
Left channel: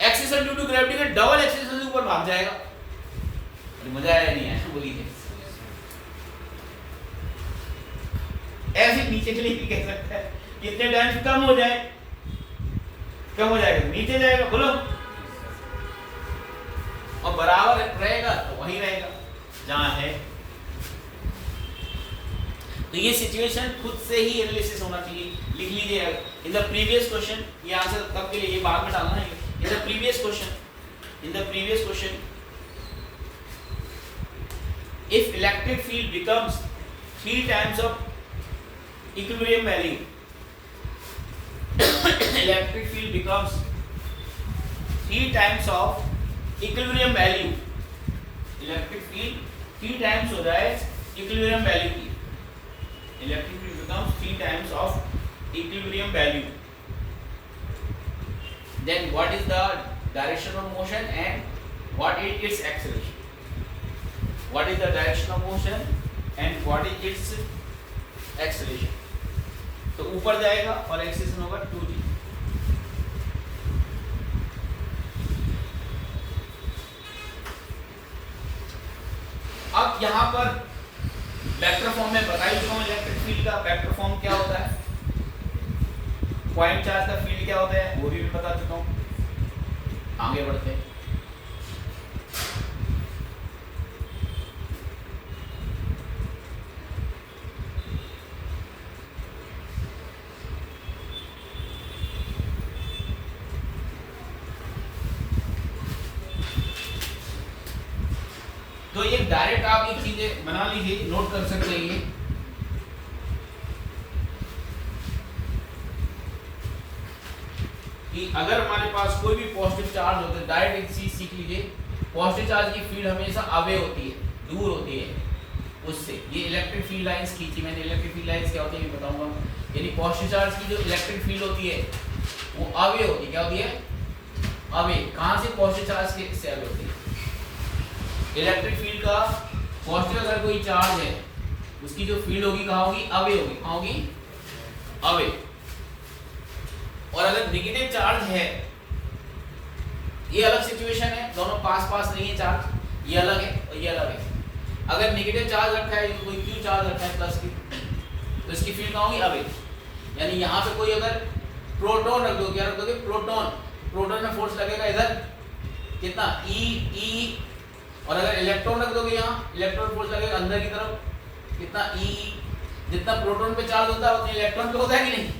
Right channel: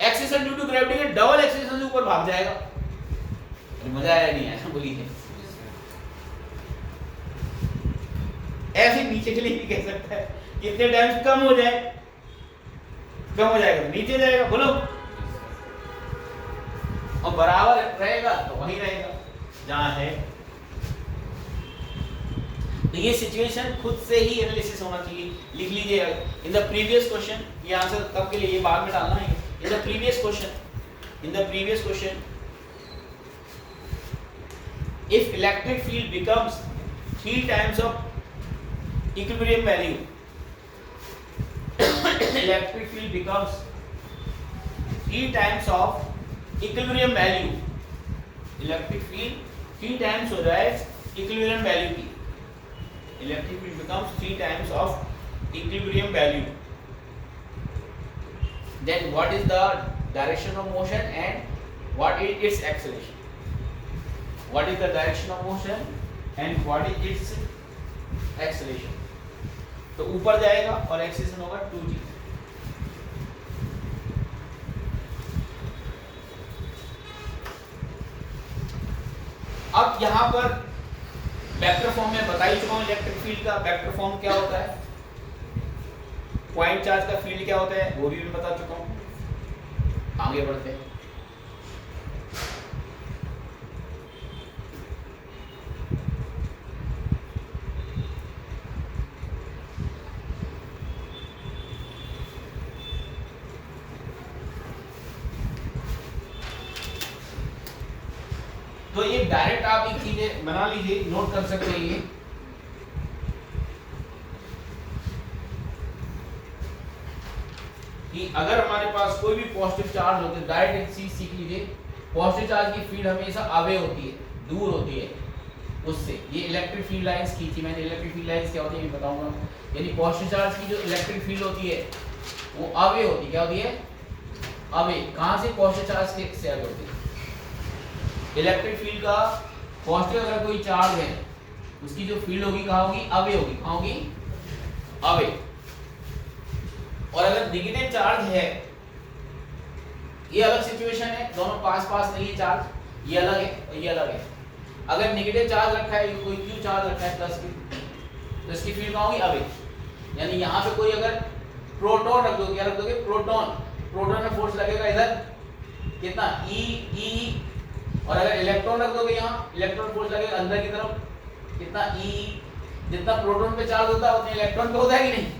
एक्सेलरेशन ड्यू टू ग्रेविटी के डबल एक्सेलरेशन से ऊपर भाग जाएगा। अरे मजा आया नहीं आया, बोलिए। ऐसे नीचे के लिए भी कह सकता है, कितने टाइम्स कम हो जाए, कम हो जाएगा नीचे जाएगा, बोलो, और बराबर रहेगा तो वहीं रहेगा जहां है। तो ये सिचुएशन खुद से ही एनालिसिस होना चाहिए, लिख लीजिए इन द प्रीवियस क्वेश्चन, ये आंसर कब के लिए, ये बाद में डालना है। In the previous question if electric field becomes 3 times of equilibrium value, electric field becomes 3 times of equilibrium value, electric field 3 times हो जाए equilibrium value की, electric field becomes 3 times of equilibrium value, then what is the direction of motion and what is its acceleration? What is the direction of motion and what is its acceleration? तो ऊपर जाएगा और एक्सेलरेशन होगा 2g। अब यहाँ पर वेक्टर फॉर्म में बता ही चुका हूँ इलेक्ट्रिक फील्ड का वेक्टर फॉर्म क्या होता है, पॉइंट चार्ज का फील्ड क्या होता है वो भी बता चुका हूँ। आगे बढ़ते हैं। तो ये डायरेक्ट आप एक चीजें बना लीजिए, नोट कर सकते हैं ये कि अगर हमारे पास कोई भी पॉजिटिव चार्ज होते हैं, डायरेक्ट एक चीज सीख लीजिए, पॉजिटिव चार्ज की फील्ड हमेशा अवे होती है, दूर होती है उससे। ये इलेक्ट्रिक फील्ड लाइंस खींची मैंने, इलेक्ट्रिक फील्ड लाइंस क्या होती है ये बताऊंगा। यानी पॉजिटिव चार्ज की जो इलेक्ट्रिक फील्ड होती है वो अवे होती है, क्या होती है, अवे। कहां से, पॉजिटिव चार्ज के से अवे होती है। इलेक्ट्रिक फील्ड का पॉजिटिव अगर कोई चार्ज है उसकी जो फील्ड होगी कहाँ होगी, अवे होगी, कहाँ होगी, अवे। और अगर नेगेटिव चार्ज है, ये अलग सिचुएशन है, दोनों पास पास नहीं है चार्ज, ये अलग है और ये अलग है। अगर नेगेटिव चार्ज रखा है, कोई क्यू चार्ज रखा है प्लस की, तो इसकी फील्ड कहाँ होगी, अवे। यानी यहाँ पे कोई अगर प्रोटॉन रख दो, क्या रख दोगे, प्रोटॉन, प्रोटॉन में फोर्स लगेगा इधर कितना, ई, और अगर इलेक्ट्रॉन रख दोगे यहाँ, इलेक्ट्रॉन फोर्स लगेगा अंदर की तरफ कितना, ई। जितना प्रोटॉन पे चार्ज होता है उतना इलेक्ट्रॉन पे होता है कि नहीं।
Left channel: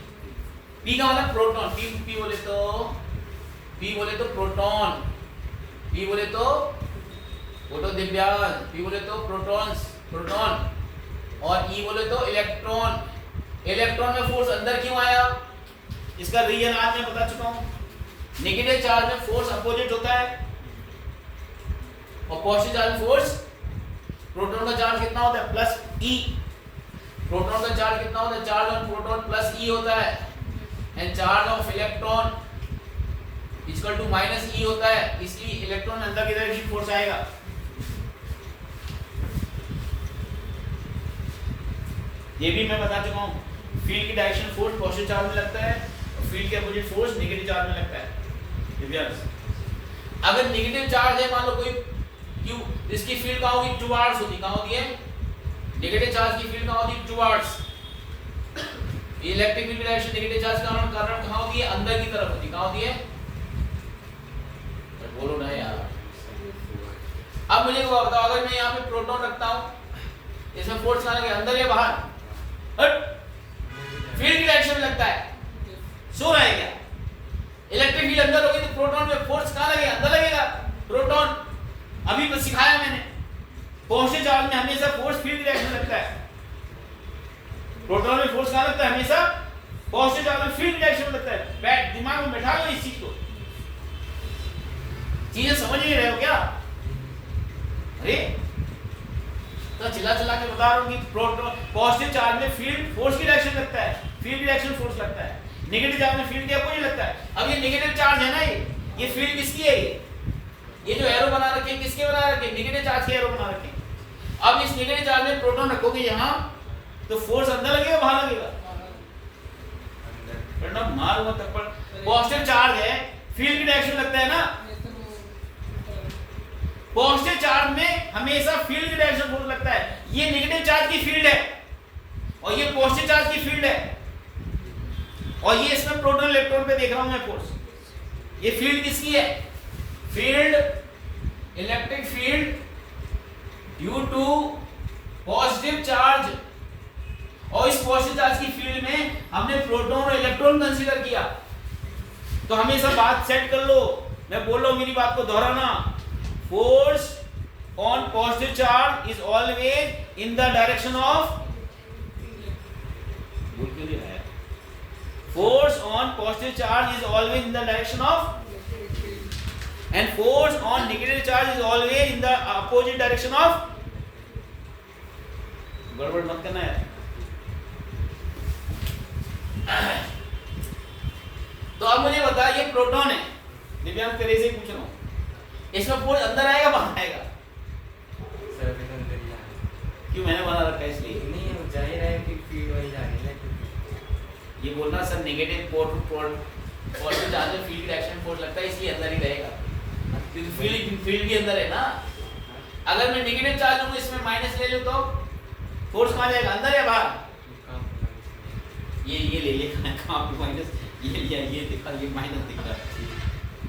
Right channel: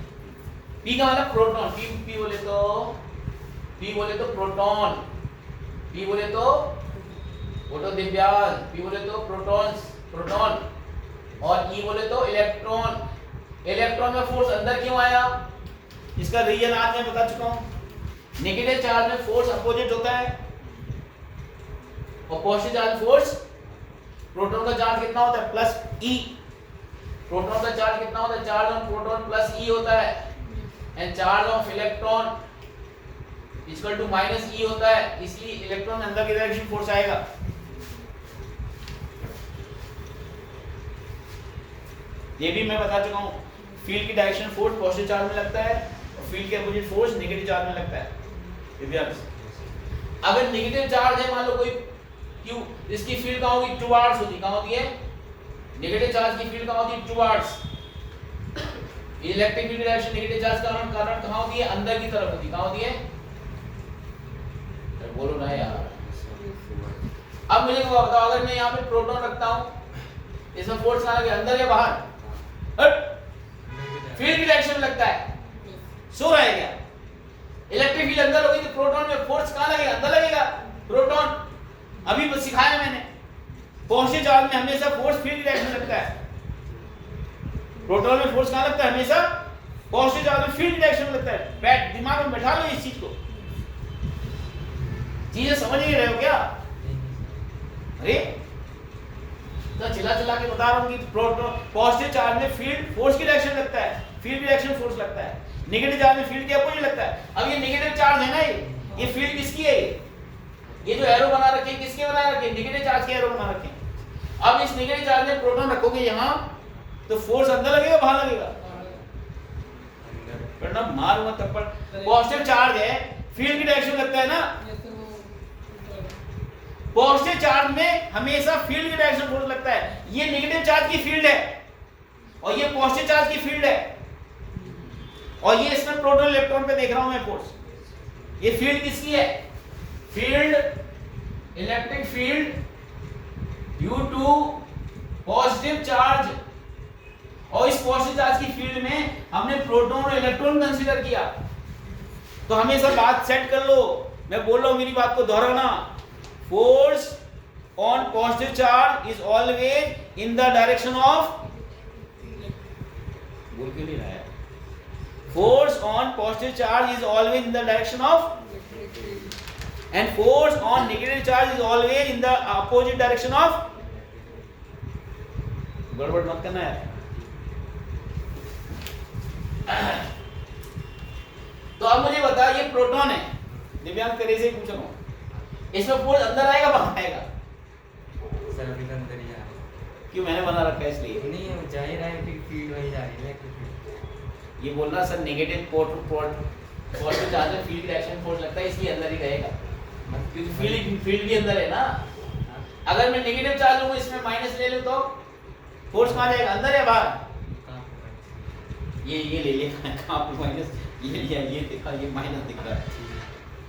पी का मतलब प्रोटॉन, पी बोले तो प्रोटॉन, पी बोले तो फोटो दिव्यांग, पी बोले तो प्रोटॉन, और ई बोले तो इलेक्ट्रॉन। इलेक्ट्रॉन में फोर्स अंदर क्यों आया, इसका रीजन आज मैं बता चुका हूँ। नेगेटिव चार्ज में फोर्स अपोजिट होता है और पॉजिटिव चार्ज फोर्स, प्रोटॉन का चार्ज कितना होता है, प्लस ई। प्रोटॉन का चार्ज कितना होता है, charge on proton plus E होता है, and charge of electron equal to minus E होता है, इसलिए इलेक्ट्रॉन अंदर की डायरेक्शन फोर्स आएगा। ये भी मैं बता चुका हूँ, फील्ड की डायरेक्शन फोर्स पॉजिटिव चार्ज में लगता है और फील्ड के अपोजिट फोर्स नेगेटिव चार्ज में लगता है। अगर नेगेटिव चार्ज है, मान लो कोई क्यू, इसकी फील्ड कहाँ होगी, टुवार्ड्स होती, कहाँ होती है, नेगेटिव चार्ज की फील्ड कहाँ होती है, towards. Electric field direction negative charge का कारण कहाँ होती है, अंदर की तरफ होती, कहाँ होती है, बोलो ना यार। अब मुझे को बताओ, अगर मैं यहाँ पे प्रोटॉन रखता हूँ, इसमें फोर्स कहाँ लगेगा, अंदर या बाहर, फील्ड की डायरेक्शन में लगता है, सो है क्या। इलेक्ट्रिक फील्ड अंदर होगी तो प्रोटॉन में फोर्स कहाँ लगेगा, अंदर लगेगा, प्रोटॉन। अभी बस सिखाया मैंने, पॉजिटिव चार्ज में हमेशा फोर्स फील्ड डायरेक्शन लगता है, प्रोटॉन में फोर्स कहाँ लगता है, हमेशा पॉजिटिव चार्ज में फील्ड डायरेक्शन में लगता है। बैठ, दिमाग में बैठा लो इस चीज को, चीजें समझ नहीं रहे हो क्या। अरे तो चिल्ला के बता रहा हूँ कि प्रोटॉन, पॉजिटिव चार्ज में फील्ड फोर्स की डायरेक्शन लगता है, फील्ड डायरेक्शन फोर्स लगता है। नेगेटिव चार्ज में फील्ड के अपोजिट लगता है। अब ये नेगेटिव चार्ज है ना, ये फील्ड किसकी है, ये जो एरो बना रखे हैं किसके बना रखे हैं, नेगेटिव चार्ज के एरो बना रखे हैं। अब इस नेगेटिव चार्ज में प्रोटॉन रखोगे यहाँ तो फोर्स अंदर लगेगा बाहर लगेगा? वरना मारूंगा थप्पड़। पॉजिटिव चार्ज है, फील्ड की डायरेक्शन में लगता है ना, पॉजिटिव चार्ज में हमेशा फील्ड की डायरेक्शन फोर्स लगता है। ये नेगेटिव चार्ज की फील्ड है और ये पॉजिटिव चार्ज की फील्ड है, और ये इसमें प्रोटॉन इलेक्ट्रॉन पे देख रहा हूं मैं फोर्स। ये फील्ड किसकी है? Field, electric field due to positive charge, और इस पॉजिटिव चार्ज की फील्ड में हमने प्रोटॉन और इलेक्ट्रॉन कंसीडर किया। तो हमेशा बात सेट कर लो, मैं बोल रहा हूं, मेरी बात को दोहराना। Force on positive charge is always in the direction of, force on positive charge is always in the direction of, and force on negative charge is always in the opposite direction of। गड़बड़ मत करना यार। तो अब मुझे बता, ये प्रोटॉन है, दिव्यांग तेरे से पूछ रहा हूँ, इसमें फोर्स अंदर आएगा बाहर आएगा? सर अभी अंदर ही आएगा। क्यों? मैंने बना रखा है इसलिए। नहीं वो जाहिर है कि फील्ड वही जा रही है। ये बोलना sir negative port two port positive charge में फील्ड डायरेक्शन फोर्स लगता है इसलिए अंदर ही रहेगा, क्योंकि फील्ड भी अंदर है ना। अगर मैं नेगेटिव चार्ज लूं इसमें माइनस ले लूं तो फोर्स कहां जाएगा, अंदर या बाहर? ये ले, ये कहां पे माइनस, ये लिया, ये देखा, ये माइनस दिख रहा है।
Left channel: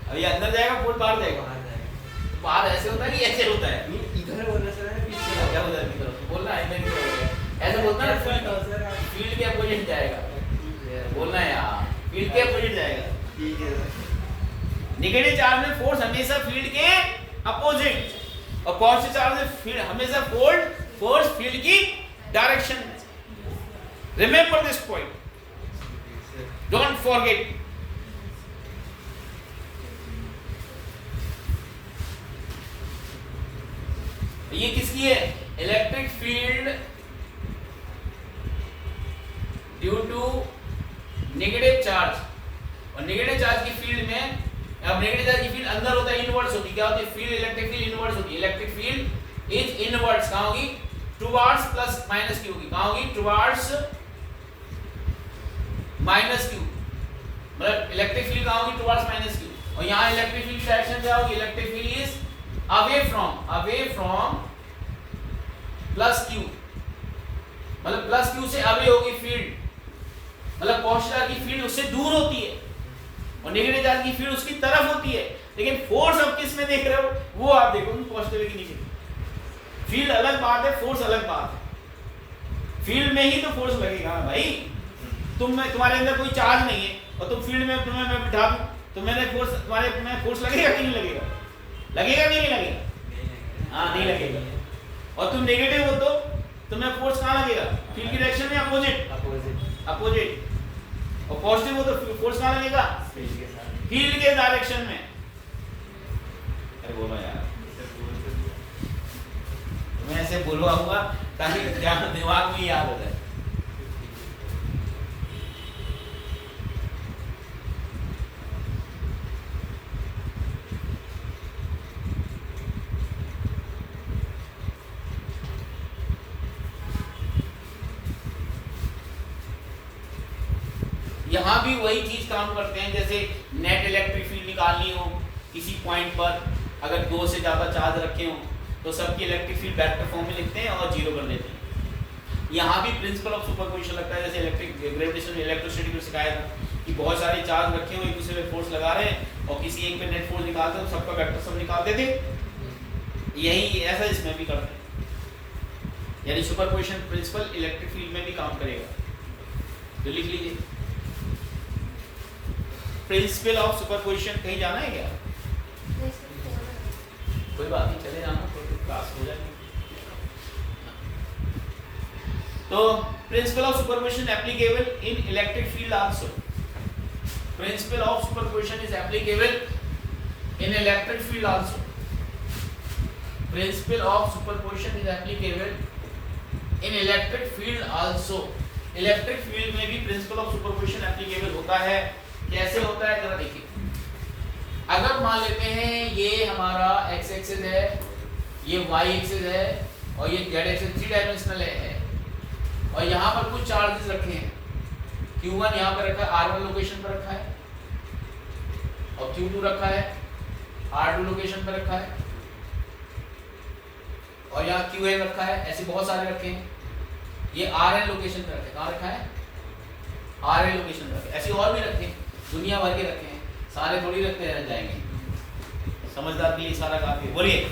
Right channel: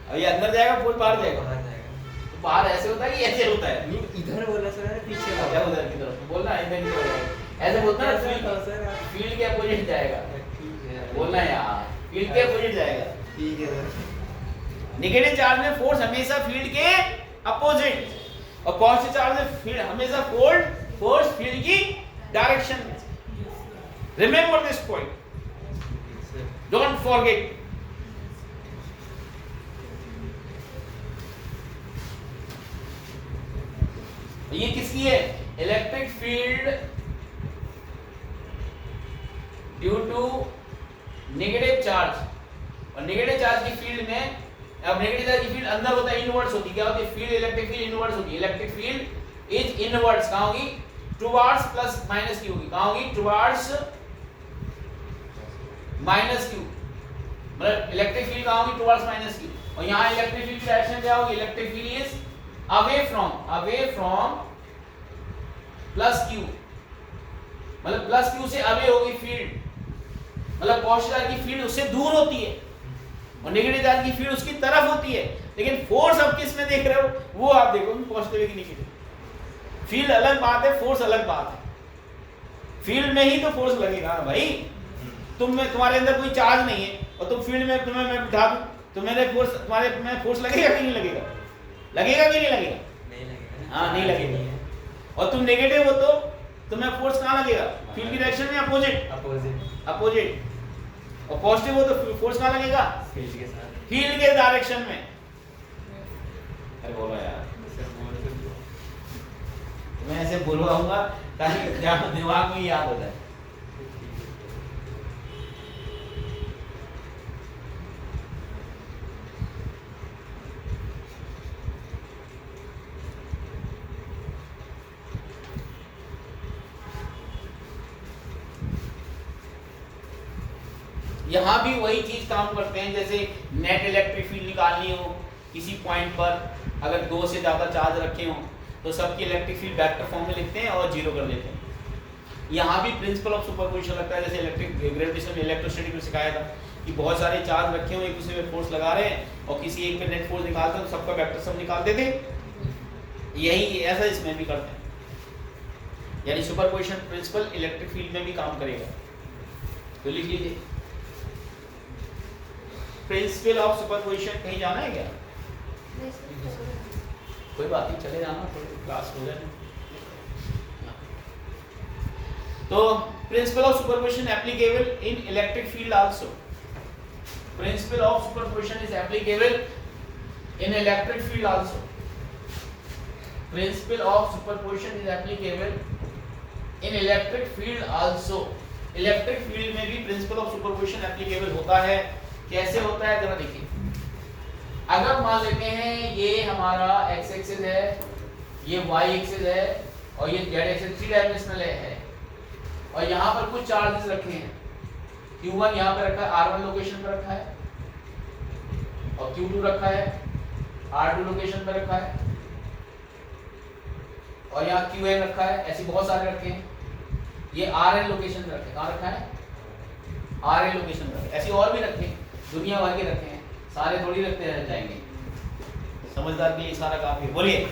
अब ये अंदर जाएगा, फोर्स बाहर जाएगा? तो बाहर ऐसे होता है कि ऐसे होता है? इधर बोलना सर, पीछे क्या उधर की तरफ बोलना, इधर की तरफ ऐसे बोलता है ना, फील्ड के अपोजिट जाएगा बोलना है यार, फील्ड के अपोजिट जाएगा। ठीक है। नेगेटिव चार्ज में फोर्स हमेशा फील्ड के अपोजिट, और पॉजिटिव चार्ज में फील्ड हमेशा फोर्स फील्ड की डायरेक्शन में। Remember this point, don't forget. ये किसकी है? Electric field due to negative charge, और नेगेटिव चार्ज की फील्ड में, अब नेगेटिव चार्ज की फील्ड अंदर होता है, इनवर्ड्स होती है। क्या होती है? फील्ड, इलेक्ट्रिक फील्ड इनवर्ड्स होती है। इलेक्ट्रिक फील्ड इज इनवर्ड्स, कहां होगी? टुवर्ड्स प्लस माइनस क्यू होगी। कहां होगी? टुवर्ड्स माइनस क्यू, मतलब इलेक्ट्रिक फील्ड कहां होगी? Towards minus Q. और यहां इलेक्ट्रिक फील्ड की डायरेक्शन क्या होगी? Electric field is away from plus Q, मतलब प्लस क्यू से अवे होगी फील्ड, मतलब पॉजिटिव चार्ज की फील्ड उससे दूर होती है और नेगेटिव चार्ज की फील्ड उसकी तरफ होती है। लेकिन फोर्स अब किस में देख रहे हो, वो आप देखो, पॉजिटिव की नेगेटिव। फील्ड अलग बात है, फोर्स अलग बात है। फील्ड में ही तो फोर्स लगेगा ना भाई। तुम्हारे अंदर कोई चार्ज नहीं है और तुम फील्ड में तुम्हें मैं बिठा दूं तो मेरे फोर्स, तुम्हारे में फोर्स लगेगा कि नहीं लगेगा? लगेगा कि नहीं लगेगा? हाँ, नहीं लगेगा। और तुम नेगेटिव हो तो तुम्हें फोर्स कहाँ लगेगा? फील्ड की डायरेक्शन में अपोजिट। और पॉजिटिव हो तो फोर्स कहाँ लगेगा? फील्ड के डायरेक्शन में। अरे बोलो यार, मैं ऐसे बोलवाऊंगा ताकि दिमाग में याद हो जाए। यहाँ भी वही चीज काम करते हैं, जैसे नेट इलेक्ट्रिक फील्ड निकालनी हो किसी पॉइंट पर, अगर 2 से ज़्यादा चार्ज रखे हो तो सबकी इलेक्ट्रिक फील्ड वेक्टर फॉर्म में लिखते हैं और 0 कर देते हैं। यहाँ भी प्रिंसिपल ऑफ सुपरपोजिशन लगता है, जैसे इलेक्ट्रिक ग्रेविटेशन इलेक्ट्रोस्टैटिक में सिखाया था कि बहुत सारे चार्ज रखे हुए एक दूसरे पे फोर्स लगा रहे हैं और किसी एक पे नेट फोर्स निकालते हैं तो सबका वेक्टर सब निकालते थे। यही ऐसा इसमें भी करते हैं, यानी सुपरपोजिशन प्रिंसिपल इलेक्ट्रिक फील्ड में भी काम करेगा। तो लिख लीजिए प्रिंसिपल ऑफ सुपरपोजिशन। कहीं जाना है क्या? कोई बात नहीं, चले जाना, कोई क्लास हो जाए। तो principle of superposition applicable in electric field also. Principle of superposition is applicable in electric field also. Principle of superposition is applicable in electric field also. Electric field में भी प्रिंसिपल ऑफ सुपरपोजिशन एप्लीकेबल होता है। कैसे होता है जरा देखिए। अगर मान लेते हैं ये हमारा x एक्सिस है, ये y एक्सिस है और ये जेड एक्सिस 3 डायमेंशनल है। और यहाँ पर कुछ चार्जेस रखे हैं, Q1 यहाँ पे रखा है, R1 लोकेशन पर रखा है, और Q2 रखा है R2 लोकेशन पर रखा है, और यहाँ QN रखा है। ऐसे बहुत सारे रखे हैं। ये RN लोकेशन पर रखे, कहाँ रखा है? RN लोकेशन पर रखे। ऐसे और भी रखे, दुनिया भर के रखे हैं, सारे थोड़ी रखते रह जाएंगे। समझदार के लिए सारा काफी है। बोलिए।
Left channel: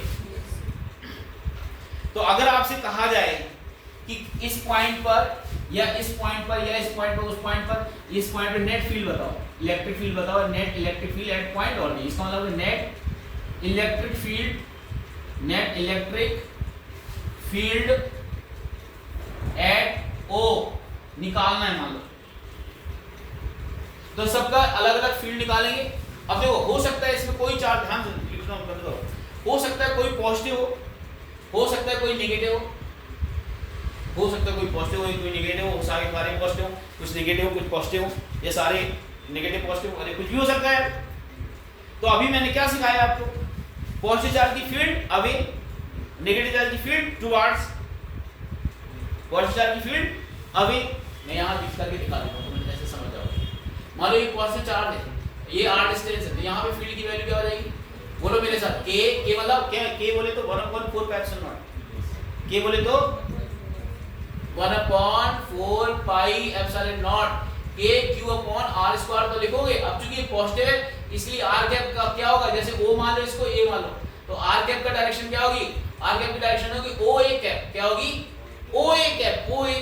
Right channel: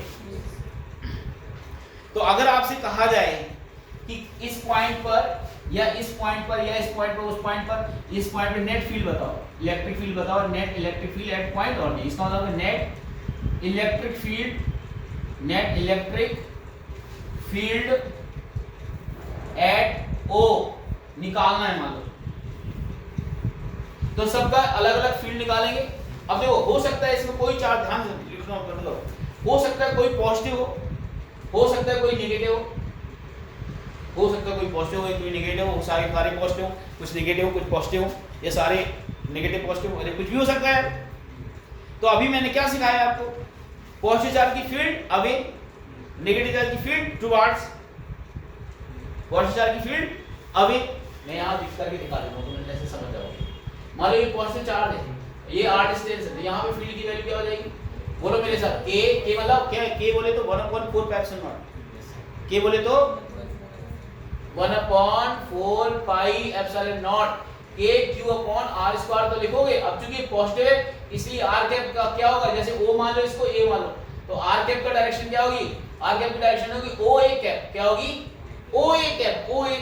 तो अगर आपसे कहा जाए कि इस पॉइंट पर या इस पॉइंट पर या इस पॉइंट पर उस पॉइंट पर, इस पॉइंट पे नेट फील्ड बताओ, इलेक्ट्रिक फील्ड बताओ, net electric field at point और इसका मतलब net electric field at O निकालना है मान लो। तो सबका अलग अलग फील्ड निकालेंगे। अब देखो, हो सकता है इसमें कोई चार्ज, ध्यान से लिखना बंद करो, हो सकता है कोई पॉजिटिव हो सकता है कोई नेगेटिव हो सकता है कोई पॉजिटिव हो, कोई नेगेटिव हो, सारे पॉजिटिव हो, कुछ नेगेटिव कुछ पॉजिटिव हो, ये सारे नेगेटिव पॉजिटिव, अरे कुछ भी हो सकता है। तो अभी मैंने क्या सिखाया आपको? पॉजिटिव चार्ज की फील्ड अवे, नेगेटिव चार्ज की फील्ड टुवर्ड्स, पॉजिटिव चार्ज की फील्ड अवे। मैं यहाँ लिख करके दिखा देता हूँ, तुम ऐसे समझ जाओगे। मान लो ये पॉजिटिव चार्ज है, ये r डिस्टेंस है, तो यहाँ पे फील्ड की वैल्यू क्या हो जाएगी? बोलो मेरे साथ, k मतलब क्या? k बोले तो 1/4 k बोले तो 1/4 pi epsilon not k q/r² तो लिखोगे। अब चूंकि पॉजिटिव है इसलिए r कैप का क्या होगा? जैसे o मान लो, इसको a मान लो, तो r कैप का डायरेक्शन क्या होगी? r कैप की डायरेक्शन होगी OA कैप। क्या होगी? OA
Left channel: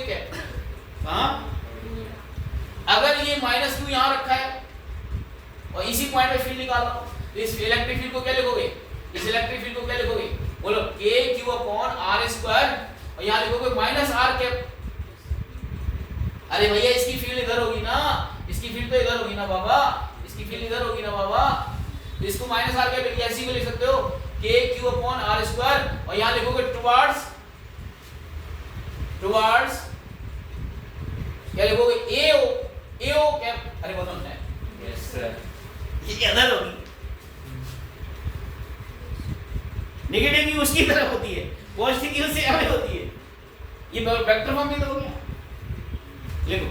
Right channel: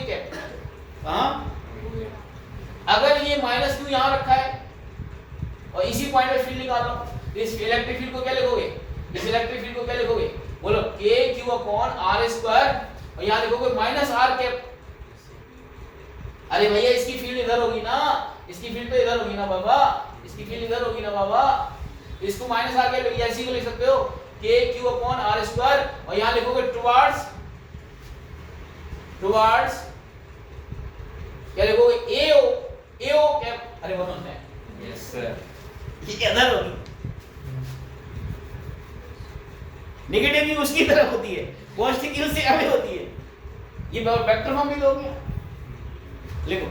cap. हाँ, अगर ये -q यहाँ रखा है और इसी पॉइंट पे फील्ड निकाल लो, तो इस इलेक्ट्रिक फील्ड को क्या लिखोगे? इस इलेक्ट्रिक फील्ड को क्या लिखोगे? बोलो k q/r² और यहाँ लिखोगे -r कैप। अरे भैया, इसकी फील्ड इधर होगी ना, इसकी फील्ड तो इधर होगी ना बाबा, इसकी फील्ड इधर होगी ना बाबा, तो इसको -r कैप लिख, ऐसे को लिख सकते हो k q/r² और यहाँ लिखोगे टुवर्ड्स क्या लिखोगे? AO cap. अरे बोलो ना, यस सर। ये इधर होगी, नेगेटिव की उसकी तरफ होती है, पॉजिटिव की उससे आगे होती है। ये वेक्टर फॉर्म में तो हो गया। लिखो,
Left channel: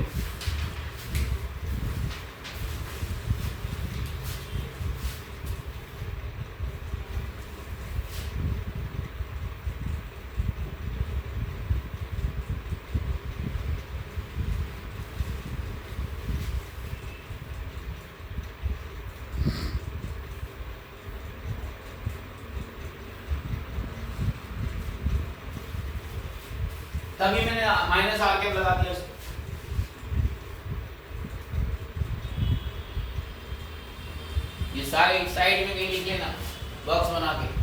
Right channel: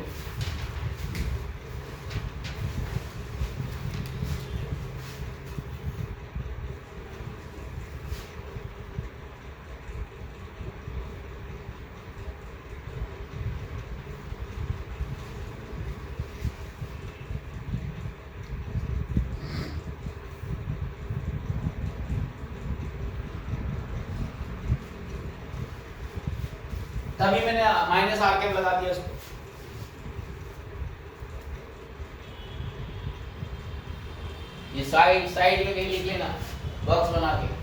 तभी मैंने -r कैप लगा दिया उसको। ये साइड में कहीं लिख लेना, बॉक्स बना के।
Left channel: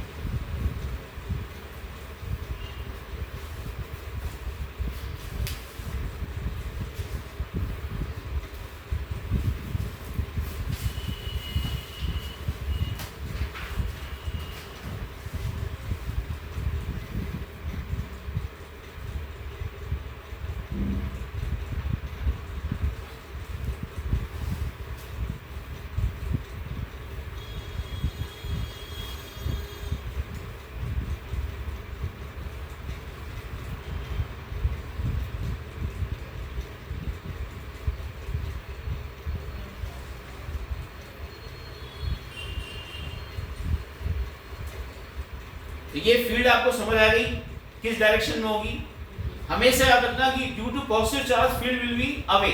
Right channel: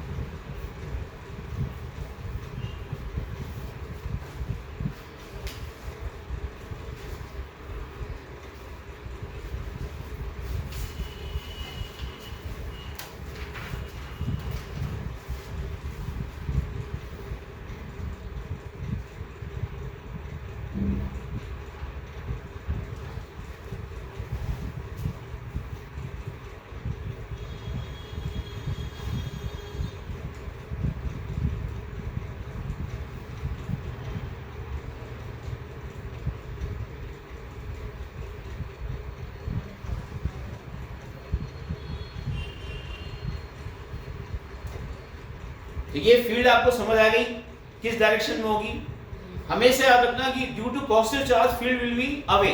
तो ये फील्ड आपको समझ आ गई किस डायरेक्शन में होगी। हमेशा याद रखना कि due to positive charge field will be away.